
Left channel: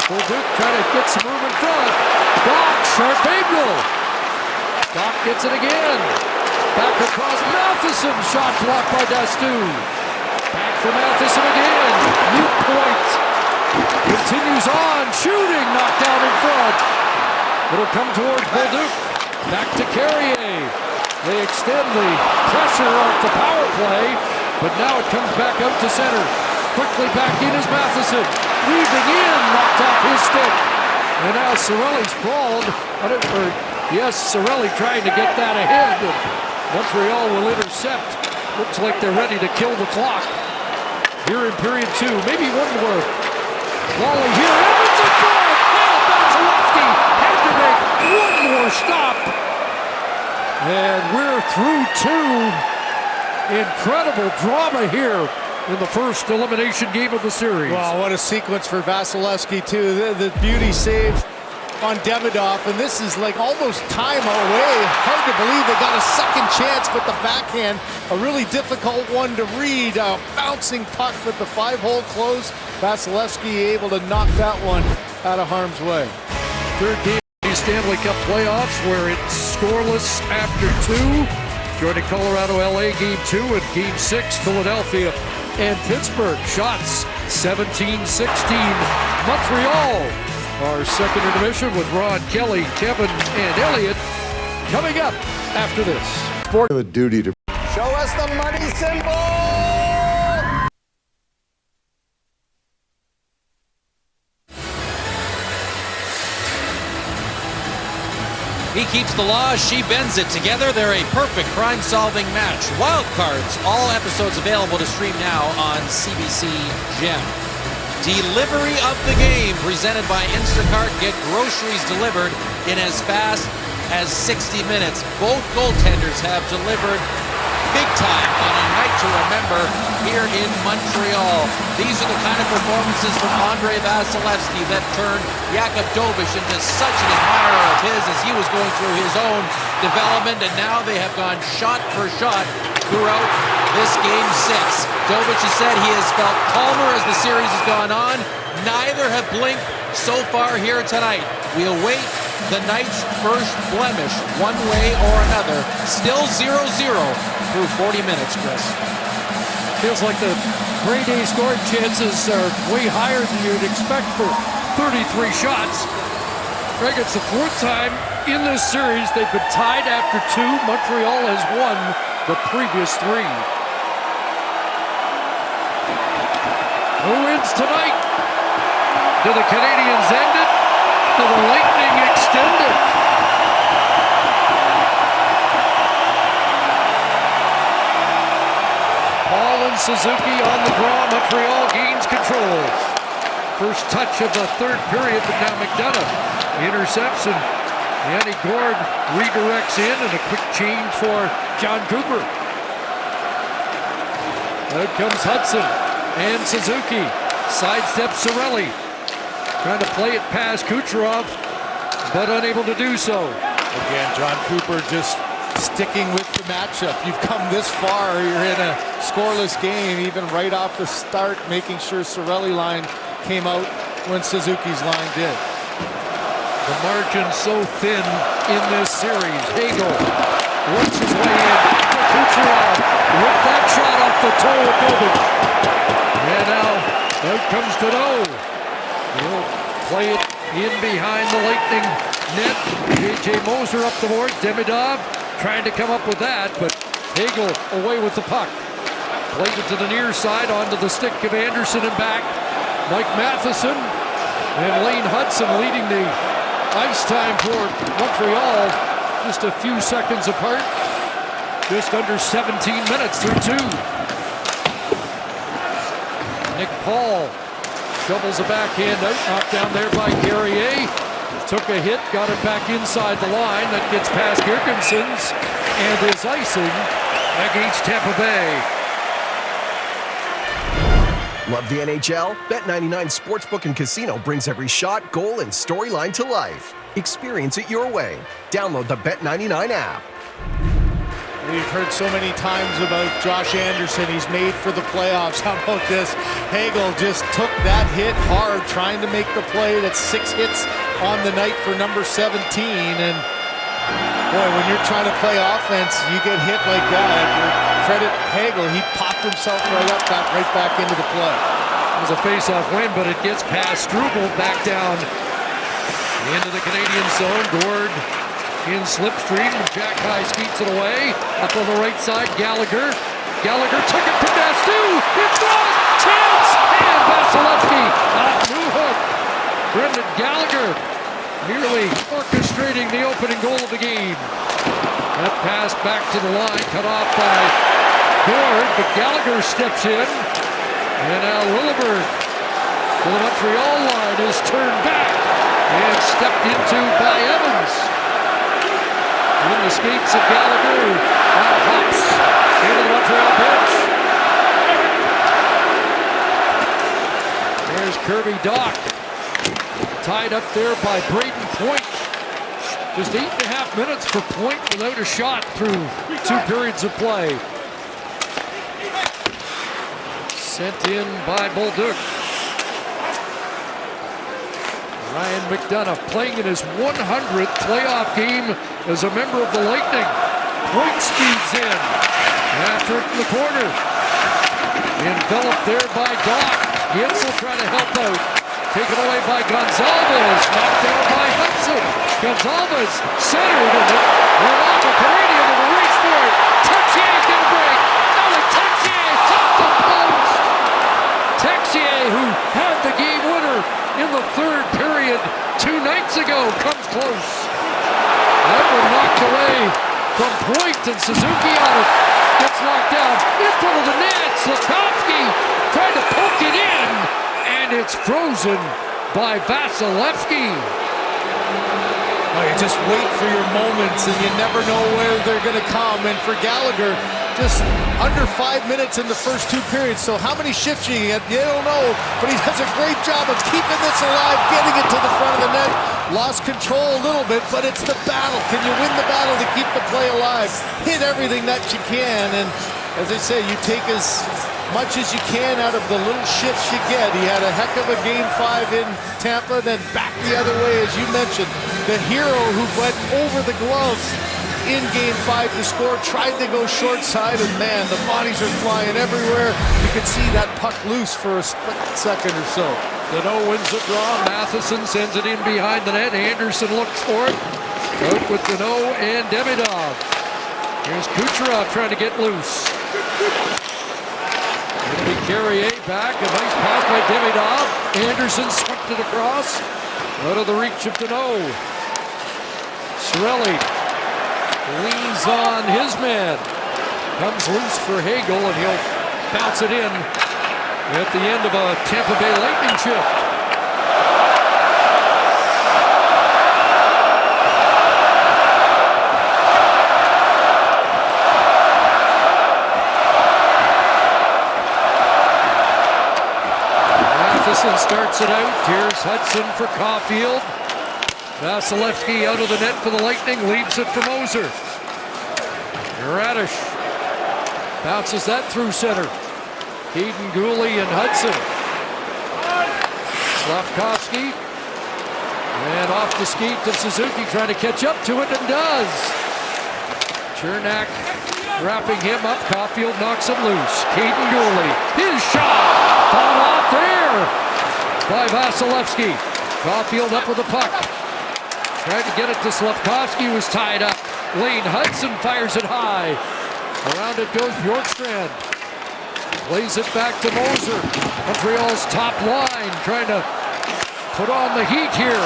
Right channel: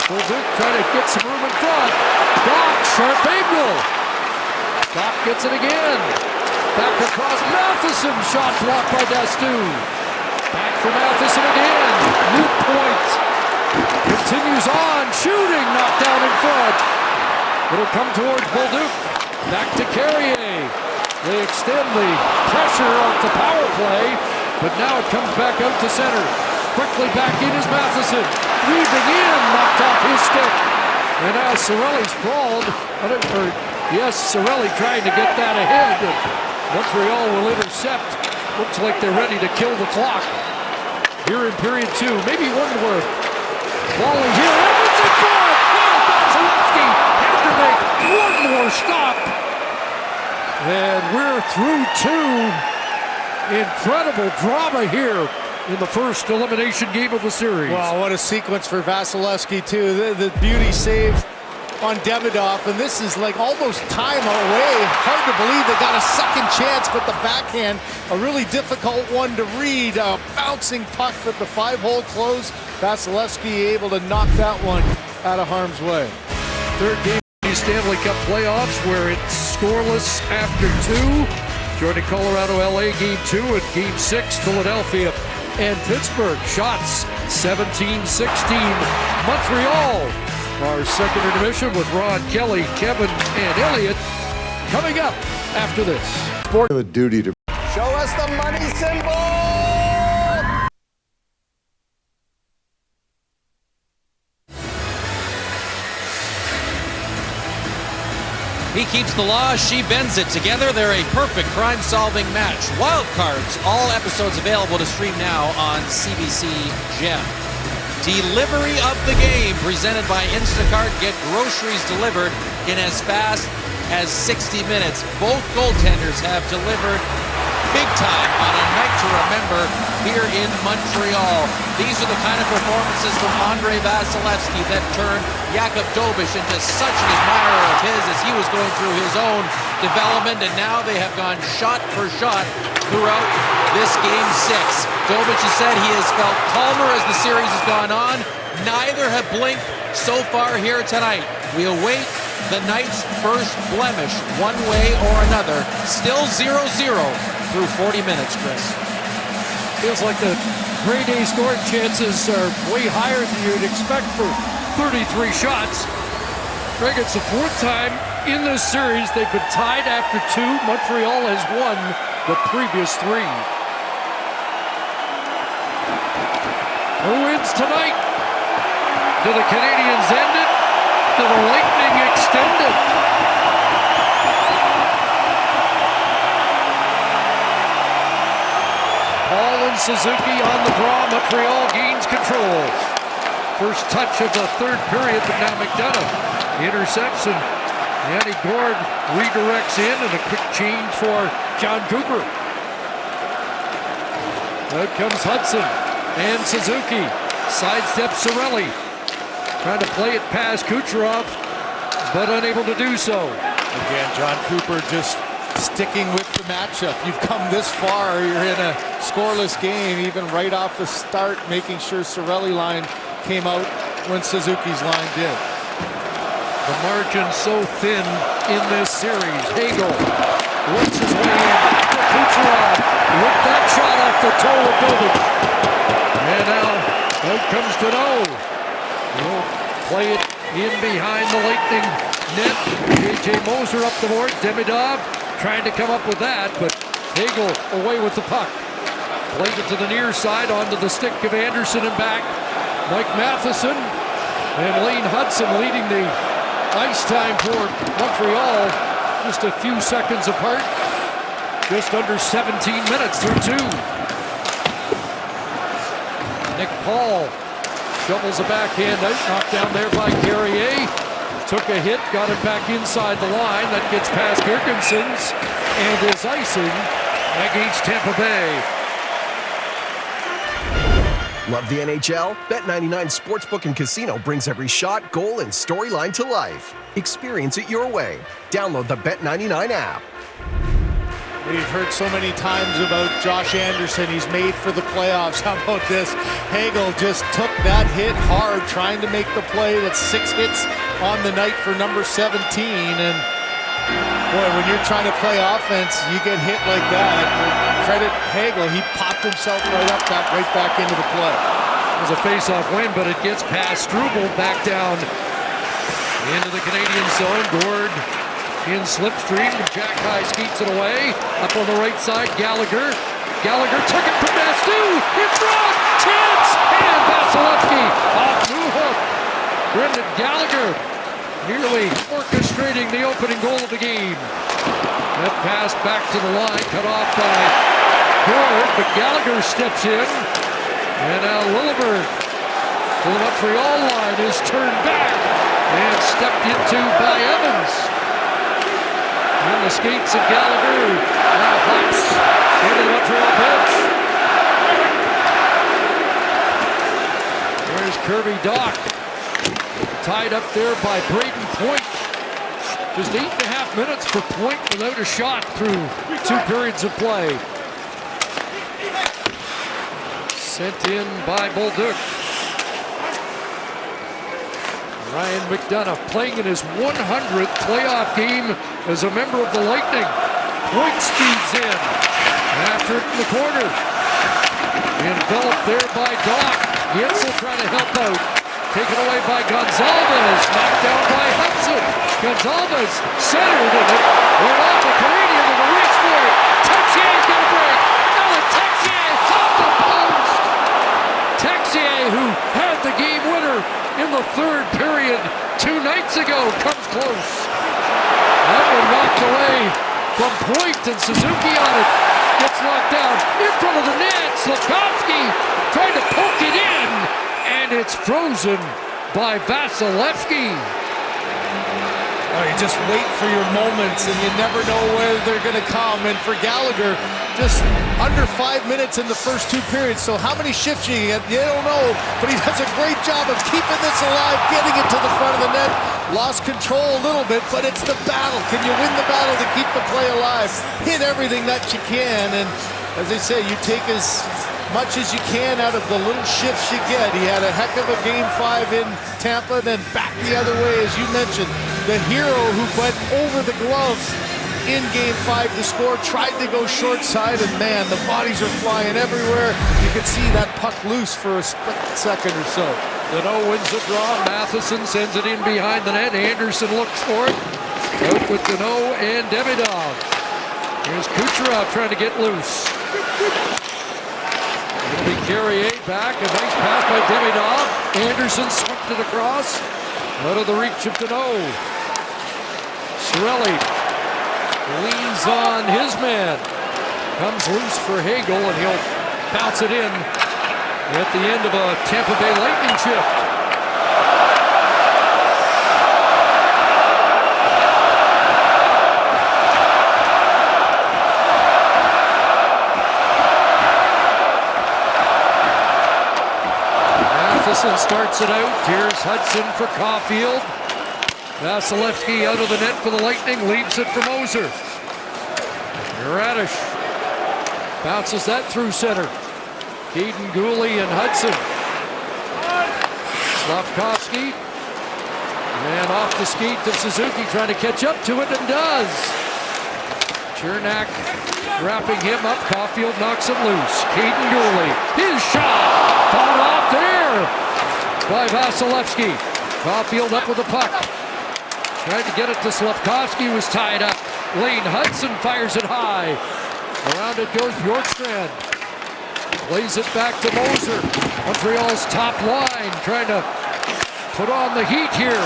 Bolduc trying to get some room in front. Doc, sharp angle. Doc gets it again. Back across Matheson. Shot blocked by Dastu. Back for Matheson again. Loop point. Continues on. Shooting. Knocked down in front. It'll come towards Bolduc. Back to Carrier. They extend the pressure off the power play. But now it comes back out to center. Quickly back in is Matheson. Weaving in. Knocked off his stick. And now Cirelli's crawled. Cirelli trying to get that ahead. And Montreal will intercept. Looks like they're ready to kill the clock. Here in period 2. Maybe one more. Volley here. Evans in front. Now Vasilevsky had to make one more stop. And we're through 2. Incredible drama here in the first elimination game of the series. Wow, what a sequence for Vasilevsky, too. The beauty save on Demidov, and this is like almost time away. Hard to believe they got a second chance, but the backhand, a really difficult one to read. A bouncing puck, but the 5-hole close. Vasilevsky able to knock that one out of harm's way. Third game of the Stanley Cup playoffs, where it's scoreless after 2. Joining Colorado, LA, Game 2, and Game 6, Philadelphia and Pittsburgh. Shots 17-16. Montreal. Our second intermission with Ron, Kelly, Kevin, and Elliot coming up after this. Sport have a duty to Show us the money symbol! He keeps the law, she bends it. Together, they're a perfect crime-solving match. Wild Cards, all episodes available to stream now on CBC Gem. Delivery of the game, presented by Instacart. Get groceries delivered in as fast as 60 minutes. Both goaltenders have delivered big time on a night to remember here in Montreal. These are the kind of performances from Andrei Vasilevsky that turned Jakub Dobeš into such an admirer of his as he was going through his own development, and now they have gone shot for shot throughout this Game 6. Dobeš has said he has felt calmer as the series has gone on. Neither have blinked so far here tonight. We await the night's first blemish one way or another. Still 0-0 through 40 minutes, Chris. Feels like the Grey Day scoring chances are way higher than you'd expect for 33 shots. Greg, it's the 4th time in this series they've been tied after 2. Montreal has won the previous 3. Who wins tonight? Do the Canadiens end it? Do the Lightning extend it? Paul and Suzuki on the draw. Montreal gains control. First touch of the third period, but now McDonough intercepts, and Yanni Gourde redirects in, and a quick change for John Cooper. Out comes Hudson and Suzuki. Sidesteps Cirelli. Trying to play it past Kucherov, but unable to do so. Again, John Cooper just sticking with the matchup. You've come this far. You're in a scoreless game, even right off the start, making sure Cirelli line came out when Suzuki's line did. The margin so thin in this series. Hagel works his way in. Back to Kucherov with that shot off the toe of Dobeš. And now out comes Deneau. He'll play it in behind the Lightning net. J.J. Moser up the board. Demidov trying to come up with that, but Hagel away with the puck. Played it to the near side, onto the stick of Anderson and back. Mike Matheson and Lane Hudson leading the ice time for Montreal. Just a few seconds apart. Just under 17 minutes through 2. Nick Paul shovels a backhand out, knocked down there by Carrier. Took a hit, got it back inside the line. That gets past Girgensons and is icing against Tampa Bay. Love the NHL? Bet99 Sportsbook and Casino brings every shot, goal, and storyline to life. Experience it your way. Download the Bet99 app. We've heard so many times about Josh Anderson. He's made for the playoffs. How about this? Hagel just took that hit hard, trying to make the play. That's 6 hits on the night for number 17. And Boy, when you're trying to play offense, you get hit like that. Credit Hagel, he popped himself right up, got right back into the play. It was a face-off win, but it gets past Struble back down into the Canadian zone. Gord in slipstream. Jack High skeets it away. Up on the right side, Gallagher. Gallagher took it from Nastu. In front. Chance. And Vasilevsky off new hook. Brendan Gallagher nearly orchestrating the opening goal of the game. That pass back to the line, cut off by Gord, but Gallagher steps in. And now Lilleberg to the Montreal line is turned back and stepped into by Evans. In the skates of Gallagher, who now hops into the Montreal bench. There's Kirby Dach, tied up there by Braden Point. Just 8.5 minutes for Point without a shot through 2 periods of play. Sent in by Bolduc. Ryan McDonough playing in his 100th playoff game as a member of the Lightning. Point speeds in. After it in the corner. Enveloped there by Dach. Gensel trying to help out. Taken away by Gonzalez. Knocked down by Hudson. Gonzalez centered and it went off a Canadian in the race for it. Texier's going to break. Alec Texier off the post. Texier, who had the game winner in the 3rd period 2 nights ago, comes close. That one knocked away from Point, and Suzuki on it. Gets knocked down in front of the net. Slafkovsky tried to poke it in, and it's frozen by Vasilevsky. Oh, you just wait for your moments, and you never know where they're going to come. And for Gallagher, just under 5 minutes in the first 2 periods. So how many shifts you get, you don't know. But he does a great job of keeping this alive, getting it to the front of the net. Lost control a little bit, but it's the battle. Can you win the battle to keep the play alive? Hit everything that you can. And as I say, you take as much as you can out of the little shifts you get. He had a heck of a Game 5 in Tampa, then back the other way, as you mentioned. The hero who went over the gloves in Game 5 to score, tried to go short side, and man, the bodies are flying everywhere. You could see that puck loose for a split second or so. Danault wins the draw. Matheson sends it in behind the net. Anderson looks for it. Out with Danault and Demidov. Here's Kucherov trying to get loose. It'll be Carrier back. A nice pass by Demidov. Anderson swept it across. Out of the reach of Danault. Cirelli leans on his man. Comes loose for Hagel, and he'll bounce it in at the end of a Tampa Bay Lightning shift. Matheson starts it out. Here's Hudson for Caulfield. Vasilevsky out of the net for the Lightning, leaves it for Moser. Radish bounces that through center. Keaton, Gooley, and Hudson. Slafkovsky. And off the skate to Suzuki, trying to catch up to it, and does. Chernak wrapping him up. Caulfield knocks him loose. Keaton, Gooley. His shot fought off there by Vasilevsky. Caulfield up with the puck. Tried to get it to Slafkovsky, was tied up. Lane Hudson fires it high. Around it goes Bjorkstrand. Plays it back to Moser. Montreal's top line trying to put on the heat here.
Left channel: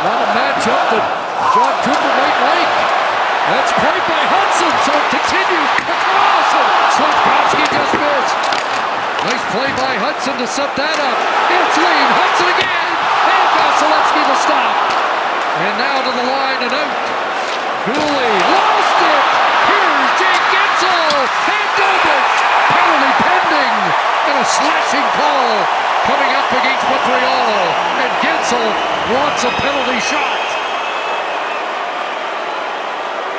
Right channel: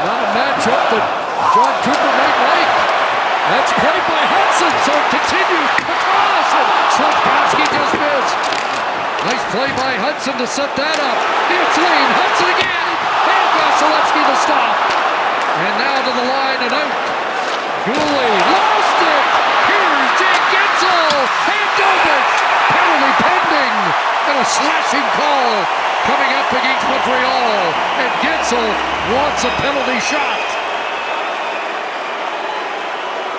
Not a matchup that John Cooper might like. That's played by Hudson, so it continues across, and Slafkovsky just missed. Nice play by Hudson to set that up. It's Lane Hudson again, and Vasilevsky the stop. And now to the line and out. Gooley lost it. Here's Jake Gensel and Dobish. Penalty pending, and a slashing call coming up against Montreal. And Gensel wants a penalty shot.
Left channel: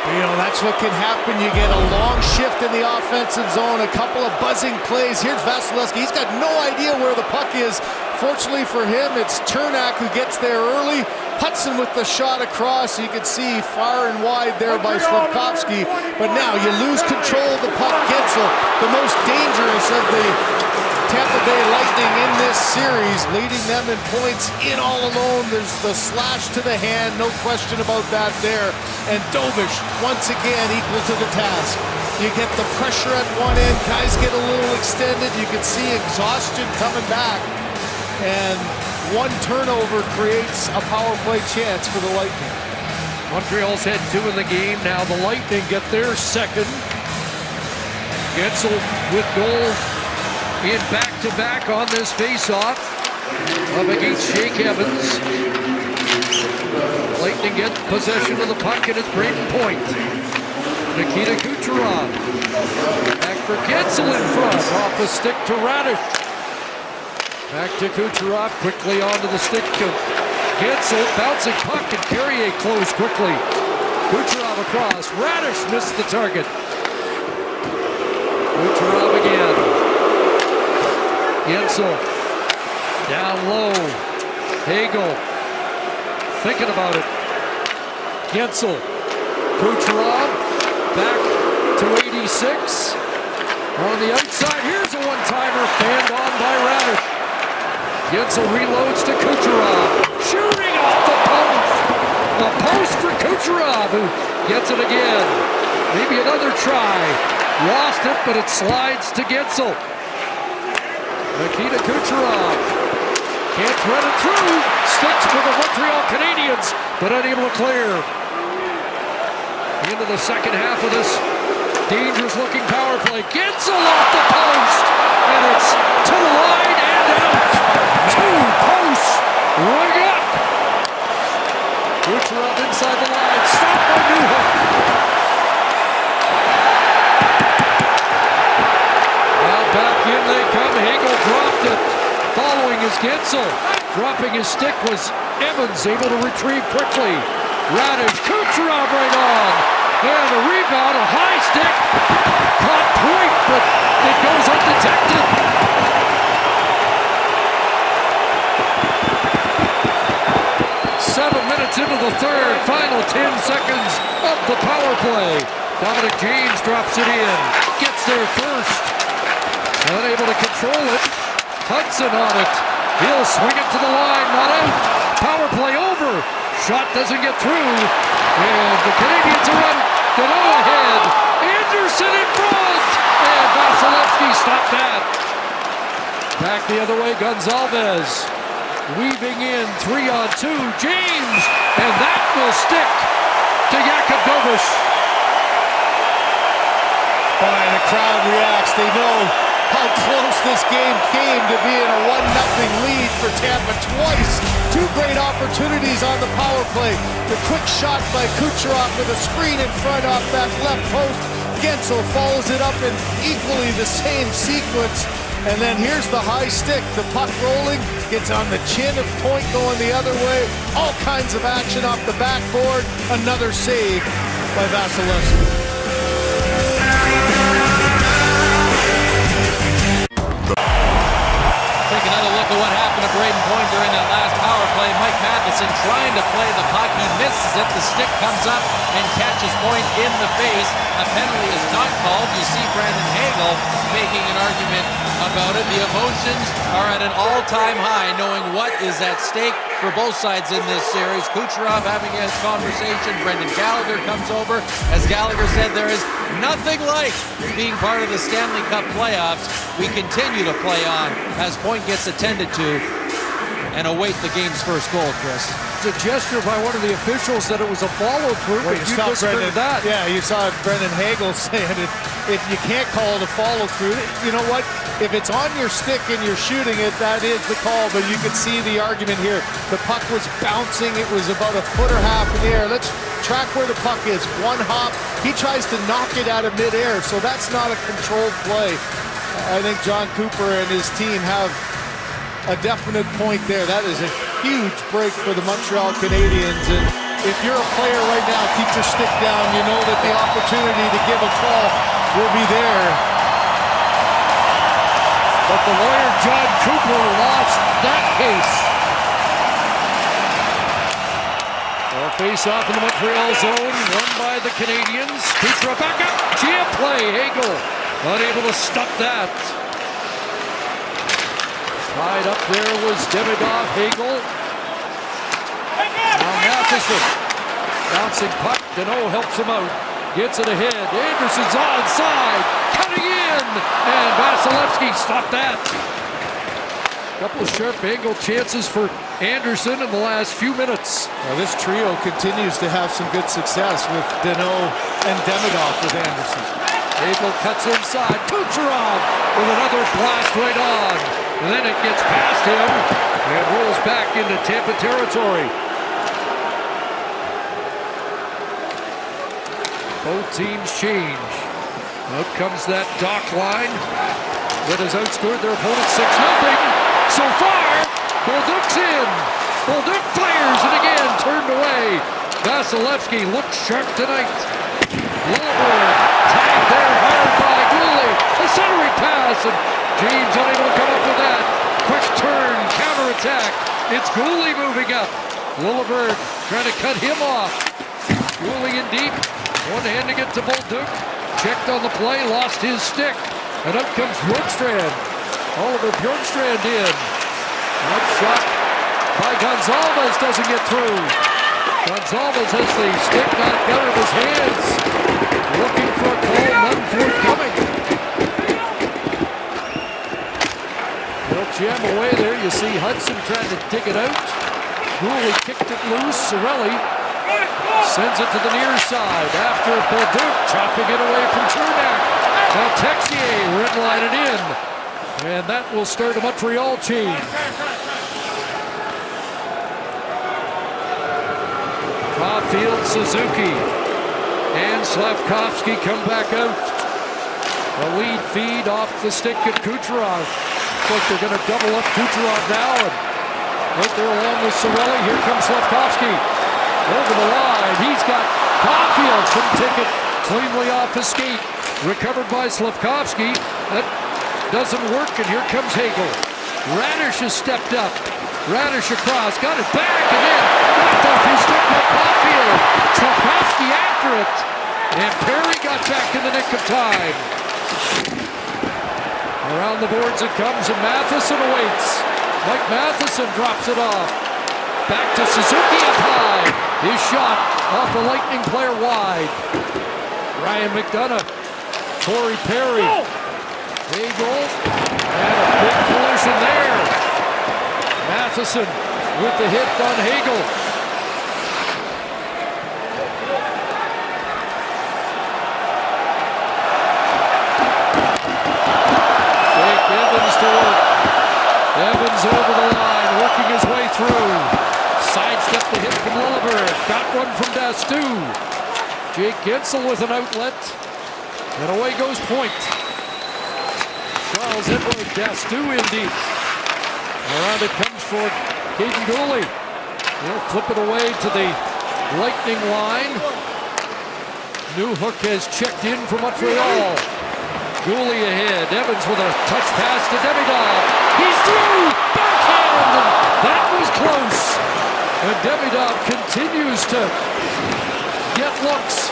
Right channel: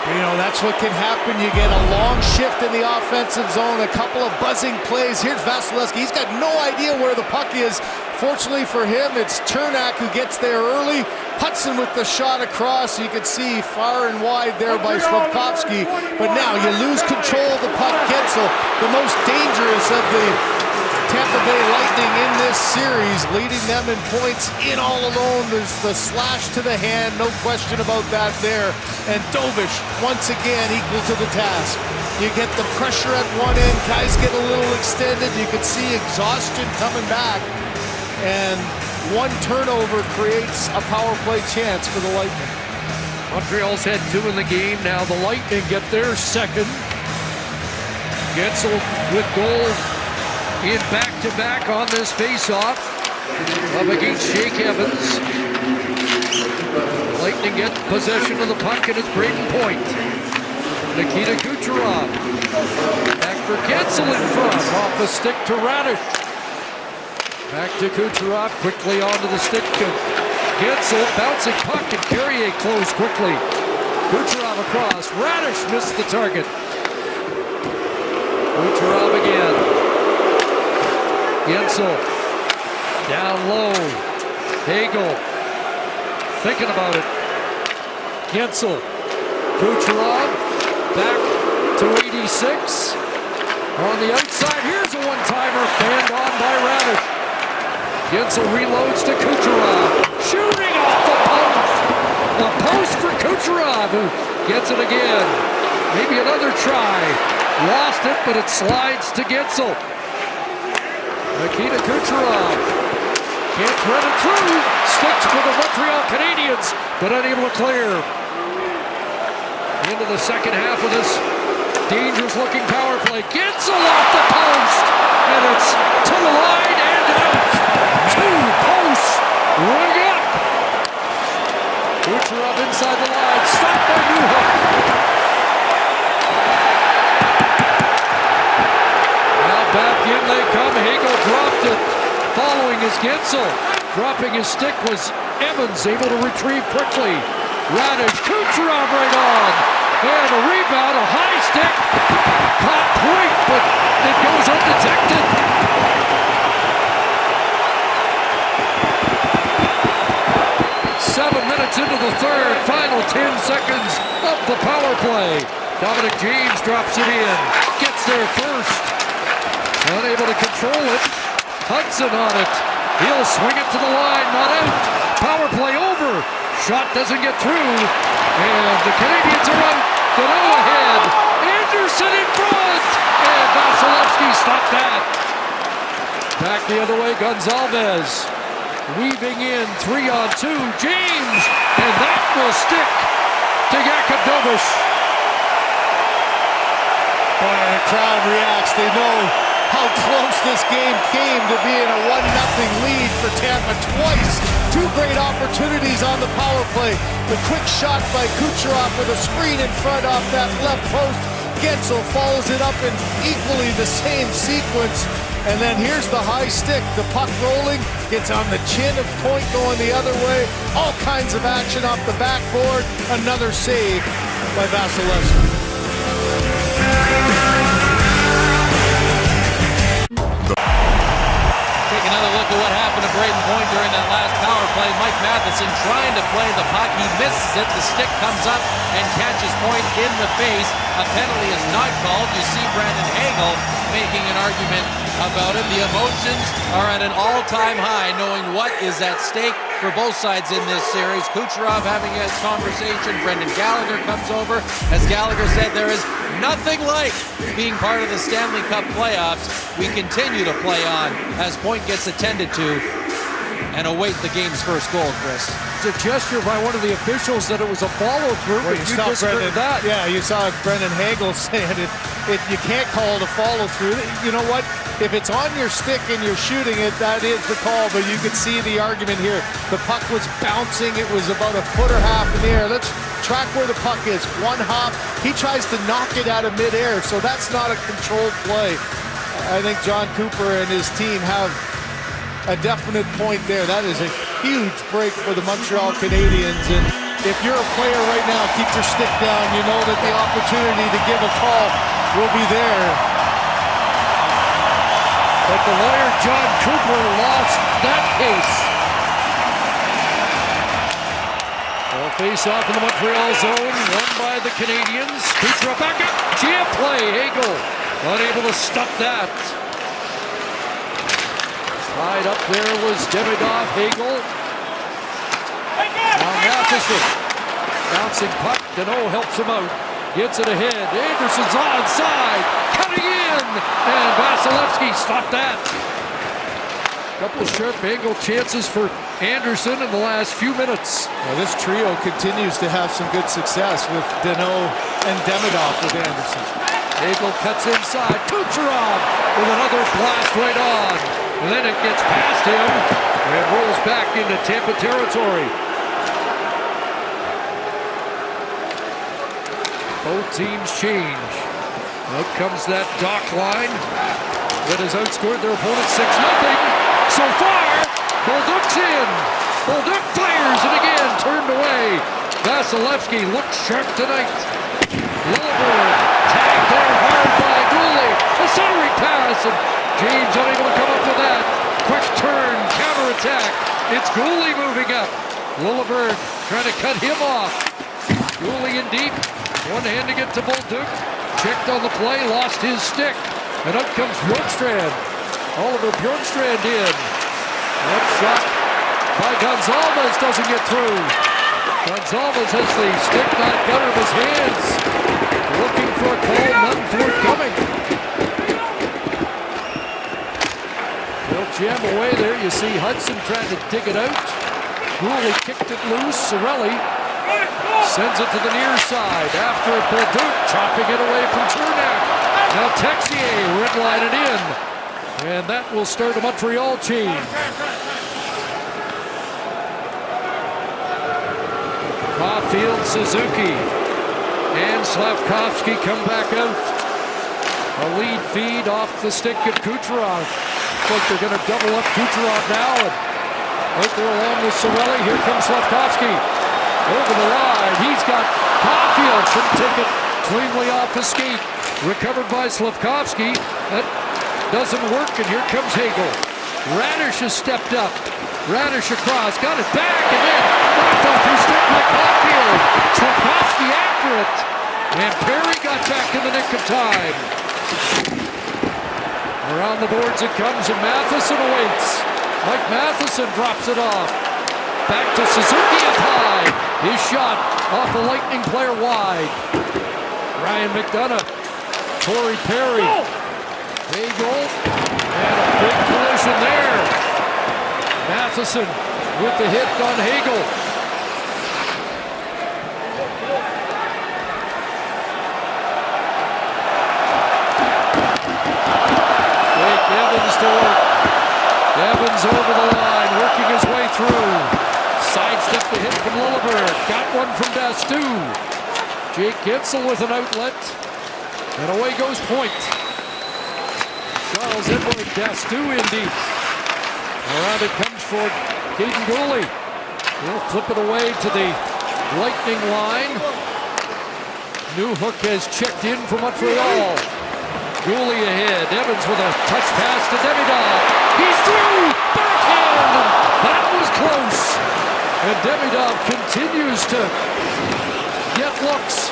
You know, that's what can happen. You get a long shift in the offensive zone, a couple of buzzing plays. Here's Vasilevsky. He's got no idea where the puck is. Fortunately for him, it's Chernak who gets there early. Hudson with the shot across. You can see far and wide there by Slavkovsky. But now you lose control of the puck. Gensel, the most dangerous of the Tampa Bay Lightning in this series, leading them in points in all alone. There's the slash to the hand, no question about that there. And Dobish, once again, equal to the task. You get the pressure at one end, guys get a little extended. You can see exhaustion coming back. And one turnover creates a power play chance for the Lightning. Montreal's had 2 in the game. Now the Lightning get their second. Gensel with goals in back-to-back on this face-off up against Jake Evans. Lightning get possession of the puck, and it's Braden Point. Nikita Kucherov back for Gensel in front, off a stick to Radish. Back to Kucherov, quickly onto the stick of Gensel, bouncing puck, and Carrier closed quickly. Kucherov across, Radish missed the target. Kucherov again. Gensel down low. Hagel thinking about it. Gensel. Kucherov back to 86. On the outside, here's a one-timer fanned on by Radish. Gensel reloads to Kucherov. Shooting off the post. A post for Kucherov, who gets it again. Maybe another try. Lost it, but it slides to Gensel. Nikita Kucherov can't thread it through. Sticks for the Montreal Canadiens, but unable to clear. Into the second half of this dangerous-looking power play. Gensel off the post, and it's to the line and out. 2 posts, ring up. Kucherov inside the line, stopped by Newhook. Back in they come. Hagel dropped it. Following is Gensel. Dropping his stick was Evans, able to retrieve quickly. Radish, Kucherov right on. And a rebound, a high stick. Caught Point, but it goes undetected. Seven minutes into the third, final 10 seconds of the power play. Dominic James drops it in. Gets there first. Unable to control it. Hudson on it. He'll swing it to the line, not out. Power play over. Shot doesn't get through. And the Canadiens are out. Gano ahead. Anderson in front. And Vasilevsky stopped that. Back the other way, Gonzalez. Weaving in 3-on-2. James. And that will stick to Jakub Dobish. Boy, the crowd reacts. They know how close this game came to being a 1-0 lead for Tampa twice. 2 great opportunities on the power play. The quick shot by Kucherov with a screen in front off that left post. Gensel follows it up in equally the same sequence. And then here's the high stick. The puck rolling, gets on the chin of Point going the other way. All kinds of action off the backboard. Another save by Vasilevsky. Take another look at what happened to Braden Point during that last power play. Mike Matheson trying to play the puck. He misses it. The stick comes up and catches Point in the face. A penalty is not called. You see Brandon Hagel making an argument about it. The emotions are at an all-time high, knowing what is at stake for both sides in this series. Kucherov having a conversation. Brendan Gallagher comes over. As Gallagher said, there is nothing like being part of the Stanley Cup playoffs. We continue to play on as Point gets attended to and await the game's first goal, Chris. It's a gesture by one of the officials that it was a follow-through, but you disagree with that. Yeah, you saw Brendan Hagel saying you can't call it a follow-through. You know what? If it's on your stick and you're shooting it, that is the call, but you could see the argument here. The puck was bouncing. It was about a foot or half in the air. Let's track where the puck is. One hop. He tries to knock it out of midair, so that's not a controlled play. I think John Cooper and his team have a definite point there. That is a huge break for the Montreal Canadiens. And if you're a player right now, keep your stick down. You know that the opportunity to give a call will be there. But the lawyer, John Cooper, lost that case. Well, face off in the Montreal zone, won by the Canadiens. Kucherov back up, jam play, Hagel unable to stop that. Tied up there was Demidov, Hagel. Now Matheson, bouncing puck, Deneau helps him out. Gets it ahead, Anderson's onside, cutting in, and Vasilevsky stopped that. Couple of sharp angle chances for Anderson in the last few minutes. Now this trio continues to have some good success with Deneau and Demidov with Anderson. Hagel cuts inside, Kucherov with another blast right on. And then it gets past him and rolls back into Tampa territory. Both teams change. Out comes that dock line that has outscored their opponent 6-0. So far, Bolduc's in. Bolduc fires and again turned away. Vasilevsky looks sharp tonight. Lillibird tagged there hard by Goulet. A centering pass and James unable to come up with that. Quick turn, counterattack. It's Goulet moving up. Lillibird trying to cut him off. Goulet in deep. One hand to get to Bolduc. Checked on the play, lost his stick. And up comes Bjorkstrand. Oliver Bjorkstrand in. That shot by Gonzalez doesn't get through. Gonzalez has the stick knocked out of his hands. Looking for a call, none forthcoming. They'll jam away there. You see Hudson trying to dig it out. Goulet kicked it loose. Cirelli sends it to the near side. After Bolduc chopping it away from Cernak. Now Texier redline it in. And that will start a Montreal change. Caulfield, Suzuki, and Slavkovsky come back out. A lead feed off the stick of Kucherov. Looks like they're going to double up Kucherov now. And right there along with Cirelli. Here comes Slavkovsky. Over the line. He's got Caulfield. Couldn't take it cleanly off his skate. Recovered by Slavkovsky. That doesn't work, and here comes Hagel. Radish has stepped up. Radish across, got it back, and then knocked off his stick by Caulfield. Slavkovsky after it, and Perry got back in the nick of time. Around the boards it comes, and Matheson awaits. Mike Matheson drops it off. Back to Suzuki up high. His shot off the Lightning player wide. Ryan McDonough, Corey Perry. Hagel, and a big collision there. Matheson with the hit on Hagel. Jake Evans to work. Evans over the line, working his way through. Sidestep the hit from Lillibird. Got one from Dastu. Jake Gensel with an outlet. And away goes Point. Charles Edward Dastu in deep. Around it comes for Caden Goulet. He'll flip it away to the Lightning line. Newhook has checked in for Montreal. Goulet ahead. Evans with a touch pass to Demidov. He's through! Backhand! And that was close. And Demidov continues to get looks.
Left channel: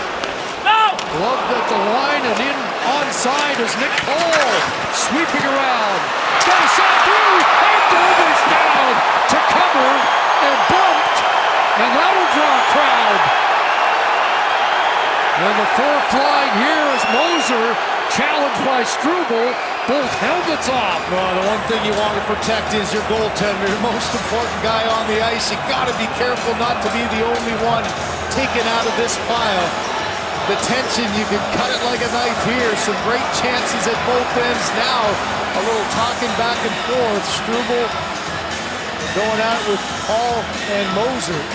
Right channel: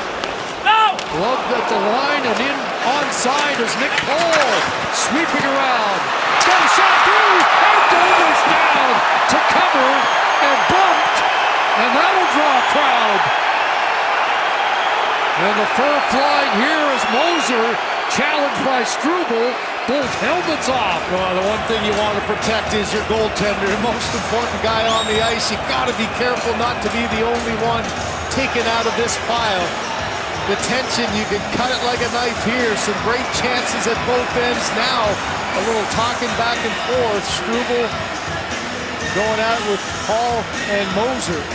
Gloved at the line and in onside is Nick Paul. Sweeping around. Got a shot through. And Dobish down to cover and bumped. And that'll draw a crowd. And the fur flying here is Moser. Challenged by Struble. Both helmets off. Well, the one thing you want to protect is your goaltender. The most important guy on the ice. You got to be careful not to be the only one taken out of this pile. The tension, you could cut it like a knife here. Some great chances at both ends. Now, a little talking back and forth. Struble going out with Paul and Moser.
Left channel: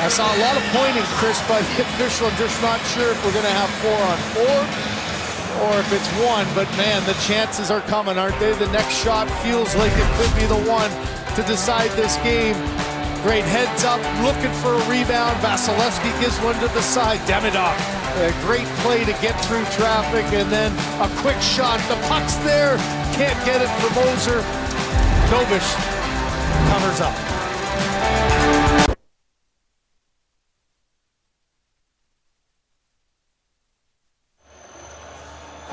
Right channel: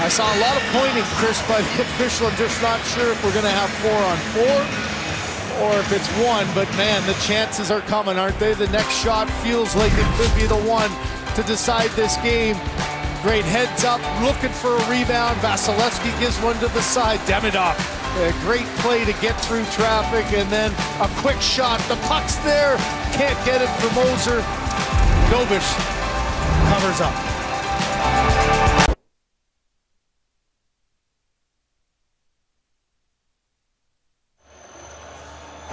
I saw a lot of pointing, Chris, by the official. I'm just not sure if we're going to have 4-on-4 or if it's one. But, man, the chances are coming, aren't they? The next shot feels like it could be the one to decide this game. Great heads up, looking for a rebound. Vasilevsky gives one to the side. Demidov, a great play to get through traffic, and then a quick shot. The puck's there, can't get it for Moser. Dobish covers up.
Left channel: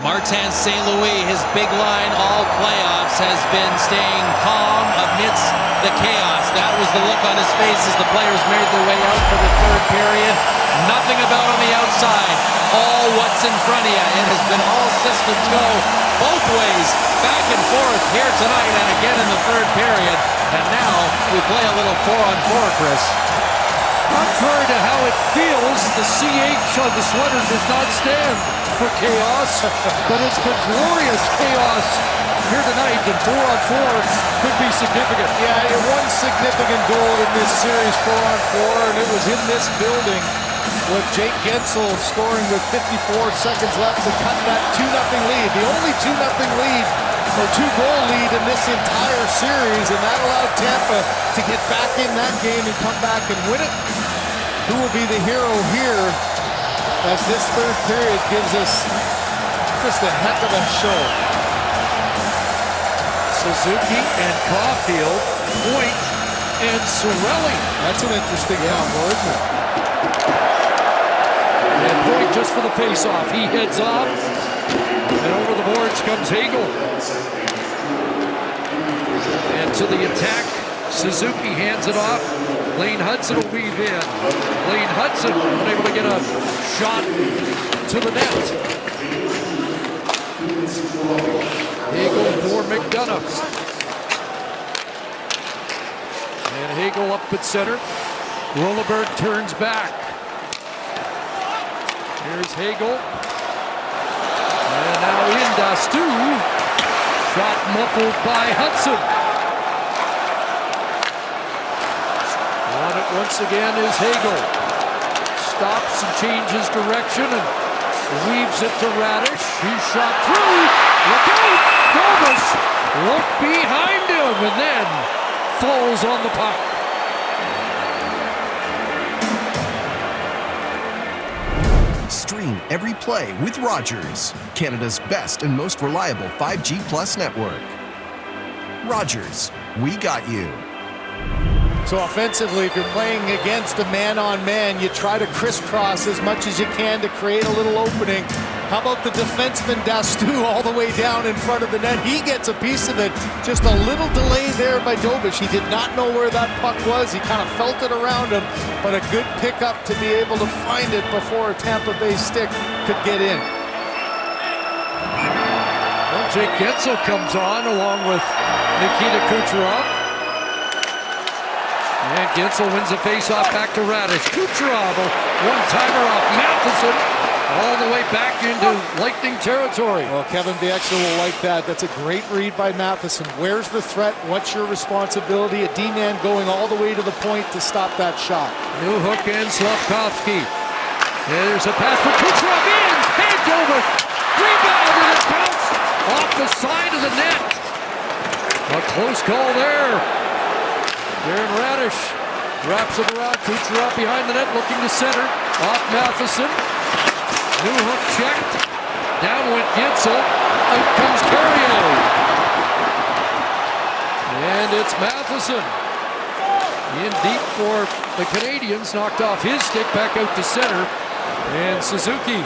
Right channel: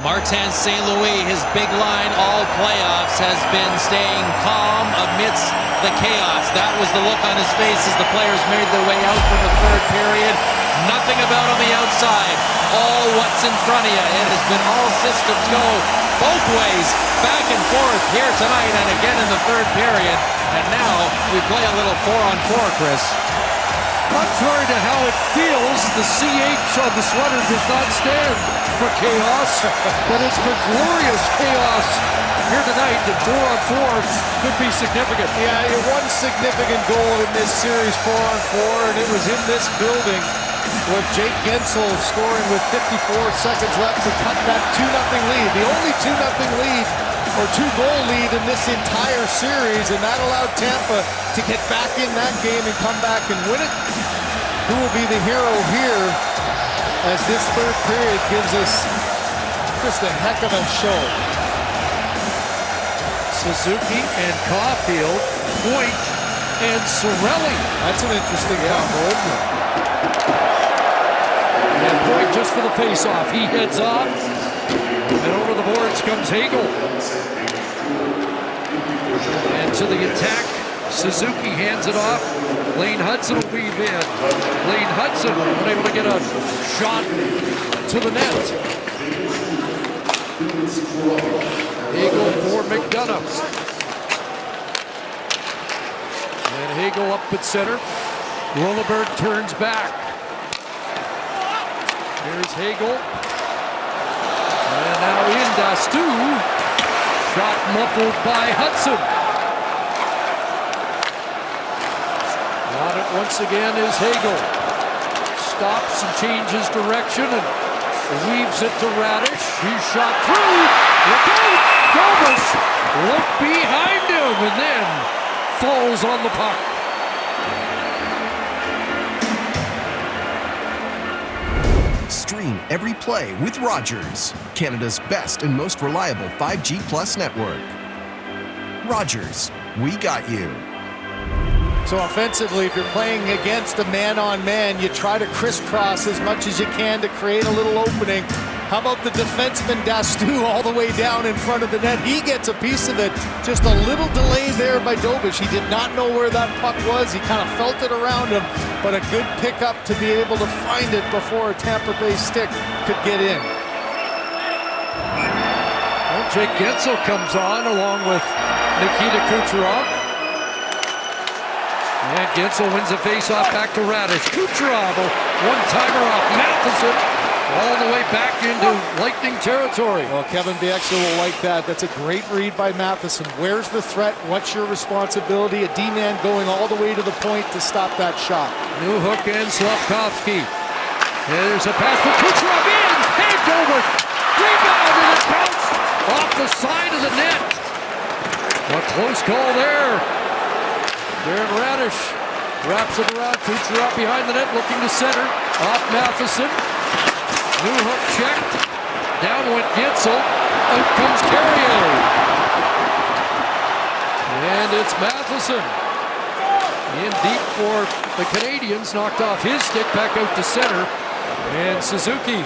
Martin St. Louis, his big line all playoffs has been staying calm amidst the chaos. That was the look on his face as the players made their way out for the third period. Nothing about on the outside. All what's in front of you. It has been all systems go both ways, back and forth here tonight and again in the third period. And now we play a little 4-on-4, Chris. Contrary to how it feels, the CH on the sweater does not stand for chaos, but it's been glorious chaos here tonight, and 4-on-4 could be significant. Yeah, one significant goal in this series, 4-on-4, and it was in this building with Jake Gensel scoring with 54 seconds left to cut that 2-0 lead. The only 2-0 lead or 2-goal lead in this entire series, and that allowed Tampa to get back in that game and come back and win it. Who will be the hero here as this third period gives us just a heck of a show? Suzuki and Caulfield, Point and Cirelli. That's an interesting combo, isn't it? And Point just for the face-off. He heads off, and over the boards comes Hagel. And to the attack, Suzuki hands it off. Lane Hudson will weave in. Lane Hudson unable to get a shot to the net. Hagel for McDonough. And Hagel up at center. Rolleberg turns back. Here's Hagel. And now in Dastu. Shot muffled by Hudson. On it once again is Hagel. Stops and changes direction and weaves it to Radish. He's shot through. Look out! Dobish looked behind him and then falls on the puck. Stream every play with Rogers, Canada's best and most reliable 5G Plus network. Rogers, we got you. So offensively, if you're playing against a man-on-man, you try to crisscross as much as you can to create a little opening. How about the defenseman Dastu all the way down in front of the net? He gets a piece of it. Just a little delay there by Dobish. He did not know where that puck was. He kind of felt it around him, but a good pickup to be able to find it before a Tampa Bay stick could get in. Well, Jake Gensel comes on along with Nikita Kucherov. And Gensel wins the face-off back to Radish. Kucherov, one-timer off Matheson, all the way back into Lightning territory. Well, Kevin Bieksa will like that. That's a great read by Matheson. Where's the threat? What's your responsibility? A D-man going all the way to the point to stop that shot. New hook in Slavkovsky. There's a pass for Kucherov in. Hey, Dobish. Rebound, and it bounced off the side of the net. A close call there. Darren Radish wraps it around. Kucherov behind the net, looking to center. Off Matheson. New hook checked. Down went Gensel. Out comes Carrier. And it's Matheson. In deep for the Canadiens. Knocked off his stick, back out to center. And Suzuki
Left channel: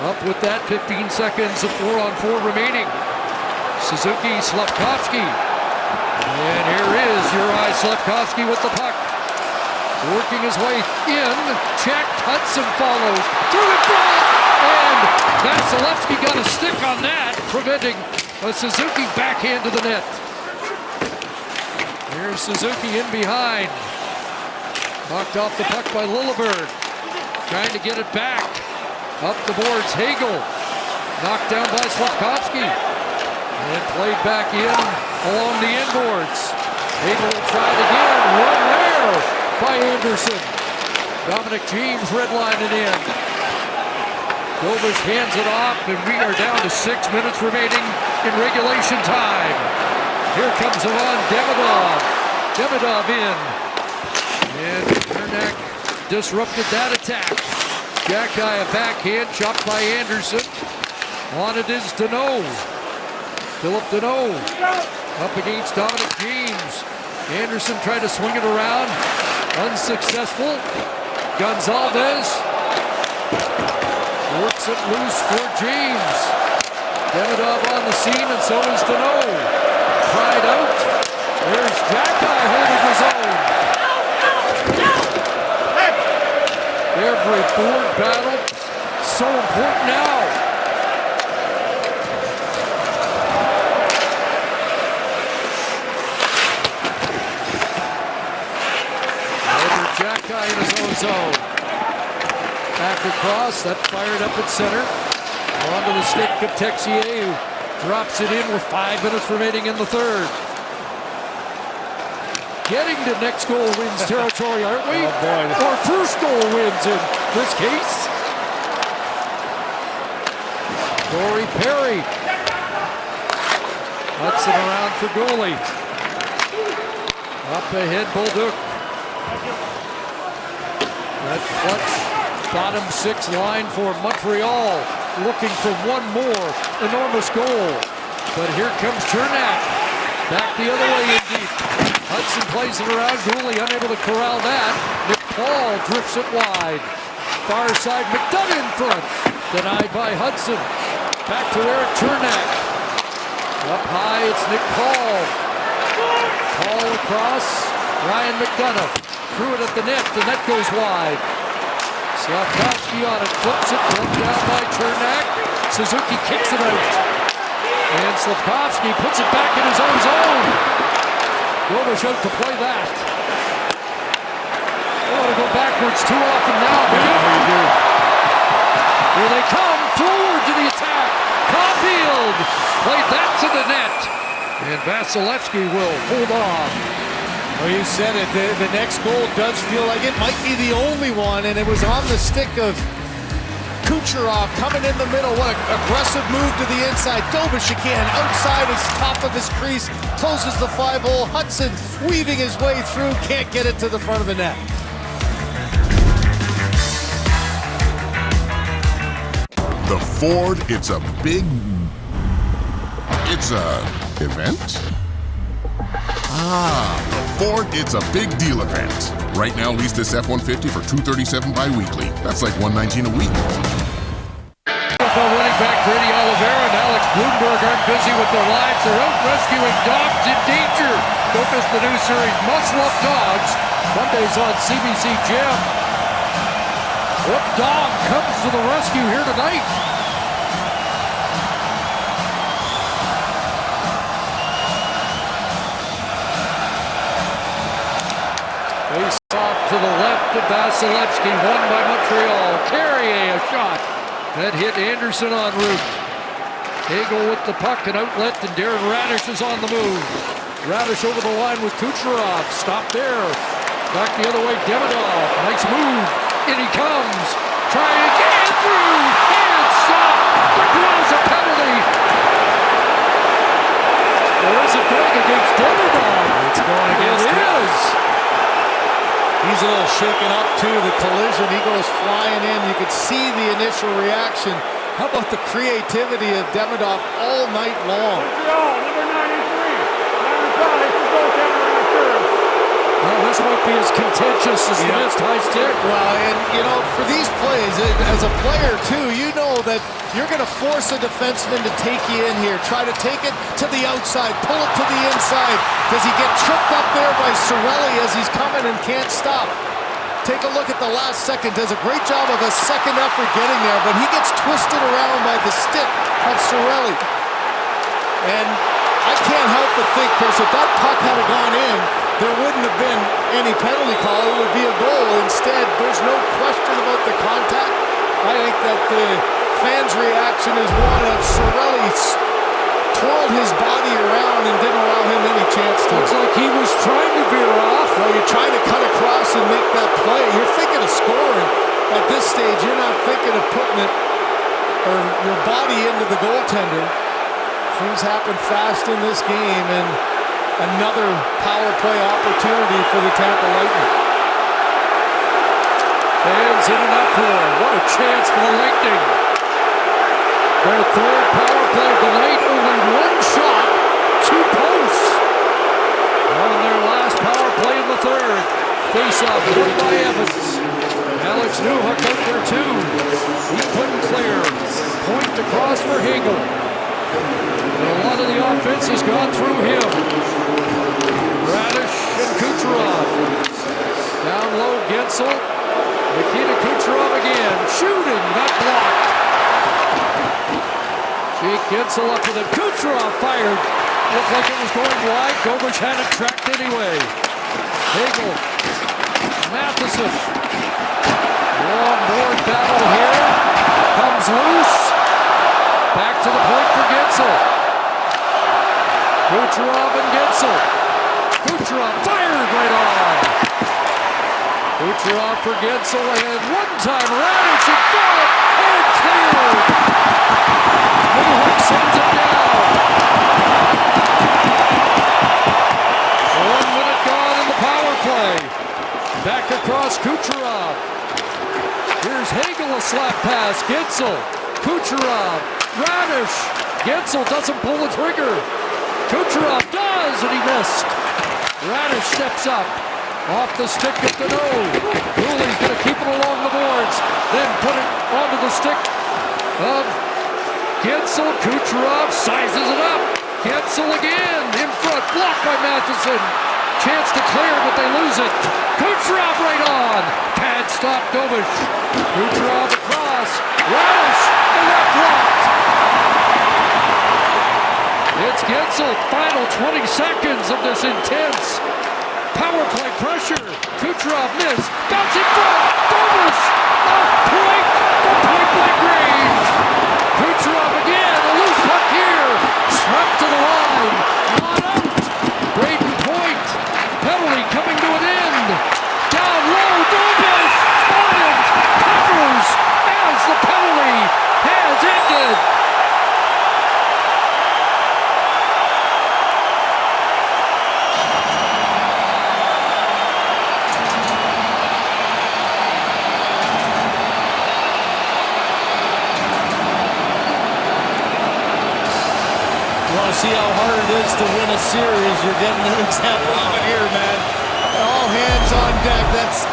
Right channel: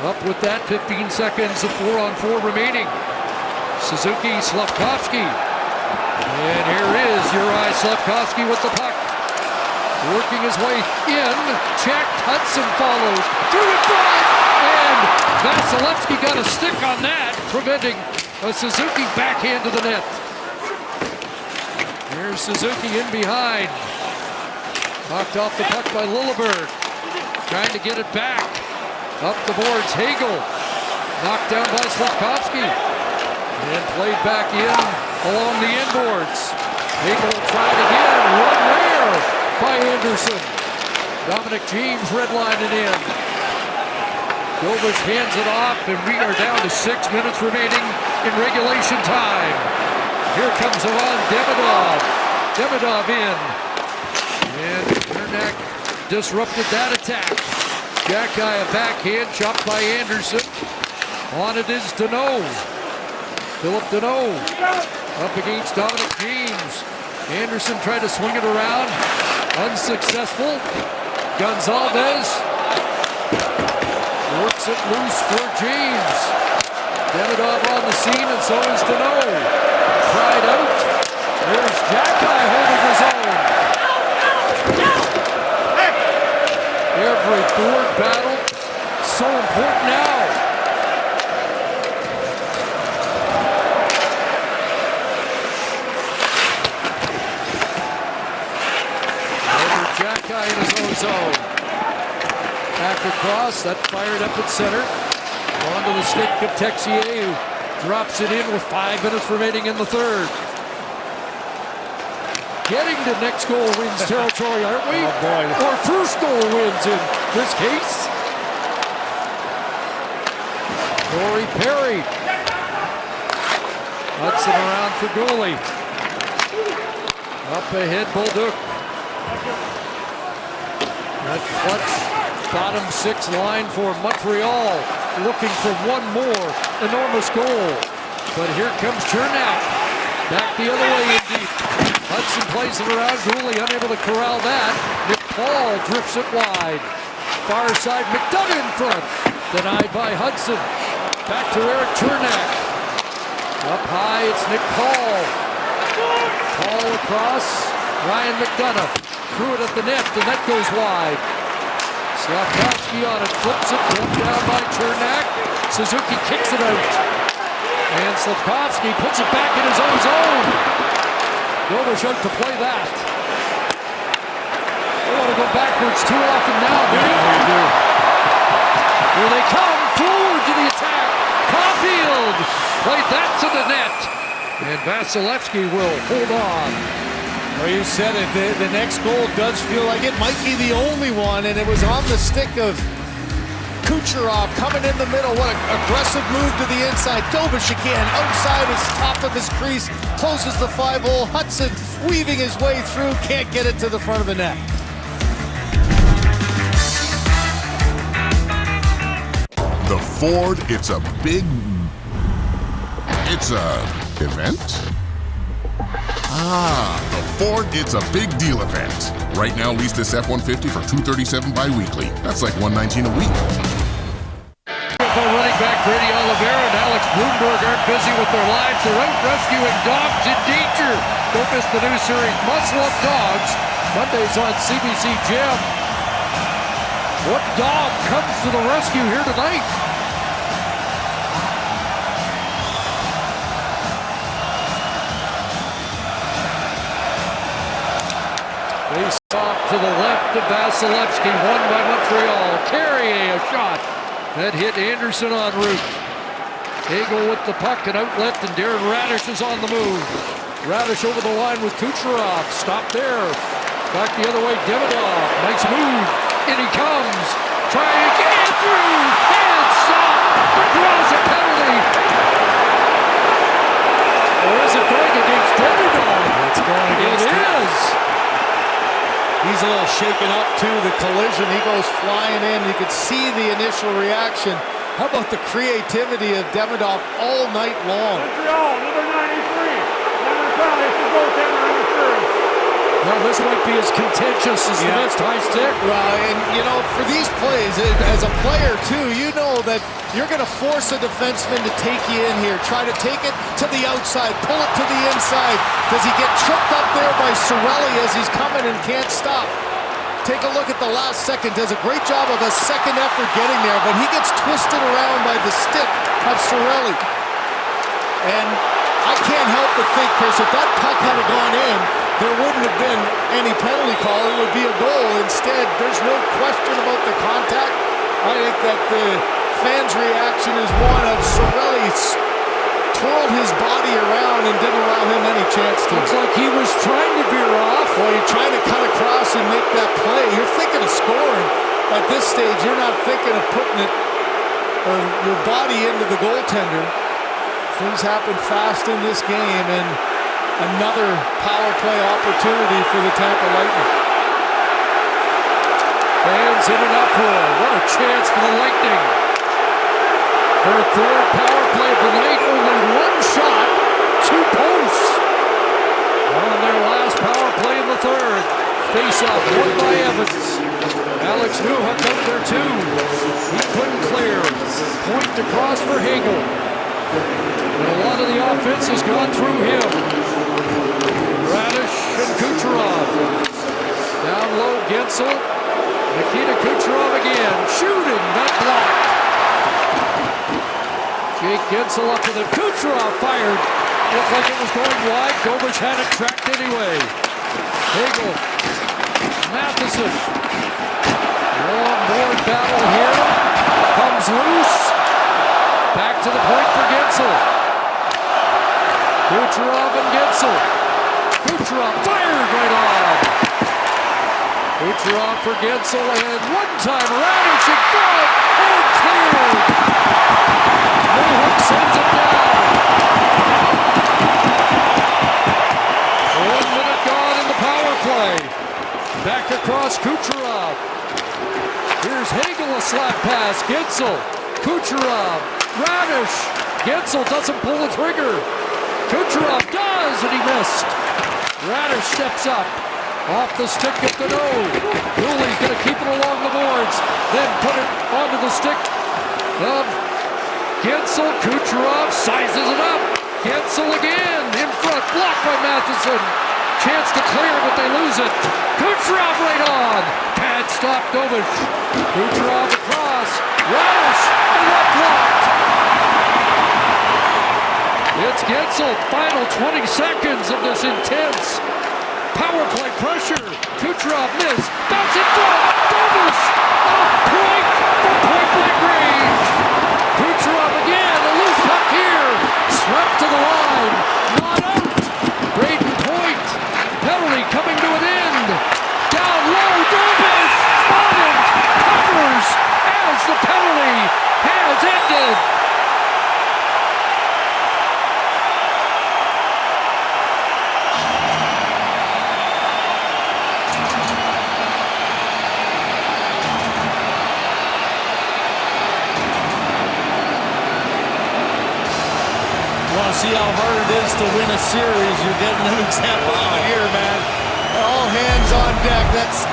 up with that. 15 seconds of 4-on-4 remaining. Suzuki, Slavkovsky. And here is Uri Slavkovsky with the puck. Working his way in. Checked. Hudson follows. Through in front. And Vasilevsky got a stick on that, preventing a Suzuki backhand to the net. Here's Suzuki in behind. Knocked off the puck by Lilleberg. Trying to get it back. Up the boards, Hagel. Knocked down by Slavkovsky. And played back in along the inboards. Hagel will try it again. Run there by Anderson. Dominic James redlining in. Dobish hands it off, and we are down to 6 minutes remaining in regulation time. Here comes Ivan Demidov. Demidov in. And Cernak disrupted that attack. Jack-eye a backhand, chopped by Anderson. On it is Deneau. Philip Deneau up against Dominic James. Anderson tried to swing it around. Unsuccessful. Gonzalez works it loose for James. Demidov on the scene, and so is Deneau. Tried out. There's Jack-eye holding his own. Every board battle, so important now. Over Jack-eye in his own zone. After cross, that fired up at center. Onto the stick of Texier, who drops it in with 5 minutes remaining in the third. Getting to next goal wins territory, aren't we? Oh boy. Or first goal wins in this case. Corey Perry. Hudson around for goalie. Up ahead, Bolduc. That clutch bottom 6 line for Montreal, looking for one more enormous goal. But here comes Cernak. Back the other way in deep. Hudson plays it around. Goalie unable to corral that. Nick Paul drifts it wide. Far side, McDonough in front. Denied by Hudson. Back to Eric Cernak. Up high, it's Nick Paul. Paul across. Ryan McDonough threw it at the net, and that goes wide. Slavkovsky on it, flips it, pulled down by Cernak. Suzuki kicks it out. And Slavkovsky puts it back in his own zone. Dobish out to play that. I want to go backwards too often now, do you? Yeah, you do. Here they come, forward to the attack. Caulfield played that to the net. And Vasilevsky will hold on. Well, you said it. The next goal does feel like it might be the only one, and it was on the stick of Kucherov coming in the middle. What an aggressive move to the inside. Dobish again, outside his top of his crease, closes the 5-hole. Hudson weaving his way through, can't get it to the front of the net. The Ford, it's a event? The Ford, it's a big deal event. Right now, lease this F-150 for $237 bi-weekly. That's like $119 a week. NFL running back Brady Oliveira and Alex Bloomberg aren't busy with their lives. They're out rescuing dogs in danger. Don't miss the new series, Must Love Dogs, Mondays on CBC Gem. What dog comes to the rescue here tonight? Face off to the left of Vasilevsky, won by Montreal. Carrier a shot that hit Anderson en route. Hagel with the puck and outlet, and Darren Radish is on the move. Radish over the line with Kucherov. Stop there. Back the other way, Demidov. Nice move. In he comes. Trying again through. And stop. But draws a penalty. Or is it going against Demidov? It's going against him. It is. He's a little shaken up too, the collision. He goes flying in. You could see the initial reaction. How about the creativity of Demidov all night long? Montreal, number 93. Minor penalty for goaltender interference. Well, this might be as contentious as the missed high stick. Well, and you know, for these plays, as a player too, you know that you're going to force a defenseman to take you in here. Try to take it to the outside, pull it to the inside. Does he get tripped up there by Cirelli as he's coming and can't stop? Take a look at the last second. Does a great job of a second effort getting there, but he gets twisted around by the stick of Cirelli. And I can't help but think, Chris, if that puck had gone in, there wouldn't have been any penalty call. It would be a goal. Instead, there's no question about the contact. I think that the fans' reaction is one of Cirelli twirled his body around and didn't allow him any chance to. Looks like he was trying to veer off. Well, you're trying to cut across and make that play. You're thinking of scoring. At this stage, you're not thinking of putting it or your body into the goaltender. Things happen fast in this game, and another power play opportunity for the Tampa Lightning. Fans in an uproar. What a chance for the Lightning. Their third power play of the night. Only one shot, 2 posts. On their last power play in the third. Face-off won by Evans. Alex Newhook out there too. He couldn't clear. Point across for Hagel. And a lot of the offense has gone through him. Radish and Kucherov. Down low, Gensel. Nikita Kucherov again. Shooting, that blocked. Jake Gensel up with it. Kucherov fired. Looked like it was going wide. Dobish had it tracked anyway. Hagel. Matheson. Long board battle here. Comes loose. Back to the point for Gensel. Kucherov and Gensel. Kucherov fired right on. Kucherov for Gensel, and one-time Radish in front and cleared. Newhook sends it down. 1 minute gone in the power play. Back across Kucherov. Here's Hagel, a slap pass. Gensel, Kucherov, Radish. Gensel doesn't pull the trigger. Kucherov does, and he missed. Radish steps up. Off the stick at the nose. Cooley's going to keep it along the boards. Then put it onto the stick of Gensel. Kucherov sizes it up. Gensel again in front. Blocked by Matheson. Chance to clear, but they lose it. Kucherov right on. Pad stop Dobish. Kucherov across. Radish, and that blocked. It's Gensel. Final 20 seconds of this intense power play pressure. Kucherov missed. Bounce in front. Dobish off point from point-blank range. Kucherov again. A loose puck here. Swept to the line. Not out. Braden Point. Penalty coming to an end. Down low. Dobish on it. Covers as the penalty has ended. You want to see how hard it is to win a series? You're getting an example of it here, man. All hands on deck. That's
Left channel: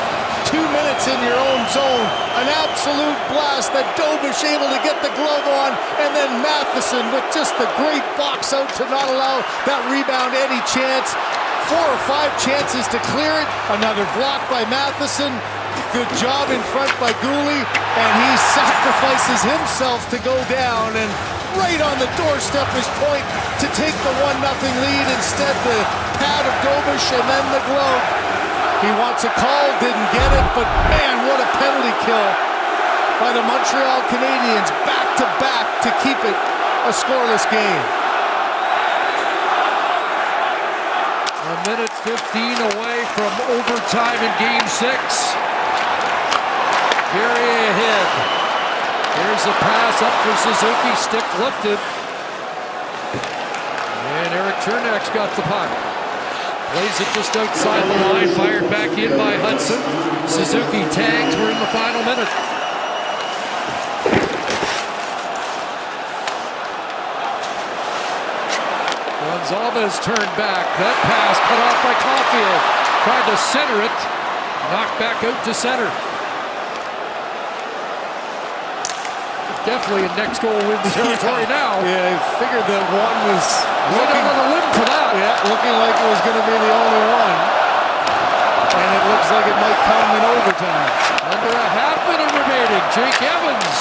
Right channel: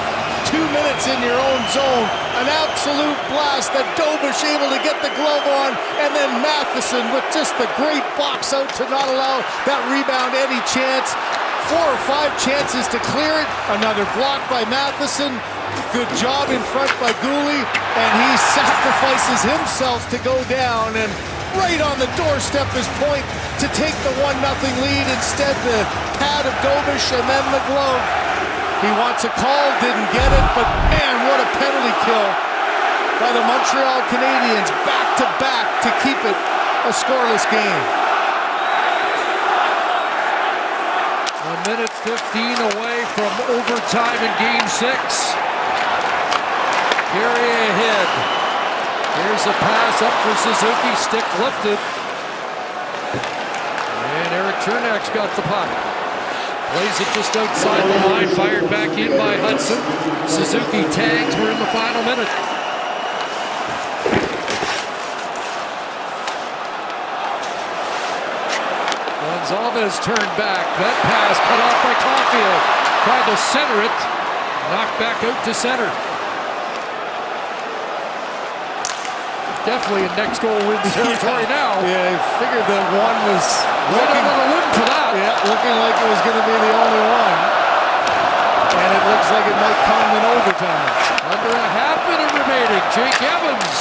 2 minutes in your own zone. An absolute blast that Dobish able to get the glove on, and then Matheson with just the great box out to not allow that rebound any chance. 4 or 5 chances to clear it. Another block by Matheson. Good job in front by Gooley, and he sacrifices himself to go down, and right on the doorstep is Point to take the 1-0 lead. Instead, the pad of Dobish and then the glove. He wants a call, didn't get it, but man, what a penalty kill by the Montreal Canadiens, back-to-back to keep it a scoreless game. A minute 15 away from overtime in Game 6. Gary ahead. Here's a pass up for Suzuki, stick lifted. And Eric Chernak's got the puck. Plays it just outside the line, fired back in by Hudson. Suzuki tags, we're in the final minute. Gonzalez turned back, that pass cut off by Caulfield. Tried to center it, knocked back out to center. Definitely a next goal wins territory now. Yeah, I figured that one was right out on the limb for that. Yeah, looking like it was going to be the only one. And it looks like it might come in overtime. Under a half minute remaining. Jake Evans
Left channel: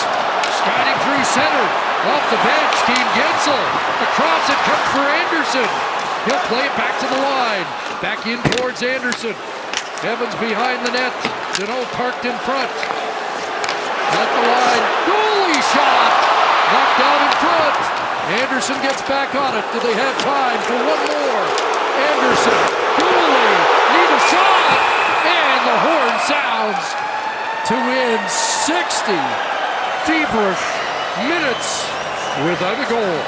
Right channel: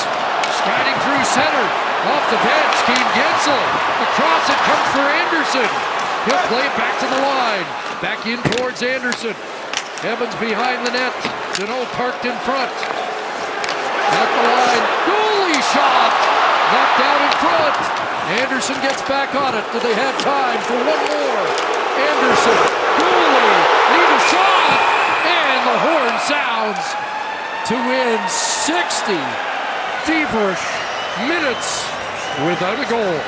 striding through center. Off the bench, Keane Gensel. Across it comes for Anderson. He'll play it back to the line. Back in towards Anderson. Evans behind the net. Deneau parked in front. At the line, goalie shot! Knocked down in front. Anderson gets back on it. Do they have time for one more? Anderson, goalie, need a shot! And the horn sounds to end 60 feverish minutes without a goal.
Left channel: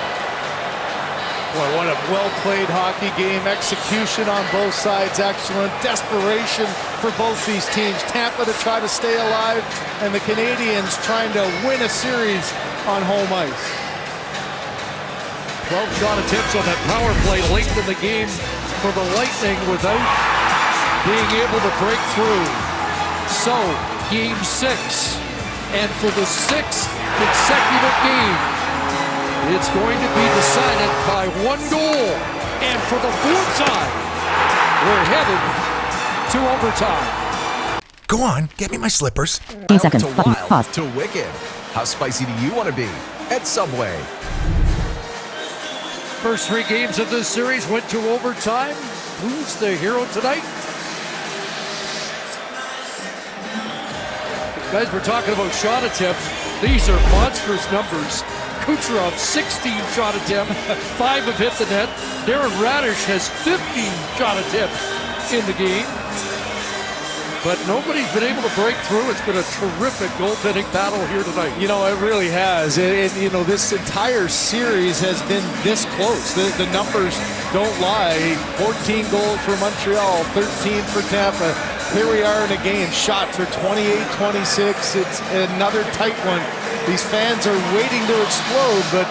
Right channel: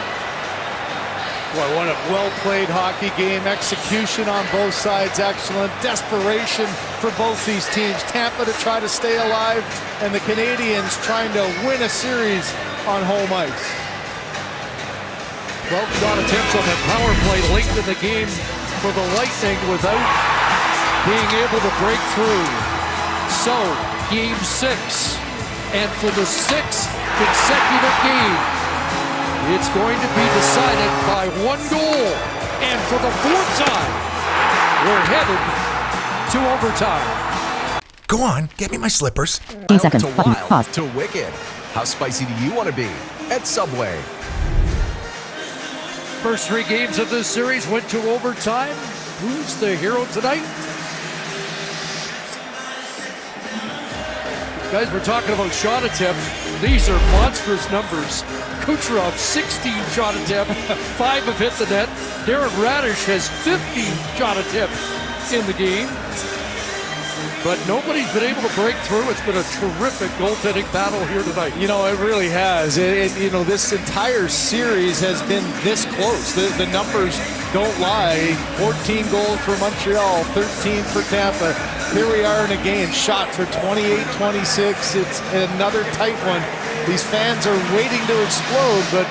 Boy, what a well-played hockey game. Execution on both sides, excellent. Desperation for both these teams. Tampa to try to stay alive, and the Canadiens trying to win a series on home ice. 12 shot attempts on that power play late in the game for the Lightning without being able to break through. So, game 6, and for the 6th consecutive game, it's going to be decided by 1 goal. And for the 4th time, we're headed to overtime. Go on, get me my slippers. 10 seconds. To Button. wild Pause. to wicked. How spicy do you want to be? At Subway. First 3 games of this series went to overtime. Who's the hero tonight? Guys, we're talking about shot attempts. These are monstrous numbers. Kucherov, 16 shot attempts, 5 have hit the net. Darren Radish has 15 shot attempts in the game. But nobody's been able to break through. It's been a terrific goaltending battle here tonight. You know, it really has. This entire series has been this close. The numbers don't lie. 14 goals for Montreal, 13 for Tampa. Here we are in a game. Shots are 28-26. It's another tight one. These fans are waiting to explode, but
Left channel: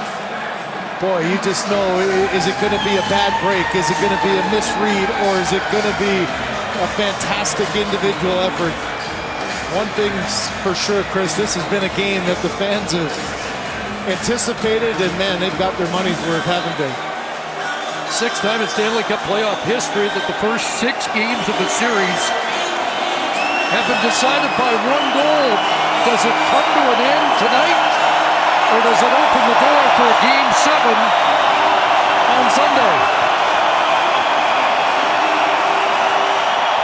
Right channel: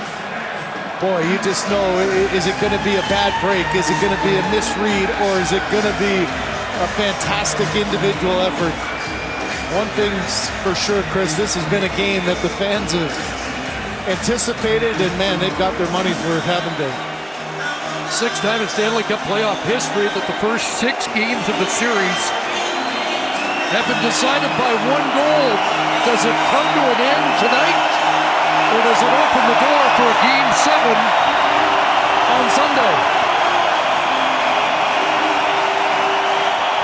boy, you just know, is it going to be a bad break? Is it going to be a misread? Or is it going to be a fantastic individual effort? One thing's for sure, Chris, this has been a game that the fans have anticipated, and man, they've got their money's worth, haven't they? 6th time in Stanley Cup playoff history that the first 6 games of the series have been decided by 1 goal. Does it come to an end tonight, or does it open the door for a game 7 on Sunday?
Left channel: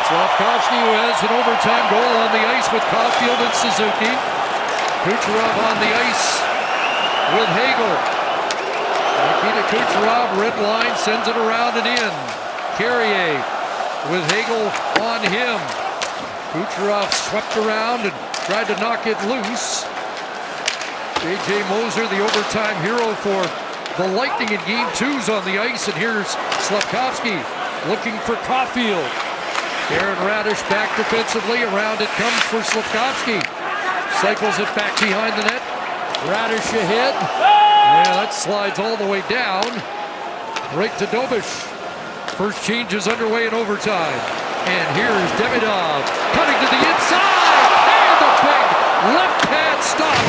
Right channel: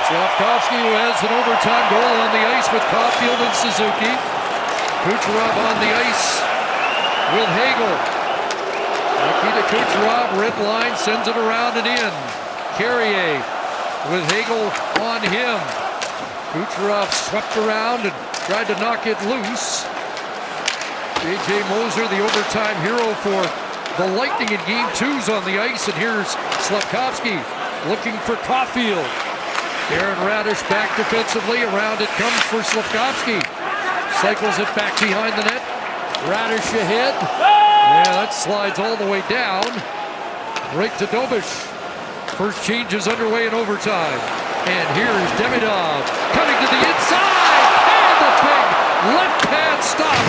Slafkovsky, who has an overtime goal on the ice with Caulfield and Suzuki. Kucherov on the ice with Hagel. Nikita Kucherov, red line, sends it around and in. Carrier with Hagel on him. Kucherov swept around and tried to knock it loose. J.J. Moser, the overtime hero for the Lightning in game 2's on the ice. And here's Slafkovsky looking for Caulfield. Darren Radish back defensively. Around it comes for Slafkovsky. Cycles it back behind the net. Radish ahead. Yeah, that slides all the way down. Right to Dobish. First change is underway in overtime. And here's Demidov cutting to the inside. And a big left-hand stop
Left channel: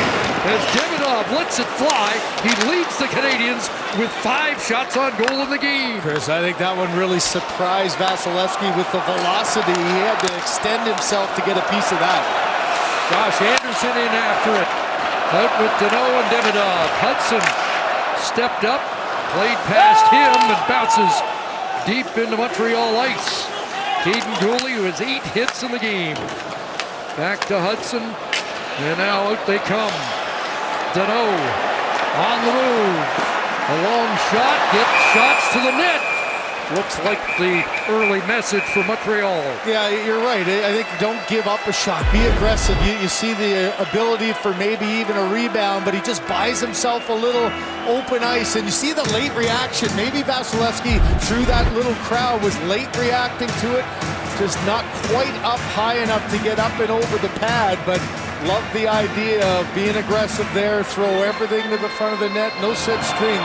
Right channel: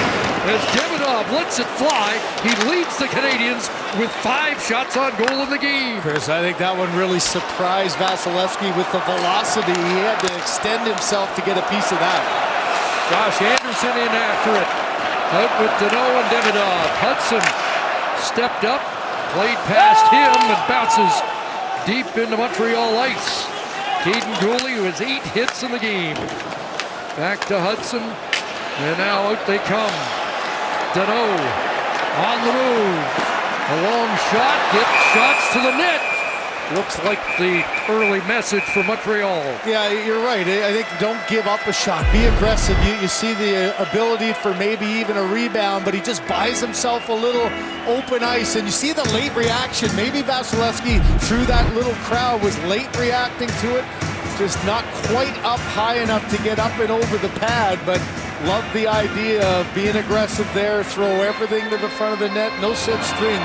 as Demidov lets it fly. He leads the Canadiens with 5 shots on goal in the game. Chris, I think that one really surprised Vasilevsky with the velocity. He had to extend himself to get a piece of that. Josh Anderson in after it. Out with Deneau and Demidov. Hudson stepped up, played past him, and bounces deep into Montreal ice. Caden Gooley, who has 8 hits in the game. Back to Hudson, and now out they come. Deneau on the move. A long shot, gets shots to the net. Looks like the early message for Montreal. Yeah, you're right. I think don't give up a shot. Be aggressive. You see the ability for maybe even a rebound, but he just buys himself a little open ice. And you see the late reaction. Maybe Vasilevsky, through that little crowd, was late reacting to it. Just not quite up high enough to get up and over the pad, but love the idea of being aggressive there. Throw everything to the front of the net. No such thing,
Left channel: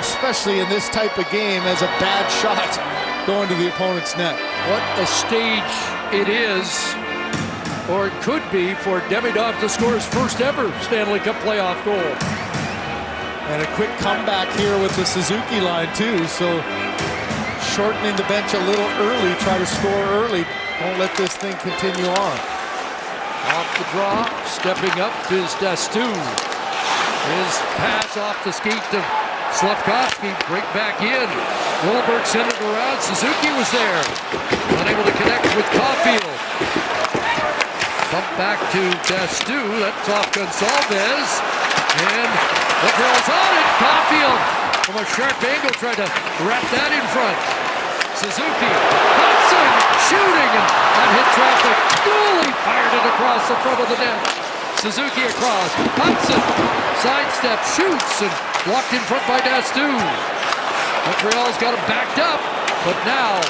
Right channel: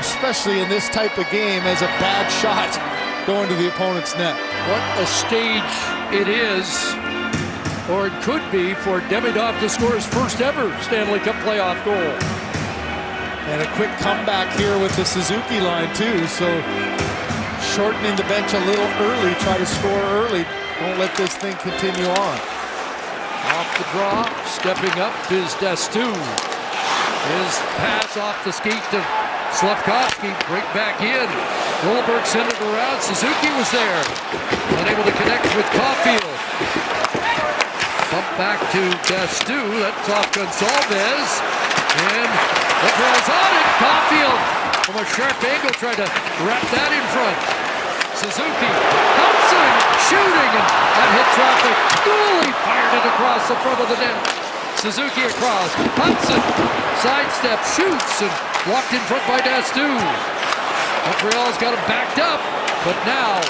especially in this type of game, as a bad shot going to the opponent's net. What a stage it is, or it could be, for Demidov to score his first ever Stanley Cup playoff goal. And a quick comeback here with the Suzuki line too, so shortening the bench a little early, try to score early. Don't let this thing continue on. Off the draw, stepping up is Dastu. His pass off the skate to Slafkovsky, break back in. Goldberg sent it around. Suzuki was there. Unable to connect with Caulfield. Bump back to Dastu. That's off Gonsalves. And Motreal's on it. Caulfield from a sharp angle tried to wrap that in front. Suzuki, Hudson shooting, and that hit traffic. Goalie fired it across the front of the net. Suzuki across. Hudson sidestep, shoots, and blocked in front by Dastu. Montreal's got him backed up, but now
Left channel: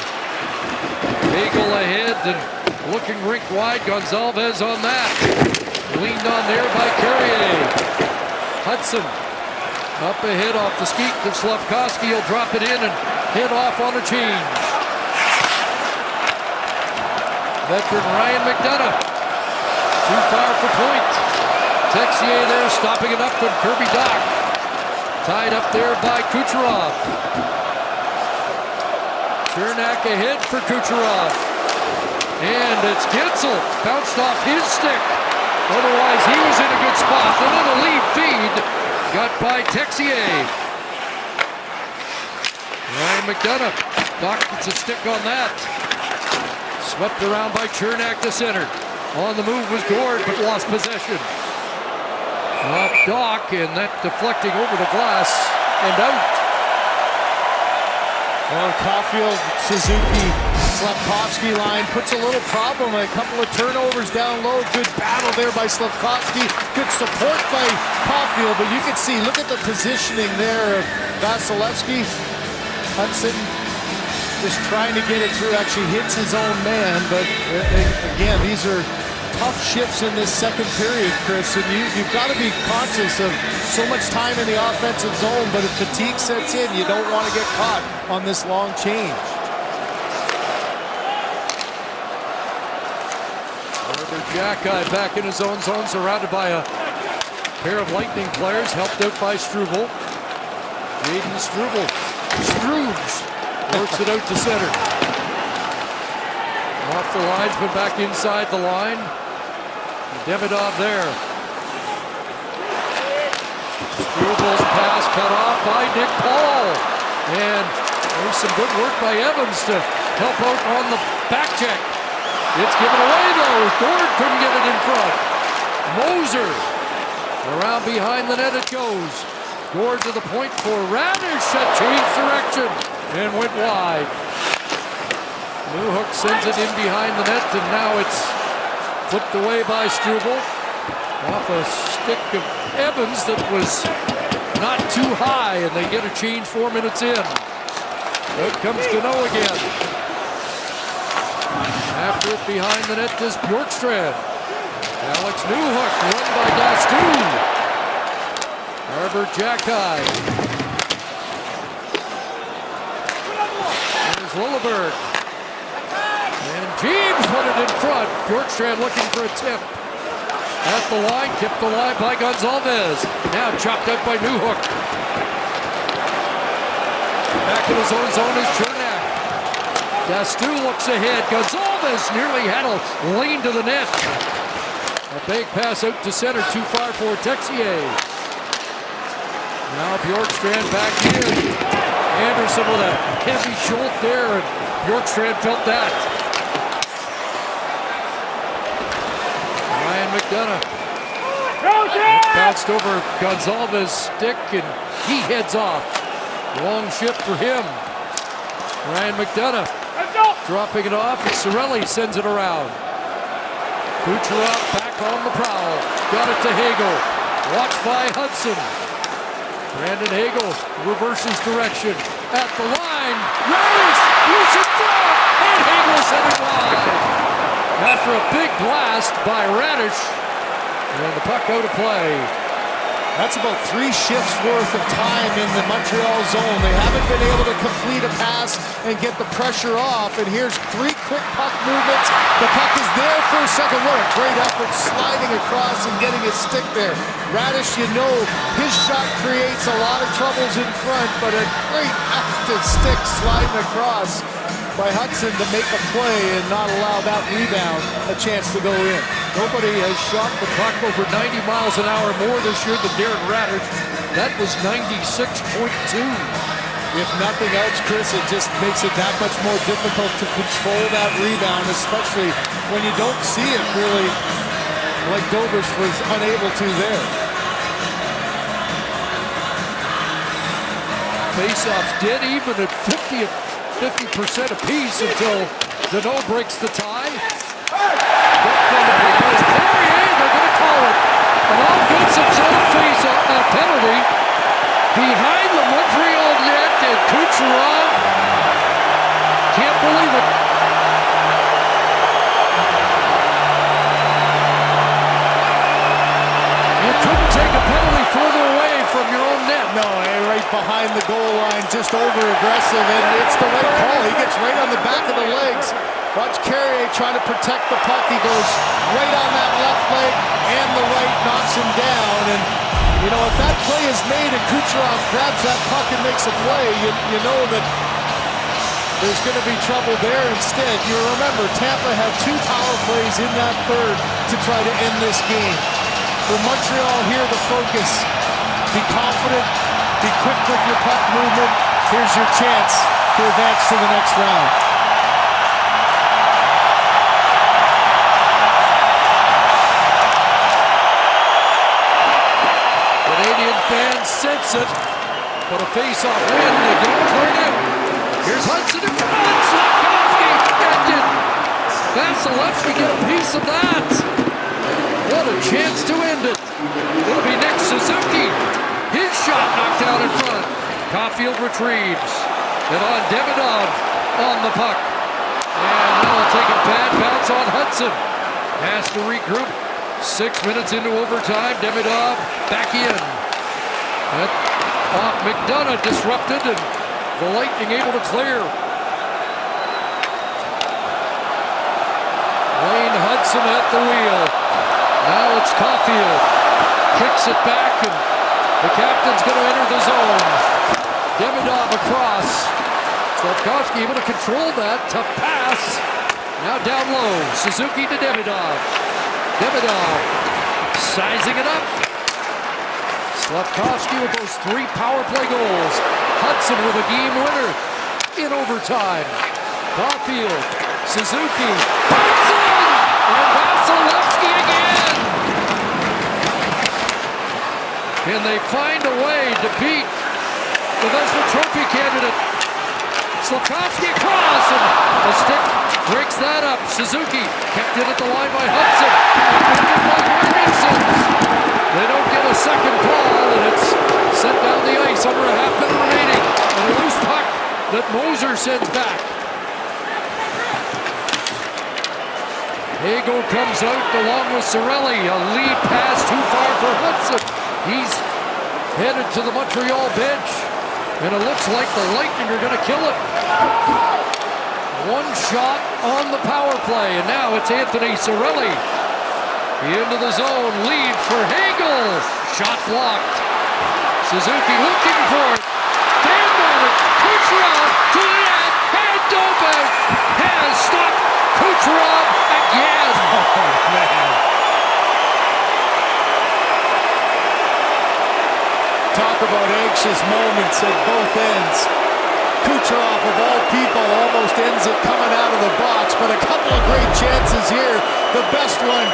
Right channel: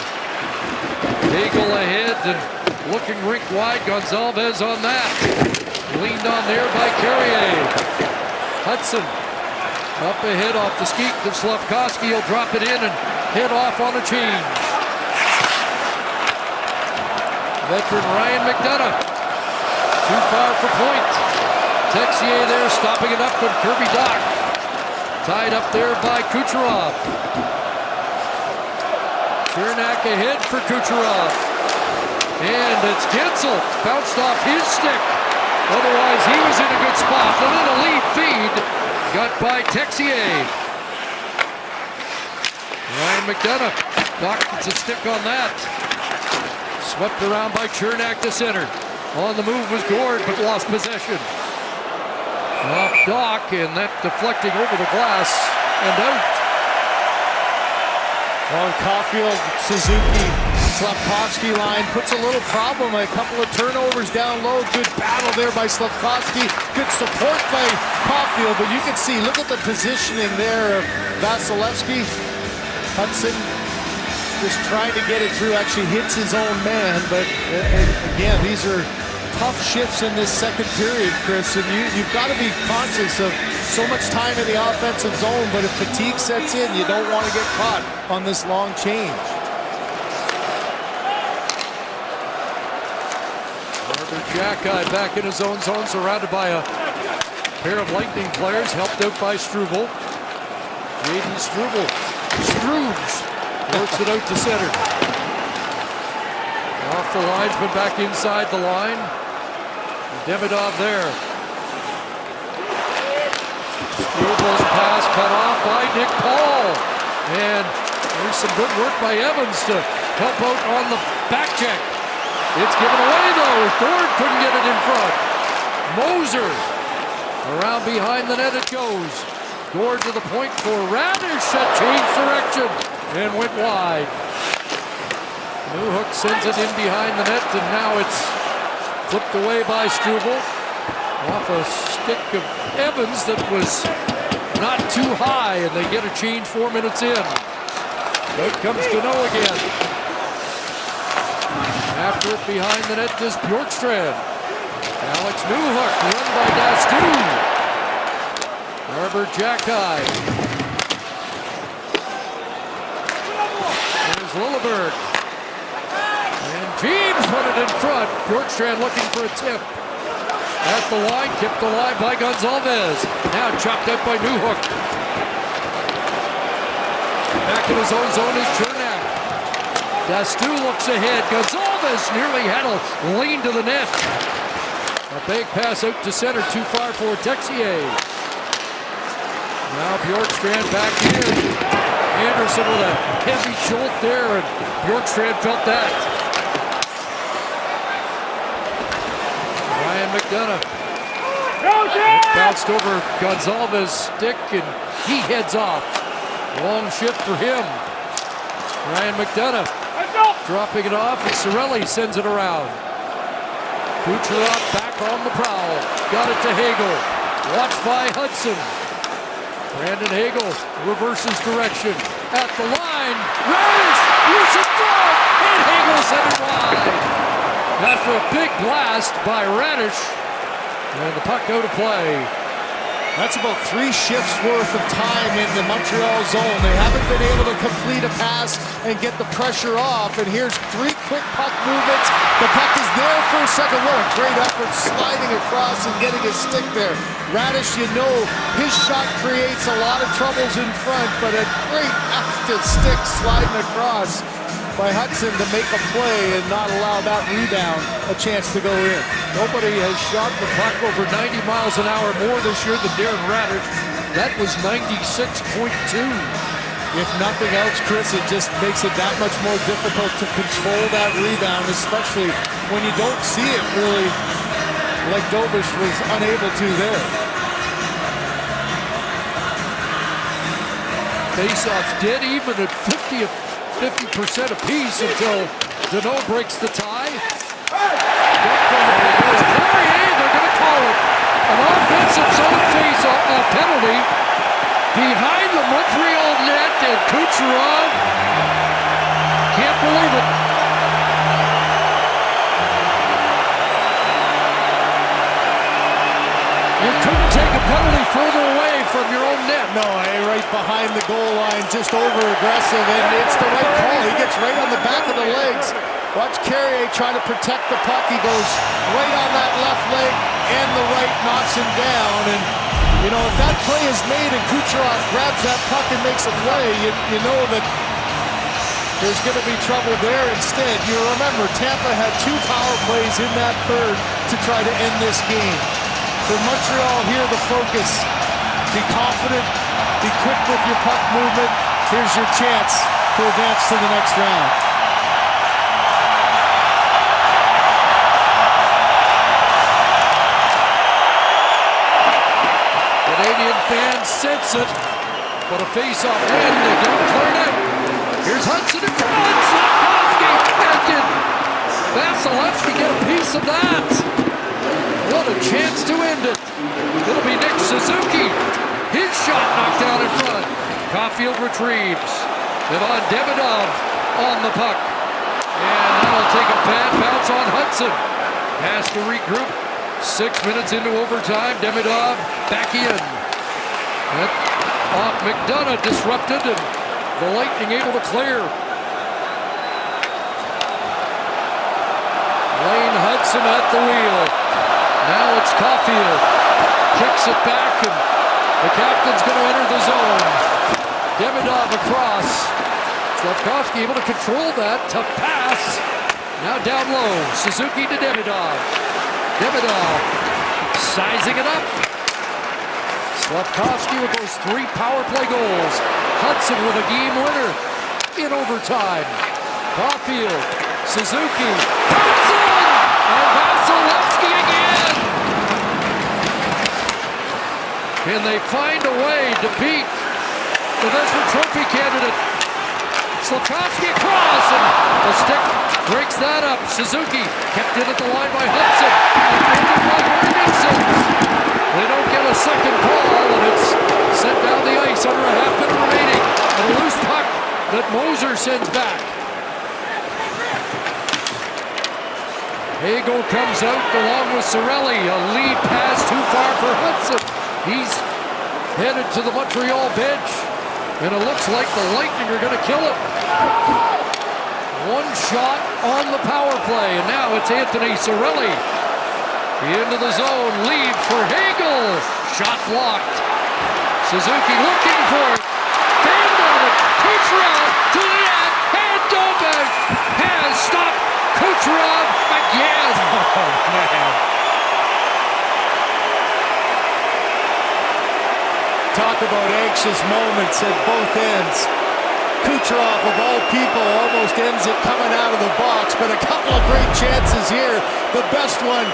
Hagel ahead and looking rink wide. Gonzalez on that. Leaned on there by Carrier. Hudson up ahead off the skeet to Slafkovsky. He'll drop it in and head off on a change. Veteran Ryan McDonough. Too far for point. Texier there stopping it up with Kirby Dach. Tied up there by Kucherov. Chernak ahead for Kucherov. And it's Gensel. Bounced off his stick. Otherwise, he was in a good spot. And then a lead feed got by Texier. Ryan McDonough. Dach gets a stick on that. Swept around by Chernak to center. On the move was Gord, but lost possession. Off Dach, and that deflecting over the glass and out. Well, Caulfield, Suzuki, Slafkovsky line puts a little problem. A couple of turnovers down low. Good battle there by Slafkovsky. Good support by Caulfield, but you can see, look at the positioning there of Vasilevsky. Hudson just trying to get it through, actually hits his own man, but again, these are tough shifts in this second period, Chris, and you've got to be conscious of so much time in the offensive zone, but if fatigue sets in, you don't want to get caught on this long change. Herbert Jacki back in his own zone, surrounded by a pair of Lightning players, helped out by Struble. Jaden Struble. Strubles works it out to center. Off the linesman, back inside the line. Demidov there. Struble's pass cut off by Nick Paul. And there's some good work by Evans to help out on the back check. It's given away though. Gord couldn't get it in front. Moser around behind the net it goes. Gord to the point for Radish. Changed direction and went wide. Newhook sends it in behind the net, and now it's flipped away by Struble. Off a stick of Evans that was not too high, and they get a change 4 minutes in. Out comes Gano again. After it behind the net is Bjorkstrand. Alex Newhook run by Dastu. Herbert Jacki. There's Lilleberg. And James put it in front. Bjorkstrand looking for a tip. At the line, kept alive by Gonzalez. Now chopped out by Newhook. Back in his own zone is Chernak. Dastu looks ahead. Gonzalez nearly had a lane to the net. A big pass out to center, too far for Texier. Now Bjorkstrand back in. Anderson with a heavy jolt there, and Bjorkstrand felt that. Ryan McDonough. It bounced over Gonzalez's stick, and he heads off. Long shift for him. Ryan McDonough dropping it off, and Cirelli sends it around. Kucherov back on the prowl. Got it to Hagel. Watched by Hudson. Brandon Hagel reverses direction. At the line, Radish, loose in front, and Hagel sent it wide. After a big blast by Radish, and the puck out of play. That's about 3 shifts worth of time in the Montreal zone. They haven't been able to complete a pass and get the pressure off. And here's 3 quick puck movements. The puck is there for a second. What a great effort sliding across and getting his stick there. Radish, you know, his shot creates a lot of troubles in front, but a great active stick sliding across by Hudson to make a play and not allow that rebound a chance to go in. Nobody has shot the puck over 90 miles an hour more this year than Darren Radish. That was 96.2. If nothing else, Chris, it just makes it that much more difficult to control that rebound, especially when you don't see it really like Dobish was unable to there. Faceoffs dead even at 50% apiece until Deneau breaks the tie. Carrier, they're going to call it an offensive zone face penalty. behind the Montreal net, and Kucherov can't believe it. You couldn't take a penalty further away from your own net. No, right behind the goal line, just over-aggressive, and it's the right call. He gets right on the back of the legs. Watch Carrier try to protect the puck. He goes right on that left leg and the right, knocks him down. And, you know, if that play is made and Kucherov grabs that puck and makes a play, you know that there's going to be trouble there. Instead, you remember, Tampa had 2 power plays in that third to try to end this game. For Montreal here, the focus, be confident, be quick with your puck movement. Here's your chance to advance to the next round. Canadian fans sense it, but a face-off win, they don't clear it out. Here's Hudson in front, Slafkovsky ended. Vasilevsky get a piece of that. What a chance to end it. It'll be Nick Suzuki. His shot knocked down in front. Caulfield retrieves. Ivan Demidov on the puck. And that'll take a bad bounce on Hudson. Has to regroup. 6 minutes into overtime. Demidov back in. McDonough disrupted, and the Lightning able to clear. Lane Hudson at the wheel. Now it's Caulfield. Kicks it back, and the captain's going to enter the zone. Demidov across. Slafkovsky able to control that. Tough pass. Now down low. Suzuki to Demidov. Demidov sizing it up. Slafkovsky with those 3 power play goals. Hudson with a game winner in overtime. Caulfield. Suzuki. Hudson! And Vasilevsky again! Can they find a way to beat the Vezina Trophy candidate? Slafkovsky across, and the stick breaks that up. Suzuki kept in at the line by Hudson. Upended by Jorgensen. They don't get a second call, and it's sent down the ice under a half minute remaining. And a loose puck that Moser sends back. Hagel comes out along with Cirelli. A lead pass too far for Hudson. He's headed to the Montreal bench, and it looks like the Lightning are going to kill it. 1 shot on the power play, and now it's Anthony Cirelli. Into the zone, lead for Hagel. Shot blocked. Suzuki looking for it. Fanned on it. Kucherov to the net, and Dobish has stopped Kucherov again. Oh, man. Talk about anxious moments at both ends. Kucherov, of all people, almost ends it coming out of the box, but a couple of great chances here. The best one,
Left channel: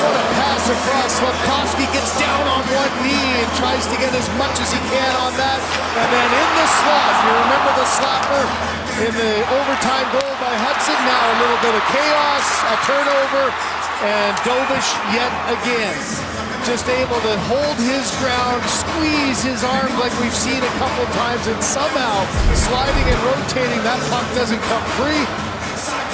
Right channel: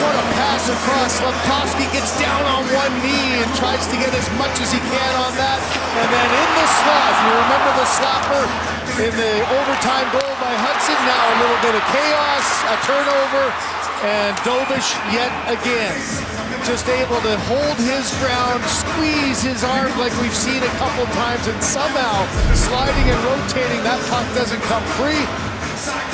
what a pass across. Slafkovsky gets down on one knee and tries to get as much as he can on that. And then in the slot, you remember the slapper in the overtime goal by Hudson. Now a little bit of chaos, a turnover, and Dobish yet again just able to hold his ground, squeeze his arm like we've seen a couple times, and somehow sliding and rotating, that puck doesn't come free.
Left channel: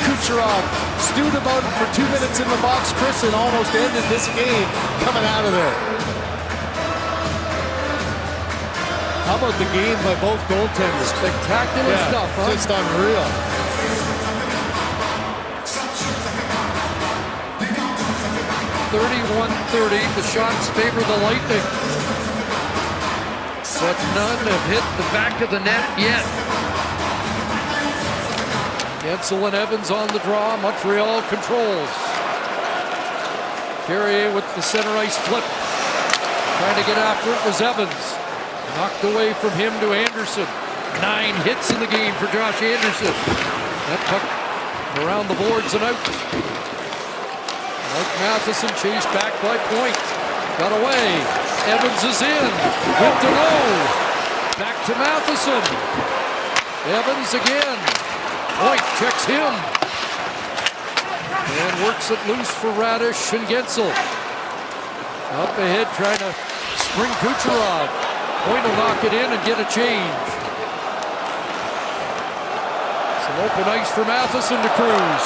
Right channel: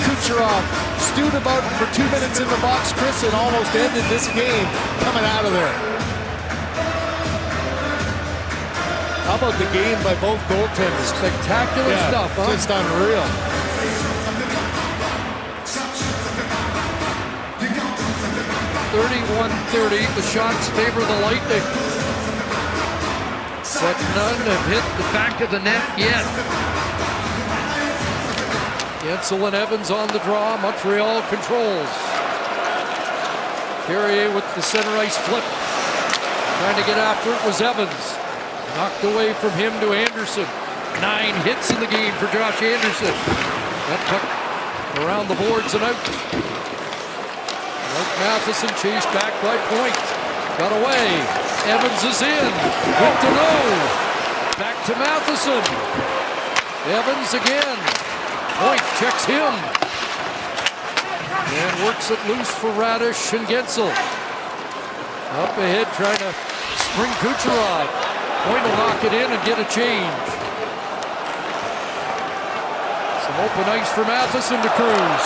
Kucherov stewed about it for 2 minutes in the box, Chris, and almost ended this game coming out of there. How about the game by both goaltenders? Spectacular stuff, huh? Just unreal. .31-30, the shots favor the Lightning, but none have hit the back of the net yet. Gensel and Evans on the draw. Montreal controls. Carrier with the center ice flip. Trying to get after it was Evans. Knocked away from him to Anderson. 9 hits in the game for Josh Anderson. That puck around the boards and out. Mike Matheson chased back by Point. Got away. Evans is in. With Deneau. Back to Matheson. Evans again. Point checks him. And works it loose for Radish and Gensel. Up ahead trying to spring Kucherov. Point will knock it in and get a change. Some open ice for Matheson to Cruz.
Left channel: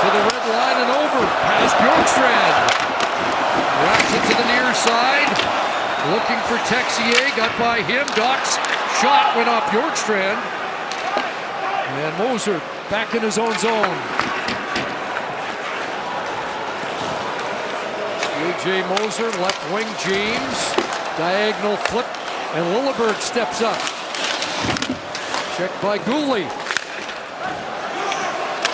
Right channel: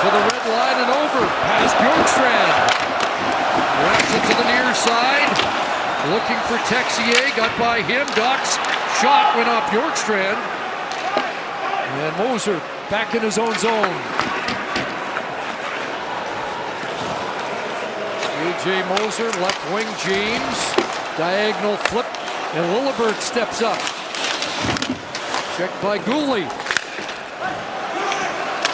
To the red line and over. Past Bjorkstrand. Wraps it to the near side. Looking for Texier. Got by him. Doc's shot went off Bjorkstrand. And Moser back in his own zone. A.J. Moser, left wing James. Diagonal flip. And Lilleberg steps up. Checked by Gooley.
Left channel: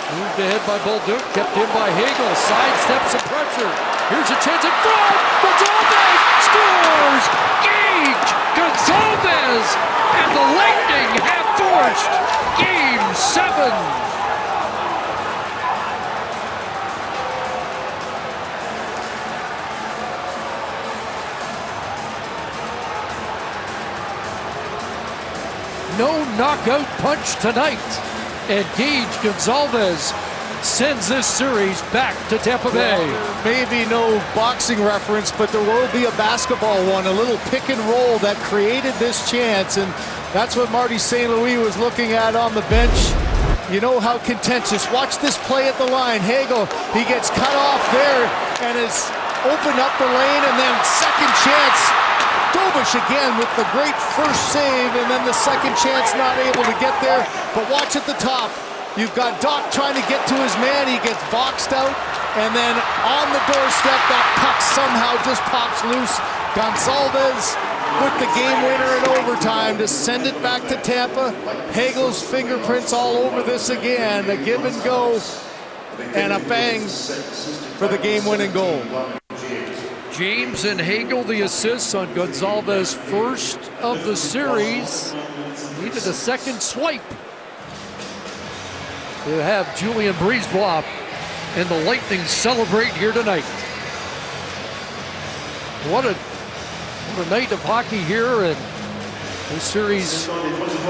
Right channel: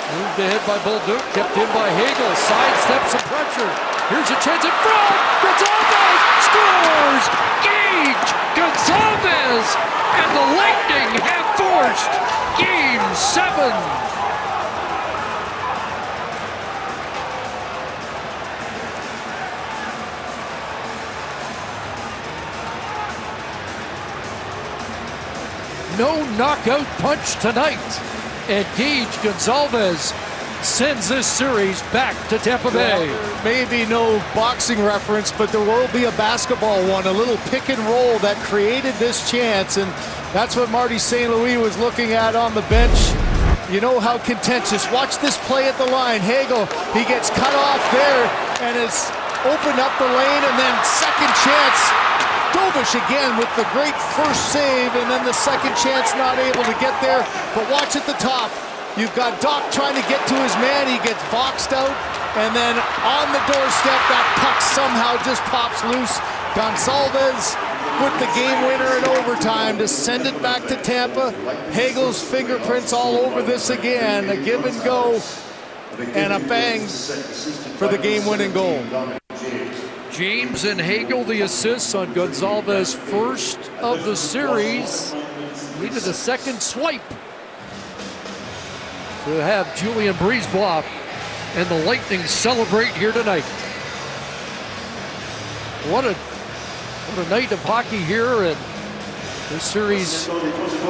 Moved ahead by Bolduc, kept in by Hagel, sidesteps some pressure. Here's a chance in front, Gonzalez scores! Gage Gonzalez! And the Lightning have forced Game 7. No knockout punch tonight. And Gage Gonzalez sends this series back to Tampa Bay. Well, there may be no boxing reference, but there will be a basketball one, a little pick and roll that created this chance, and that's what Marty St. Louis was looking at on the bench. You know how contentious. Watch this play at the line. Hagel, he gets cut off there and has opened up the lane, and then second chance. Dobish again with the great first save, and then the second chance not able to get there. But watch at the top. You've got Doc trying to get to his man. He gets boxed out, and then on the doorstep, that puck somehow just pops loose. Gonzalez with the game winner in overtime to send it back to Tampa. Hagel's fingerprints all over this again. A give and go, and a bang for the game-winning goal. James and Hagel the assists on Gonzalez, first of the series. Needed a second swipe to have Julien Brisebois and the Lightning celebrate here tonight. What a night of hockey here, and this series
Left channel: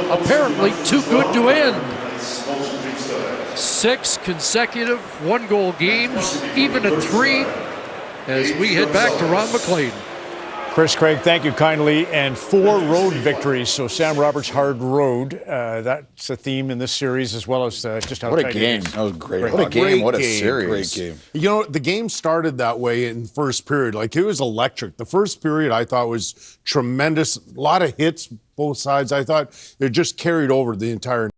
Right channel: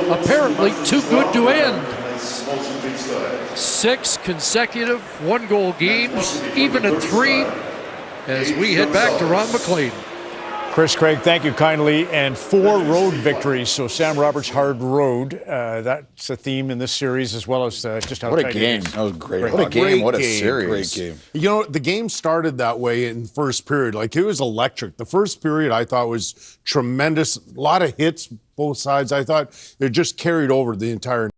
apparently too good to end. 6 consecutive one-goal games, even at 3. As we head back to Ron McLean. Chris Craig, thank you kindly. And 4 road victories. So Sam Roberts' hard road. That's a theme in this series, as well as just how what tight a game. it is. That was great. What a game. What a series. Great game. You know, the game started that way in first period. Like, it was electric. The first period I thought was tremendous. A lot of hits, both sides. I thought it just carried over the entire